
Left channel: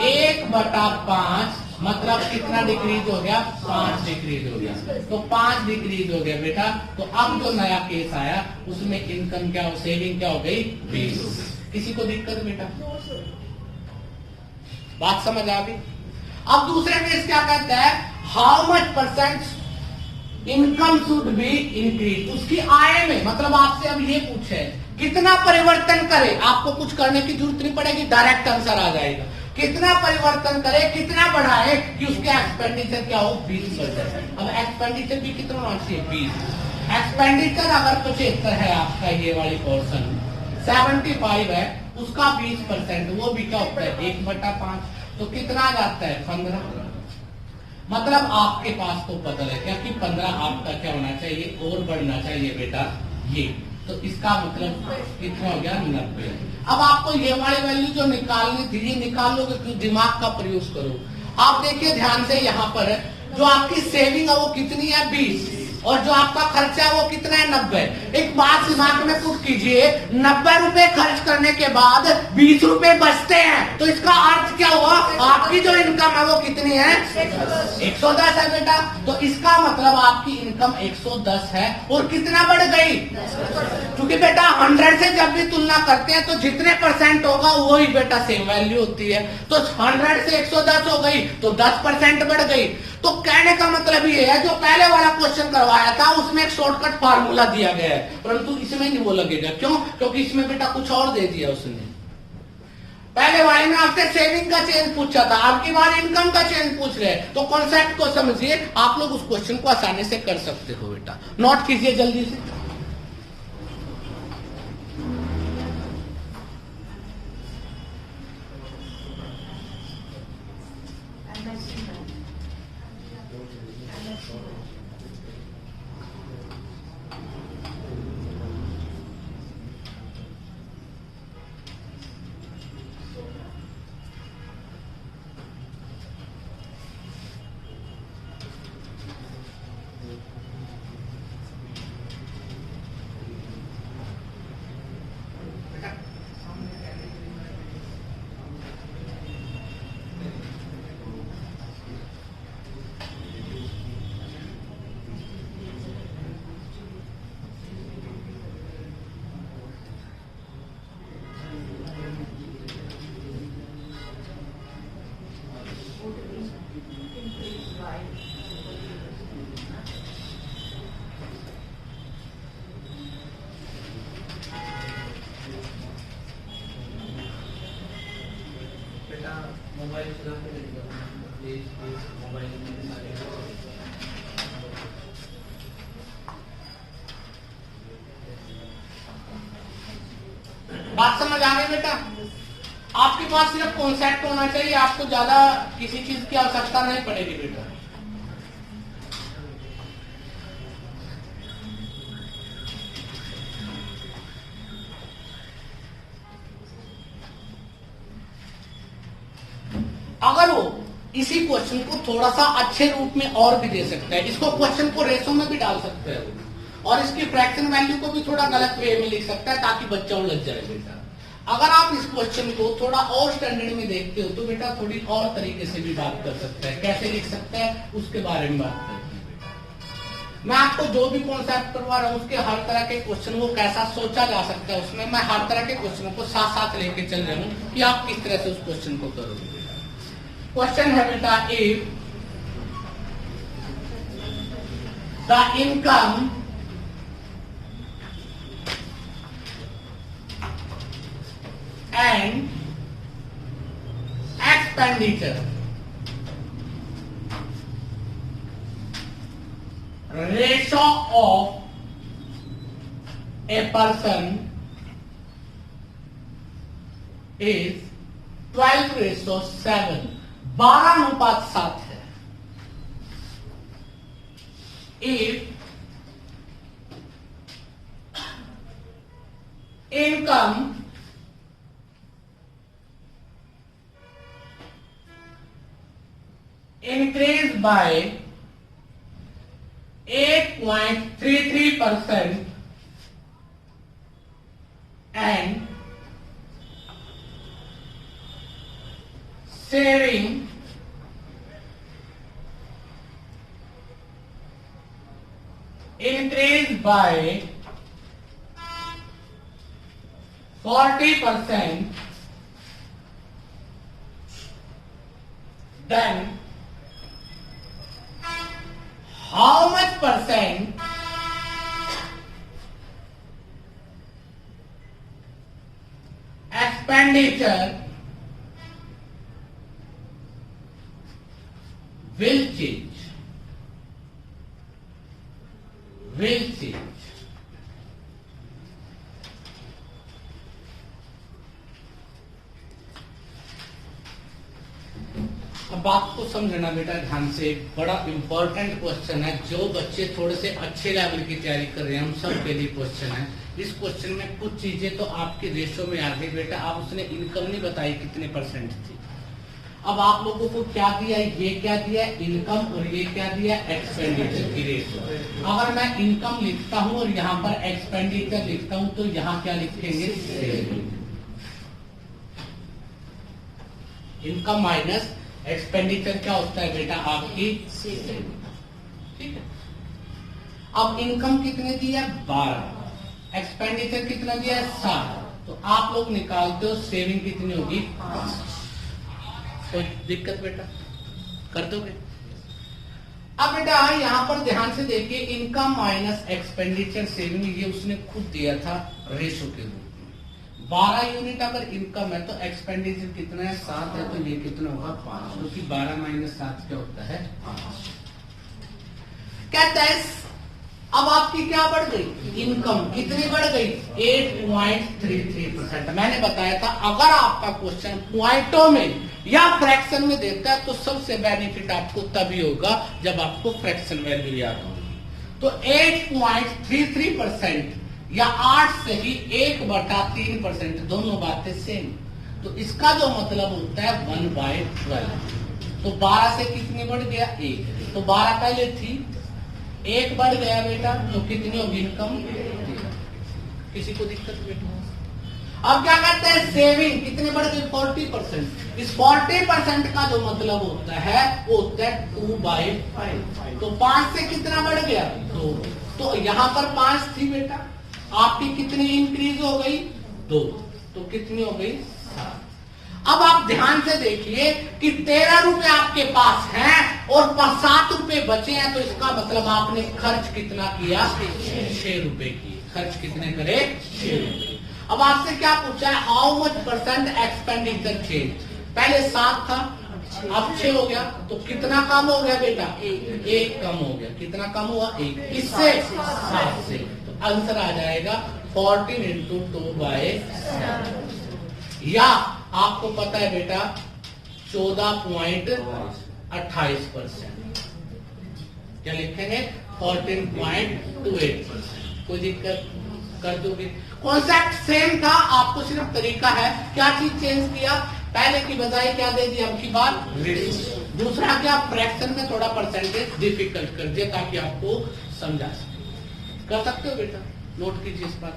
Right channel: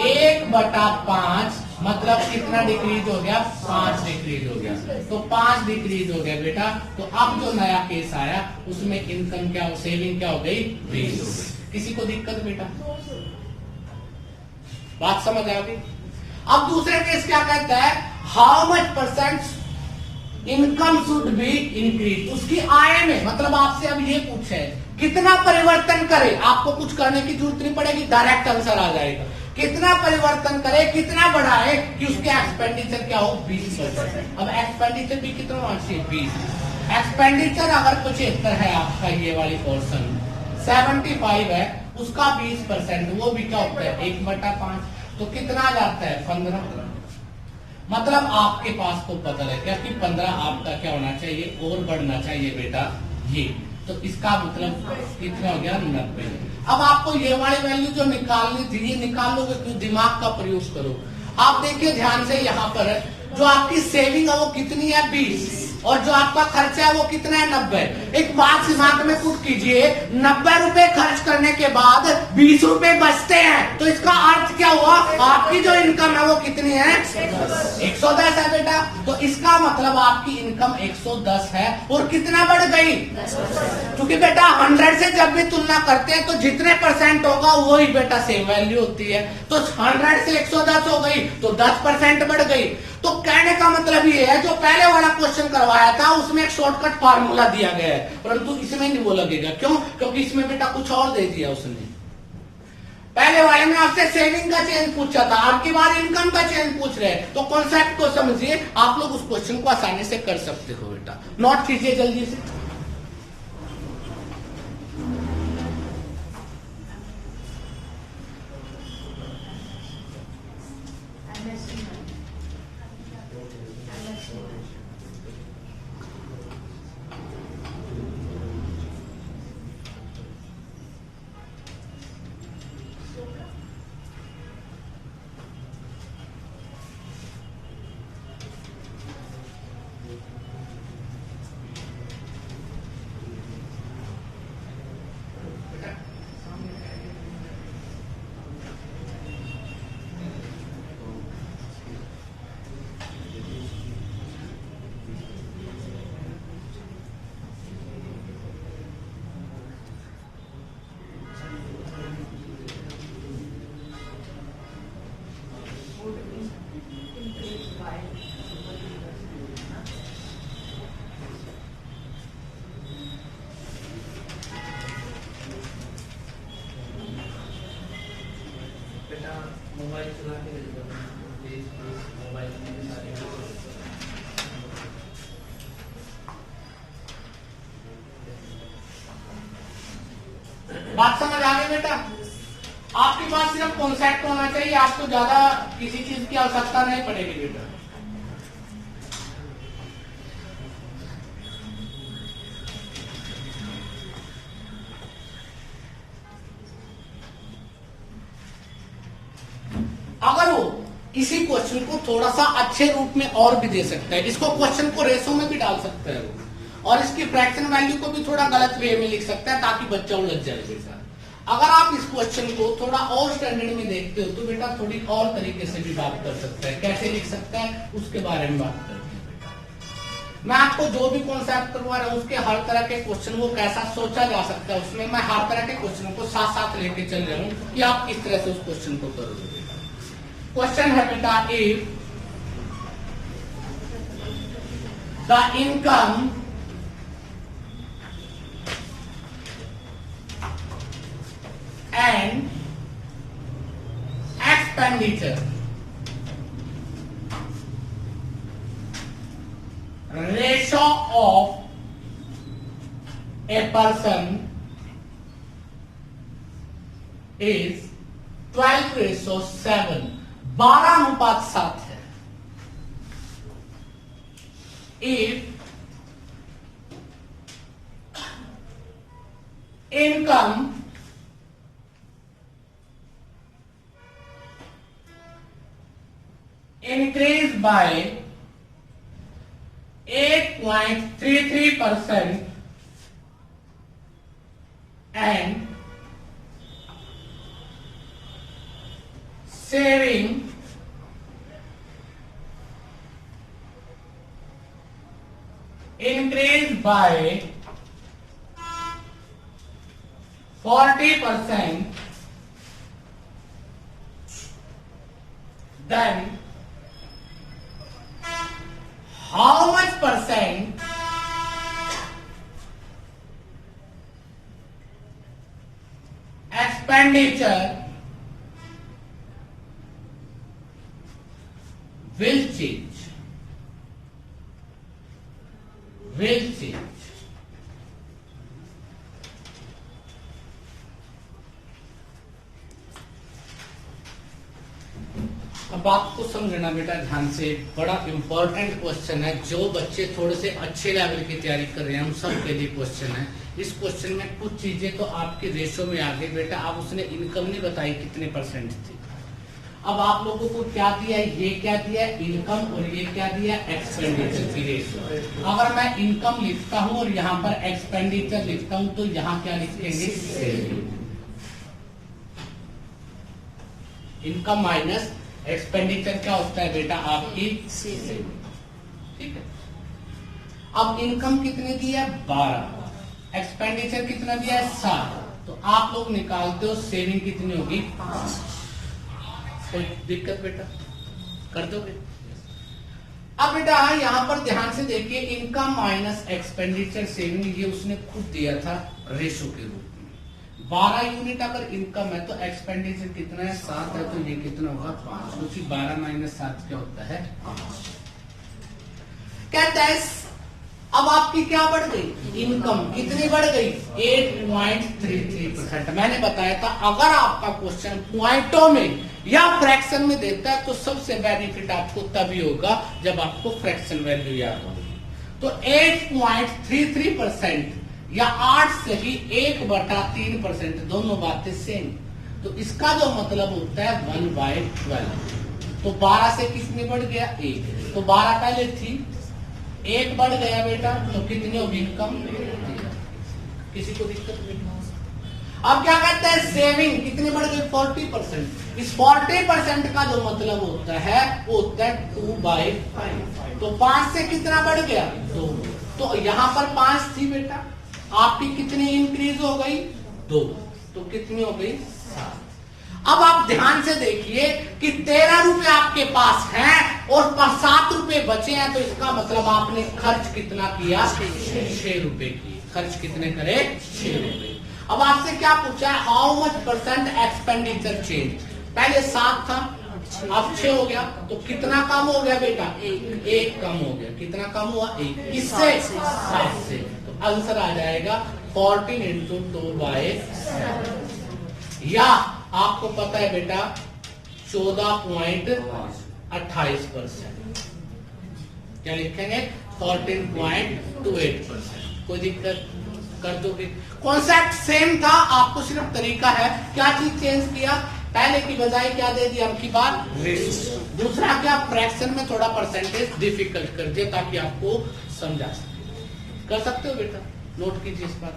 1/5 मतलब कितना डिक्रीज हो गया? 5 डिक्रीज हो गया। तो 5 डिक्रीज हो गया बेटा। तो अब जो नया केस आया उसमें इनकम क्या, सेविंग क्या हो गई? 20 हो गई। किसी को दिक्कत बेटा? बात समझ आ गई? अब दूसरे केस क्या कहता है? How much % income should be increase. उसकी आय में, मतलब आपसे अब ये पूछे कितना परिवर्तन करे, आपको कुछ करने की जरूरत नहीं पड़ेगी, डायरेक्ट आंसर आ जाएगा। कितना परिवर्तन करे, कितना बढ़ाए कि उसके एक्सपेंडिचर क्या हो? 20%। अब एक्सपेंडिचर भी कितना होना चाहिए? 20। एक्सपेंडिचर अगर 75 है आपका, ये वाली पोर्शन 75 है, उसका 20%, वो भी क्या होता है? 1/5। तो कितना आ जाता है? 15। मतलब आपके पास तो बदल है क्या कि 15 आपका क्या होना चाहिए? और बढ़ना चाहिए बेटा ये। तो इसका मतलब कितना हो गया? 90। अब आपको ये वाली वैल्यू जो निकालनी थी, ये निकाल लोगे तो दिमाग का प्रयोग करो। आप देखिए ध्यान से, यहाँ पर जो आपकी सेविंग है वो कितनी है? 20, और जो आपका खर्चा है वो कितना है? 90। एक बात दिमाग में पुट कीजिए, 90 रुपए खर्च करने के बाद 20 रुपए बचते हैं, तो इसका अर्थ क्या हुआ? आपकी जो इनकम है वो कितनी है? 110 है बेटा। तो इसका मतलब आपकी इनकम 110 है और कितना बढ़ गई? क्योंकि बेटा 100 से जब भी तुलना करते हैं तो जितने % होगा वही बेटा सेम वैल्यू होती है। तो 100 से 110 हो गई तो 10% बढ़ गई। तो कहने का मतलब ये है, जो पहले वाला क्वेश्चन करवाया था उसमें एक शॉर्टकट फार्मूला दिया गया है, परंतु इसमें नहीं वो लगेगा। क्यों? क्योंकि इसमें बेटा कुछ और दे दिया उसने। पहले वाले में आपसे सेविंग का चेंज पूछा था, आपकी बार इनकम का चेंज पूछ रहे हैं। तो कॉन्सेप्ट को समझिए, आप लोग उस क्वेश्चन को आसानी से कर सकते हो बेटा। नोट कीजिए जल्दी से। मोबाइल चला के मोबाइल बात समझ आ रही बेटा? आपके पास सिर्फ कॉन्सेप्ट होना चाहिए, आपको ज्यादा किसी चीज की आवश्यकता नहीं पड़ेगी बेटा। अगर वो इसी क्वेश्चन को थोड़ा सा अच्छे रूप में और भी दे सकता है, इसको क्वेश्चन को रेशो में भी डाल सकता है। और इसकी फ्रैक्शन वैल्यू को भी थोड़ा गलत वे में लिख सकता है ताकि बच्चा उलझ जाए बेटा। अगर आप इस क्वेश्चन को थोड़ा और स्टैंडर्ड में देखते हो तो बेटा थोड़ी और तरीके से भी बात कर सकते हैं। कैसे लिख सकते हैं उसके बारे में बात करते हैं बेटा। मैं आपको जो भी कॉन्सेप्ट करवा रहा हूं उसके हर तरह के क्वेश्चन वो कैसा सोचा जा सकता है उसमें मैं हर तरह के क्वेश्चनों को साथ साथ लेके चल रहा हूं कि आप किस तरह से उस क्वेश्चन को करोगे बेटा। क्वेश्चन है बेटा, if the income and expenditure ratio of a person is 12:7, 12:7 है। If income increased by 8.33% and saving increased by 40%, then how much percent expenditure will change? Will change. अब बात को समझना बेटा ध्यान से, बड़ा इंपॉर्टेंट क्वेश्चन है। जो बच्चे थोड़े से अच्छे लेवल की तैयारी कर रहे हैं हम सब के लिए क्वेश्चन है। इस क्वेश्चन में कुछ चीजें तो आपके रेशो में आ गई बेटा। आप उसने इनकम नहीं बताई कितने परसेंट थी। अब आप लोगों को क्या दिया है, ये क्या दिया है इनकम और ये क्या दिया है एक्सपेंडिचर की रेशो। अगर मैं इनकम लिखता हूं और यहाँ पर एक्सपेंडिचर लिखता हूं तो यहाँ क्या लिखेंगे, इनकम माइनस एक्सपेंडिचर क्या होता है बेटा आपकी सेविंग। ठीक है। अब इनकम कितने दिया है 12, एक्सपेंडिचर कितना दिया है 7, तो आप लोग निकालते हो सेविंग कितनी होगी 5। कोई दिक्कत बेटा, कर दोगे। अब बेटा यहाँ पर ध्यान से देखिए, इनकम माइनस एक्सपेंडिचर सेविंग ये उसने खुद दिया था रेशो के रूप में। 12 यूनिट अगर इनकम है तो एक्सपेंडिचर कितना है 7 है, तो ये कितना होगा 5, क्योंकि 12 माइनस 7 क्या होता है 5। कहता है अब आपकी क्या बढ़ गई, इनकम कितनी बढ़ गई 8.33%। मैंने बताया था अगर आपका क्वेश्चन पॉइंटों में या फ्रैक्शन में देता है तो सबसे बेनिफिट आपको तभी होगा जब आपको फ्रैक्शन वैल्यू याद होगी। तो 8.33% या 8 से ही 1/3%, दोनों बातें सेम। तो इसका जो मतलब होता है 1/12। तो 12 से कितने बढ़ गया 1, तो 12 पहले थी, 1 बढ़ गया बेटा, तो कितनी होगी इनकम। किसी को दिक्कत बेटा। अब क्या कहते हैं सेविंग कितनी बढ़ गई 40%। इस 40% का जो मतलब होता है वो होता है 2/5। तो 5 से कितना बढ़ गया 2, तो यहाँ पर 5 थी बेटा, आपकी कितनी इंक्रीज हो गई 2, तो कितनी हो गई 7। अब आप ध्यान से देखिए कि 13 रुपए आपके पास हैं और 7 रुपए बचे हैं, तो इसका मतलब आपने खर्च कितना किया 6 रुपए की। खर्च कितने करे 6 रुपए। अब आपसे क्या पूछा है, how much percent expenditure change. पहले 7 था, अब 6 हो गया, तो कितना कम हो गया बेटा 1 कम हो गया। कितना कम हुआ 1, इससे 7 से। तो आंसर आ जाएगा 14 × 2/7। या आपको पता है बेटा 14.28%। क्या लिखेंगे 14.28%। कोई दिक्कत कर दोगे। कॉन्सेप्ट सेम था, आपको सिर्फ तरीका है क्या चीज चेंज किया। पहले की बजाय क्या दे दिया आपकी बात रेशियो। दूसरा क्या फ्रैक्शन में थोड़ा परसेंटेज डिफिकल्ट कर दिया ताकि आपको समझा सके। कर सकते हो बेटा, नोट कीजिए इस बात।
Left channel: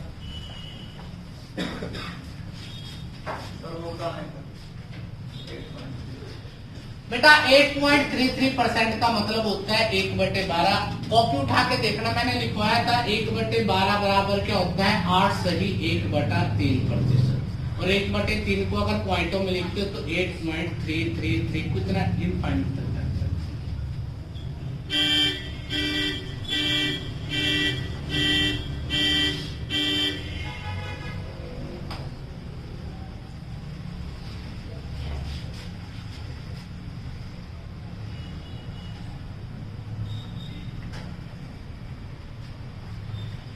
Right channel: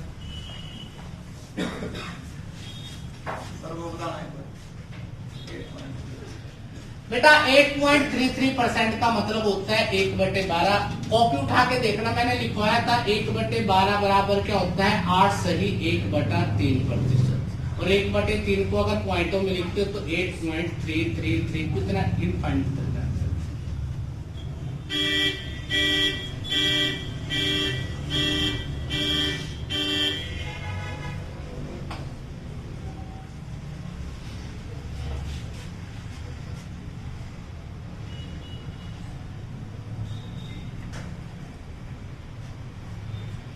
बेटा 8.33% का मतलब होता है 1/12। कॉपी उठा के देखना, मैंने लिखवाया था 1/12 बराबर क्या होता है 8 सही 1/3%। और 1/3 को अगर पॉइंटों में लिखते हो तो 8.333 कितना इनफाइनाइट तक है।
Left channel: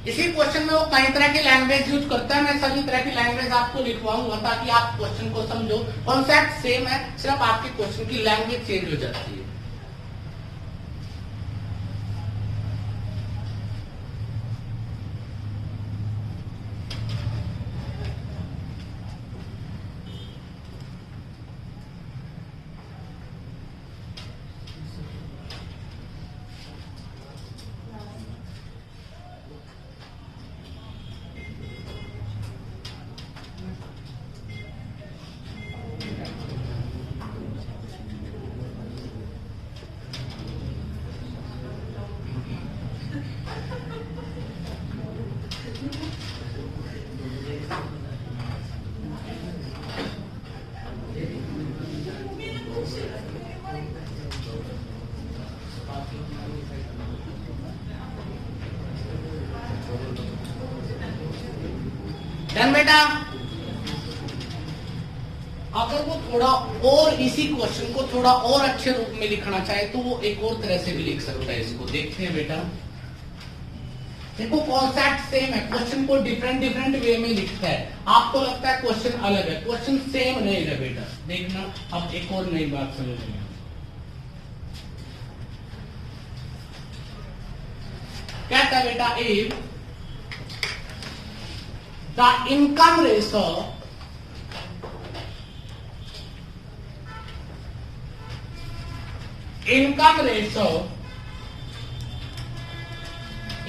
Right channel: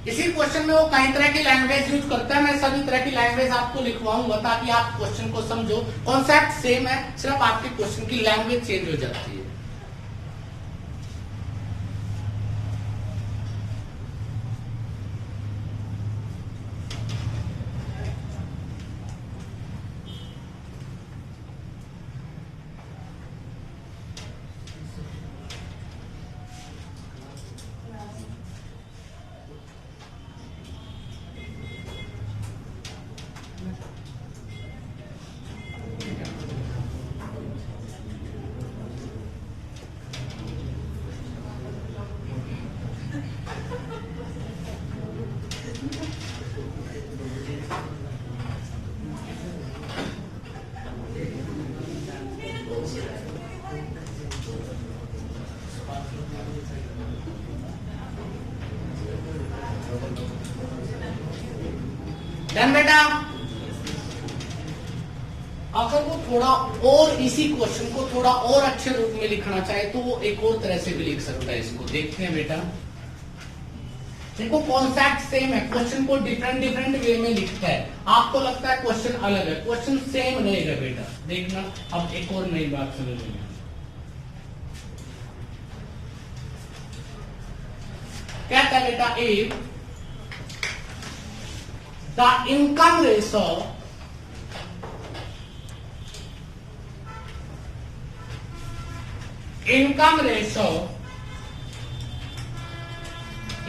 इसी क्वेश्चन में वो कई तरह की लैंग्वेज यूज करता है, मैं सभी तरह की लैंग्वेज आपको लिखवाऊंगा ताकि आप क्वेश्चन को समझो। कॉन्सेप्ट सेम है, सिर्फ आपकी क्वेश्चन की लैंग्वेज चेंज हो जाती है। डन बेटा। अगर वो थोड़ा और इसी क्वेश्चन को थोड़ा और अच्छे रूप में लिखना चाहे तो वो एक और तरह से भी लिख सकता है। इसको देखते हैं बेटा, देखो कॉन्सेप्ट सेम है, क्वेश्चन को डिफरेंट वे में लिखता है। आपको लगता है क्वेश्चन अलग है, क्वेश्चन सेम रहेगा बेटा। देखना अब एक और नई बात समझ लेंगे। कहता है बेटा if the income ratio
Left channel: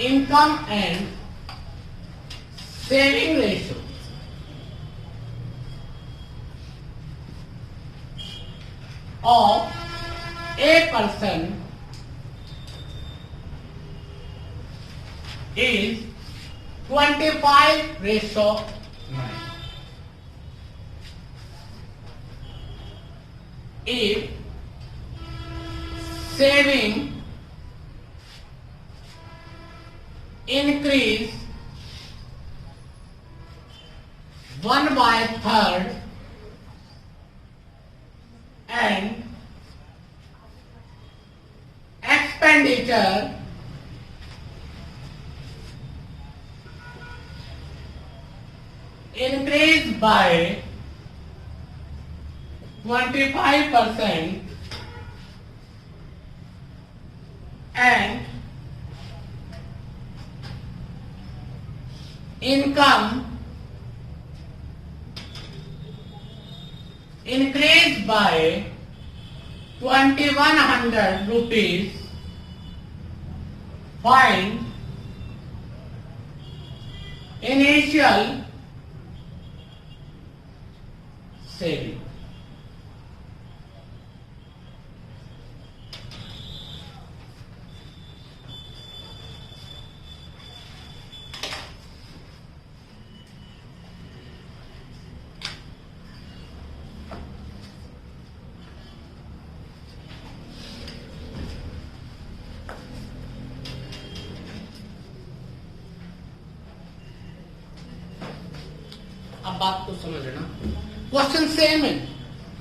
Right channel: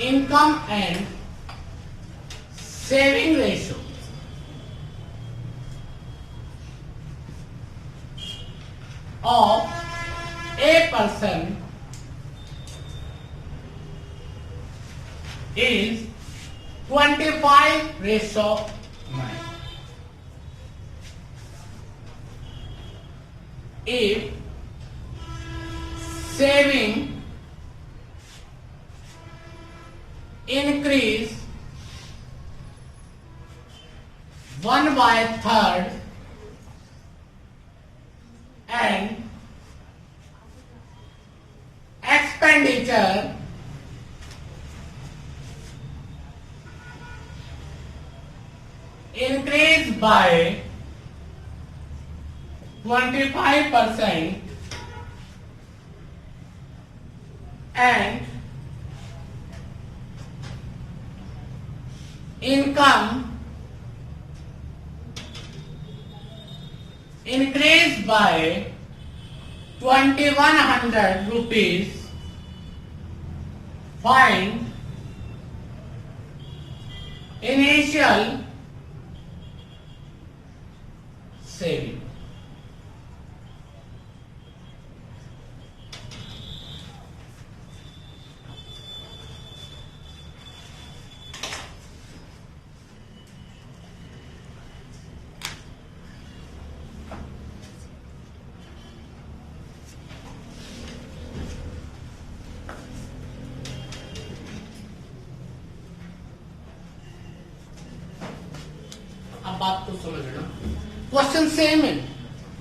income and saving ratio of a person is 25:9. If saving increase 1/3 and expenditure increase by 25% and income increased by 2100 rupees, find initial saving. अब बात को समझना, क्वेश्चन सेम है,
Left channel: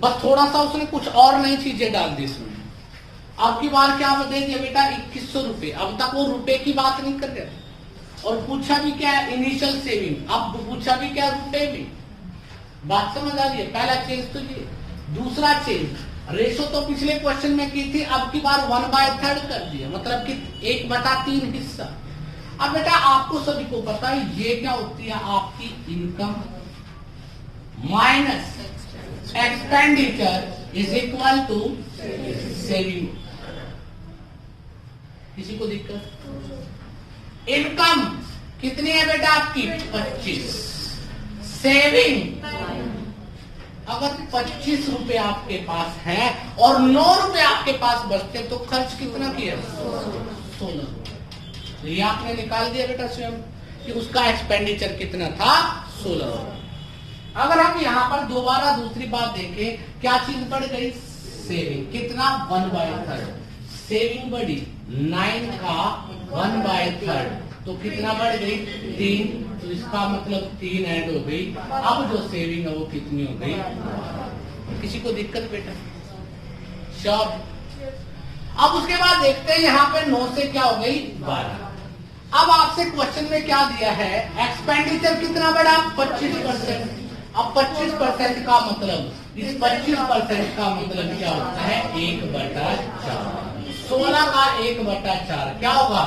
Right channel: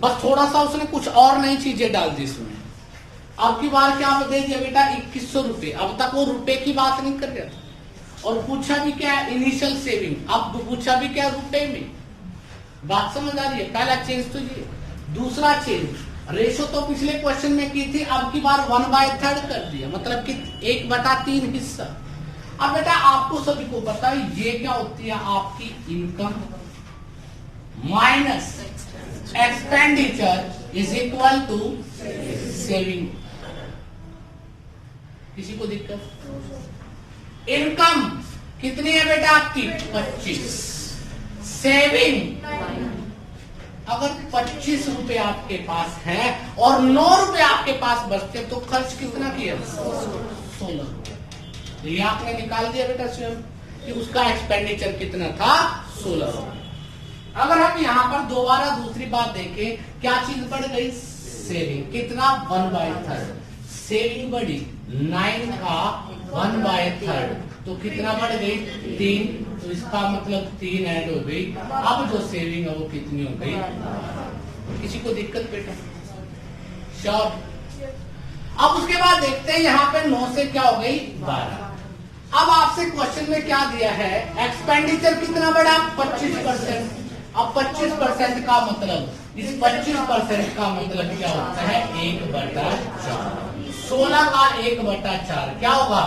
बस थोड़ा सा उसने कुछ और नई चीजें डाल दी इसमें। अब की बार क्या दे दिया बेटा 2100 रुपए, अब तक वो रुपए की बात नहीं कर रहे और पूछा भी क्या इनिशियल सेविंग, अब पूछा भी क्या रुपए में। बात समझ आ रही है? पहला चेंज तो ये, दूसरा चेंज रेशो तो पिछले क्वेश्चन में की थी, अब की बार 1/3 कर दिया, मतलब कि 1/3 हिस्सा। अब बेटा आपको सभी को पता है ये क्या होती है, आपकी income minus expenditure is equal to saving. किसी को दिक्कत? इनकम कितनी है बेटा आपकी 25। सेविंग अगर 25 रुपए आपके पास है और 9 रुपए आपके पास बचते तो खर्च कितना किया 16 रुपए। ये आपने निकाल दिया बेटा स्वयं कि उसका एक्सपेंडिचर कितना था 16 रुपए। अगर हम यहाँ पर दोबारा दूसरी बात देखें क्या चीज बढ़ गई सेविंग कितना 1/3 सेविंग बढ़ी 9 का 1/3 तो कितना बढ़ गई 3 तो इसका मतलब 3 ऐड हो गई। अब जो सेविंग है वो कितनी हो गई किसी को दिक्कत बेटा श्योर। अब उसके बाद देखते हैं यहाँ पे 9 से क्या हो गई 12। अब आपसे क्वेश्चन में क्या दिया है एक्सपेंडिचर कितना बढ़ा 25%। अब 25% का मतलब इस 25% का मतलब क्या होता है 1/4 16 का 1/4 क्या होगा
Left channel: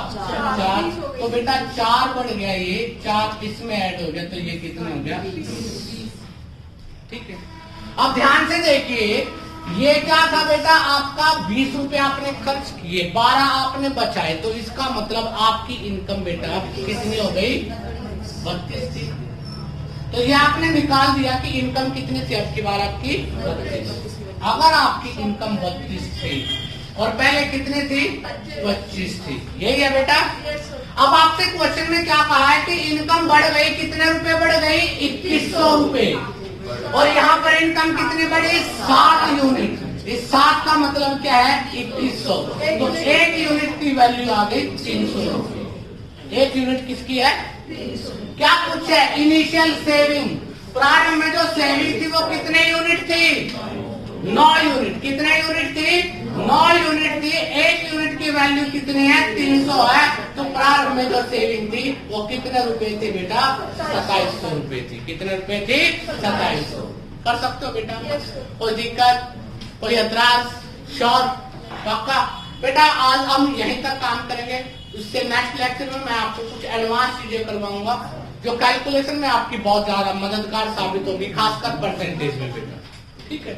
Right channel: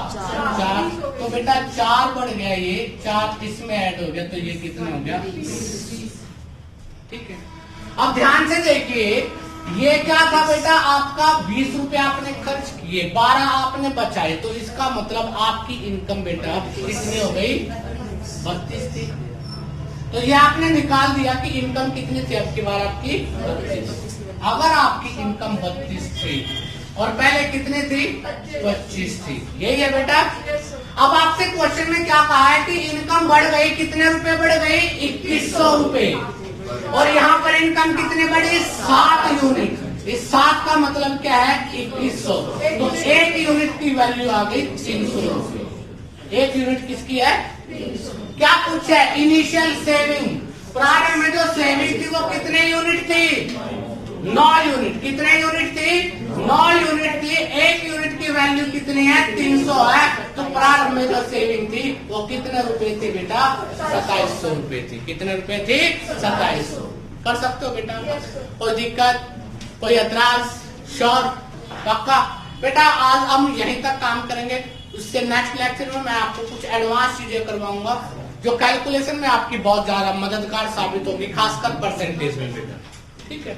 4 तो बेटा 4 बढ़ गया ये 4 इसमें ऐड हो गया तो ये कितना हो गया ठीक है। अब ध्यान से देखिए ये क्या था बेटा आपका 20 रुपए आपने खर्च किए 12 आपने बचाए तो इसका मतलब आपकी इनकम बेटा कितनी हो गई 32 थी। तो ये आपने निकाल दिया कि इनकम कितनी थी आपकी बार आपकी 32। अगर आपकी इनकम 32 थी और पहले कितने थी 25 थी यही है बेटा। अब आपसे क्वेश्चन में क्या कहा है कि इनकम बढ़ गई कितने रुपए बढ़ गई 2100 रुपए और यहाँ पर इनकम कितनी बढ़ी 7 यूनिट। इस 7 का मतलब क्या है 2100 तो 1 यूनिट की वैल्यू आ गई 300 रुपए। 1 यूनिट किसकी है क्या कुछ है इनिशियल सेविंग प्रारंभ में जो सेविंग थी वो कितने यूनिट थी 9 यूनिट। कितने यूनिट थी 9 यूनिट थी। 1 यूनिट की वैल्यू कितनी है 300 है तो प्रारंभ में जो सेविंग थी वो कितने रुपए थी बेटा 2700 रुपए थी। कितने रुपए थी 2700। कर सकते हो बेटा कोई दिक्कत कोई एतराज श्योर पक्का बेटा। आज हम यहीं तक काम करेंगे उससे नेक्स्ट लेक्चर में मैं आपको कुछ एडवांस चीजें करवाऊंगा जो कैलकुलेशन में आपकी बहुत ज्यादा मददगार साबित होगी खासकर परसेंटेज में बेटा ठीक है।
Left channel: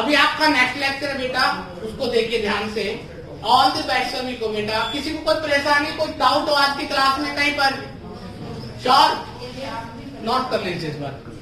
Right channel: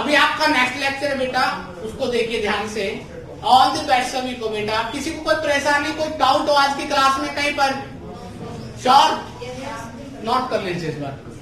अभी आपका नेक्स्ट लेक्चर है बेटा उसको देखिए ध्यान से। ऑल द बेस्ट सभी को बेटा। किसी को कोई परेशानी कोई डाउट हो आज की क्लास में कहीं पर श्योर नोट कर लीजिए इस बात को।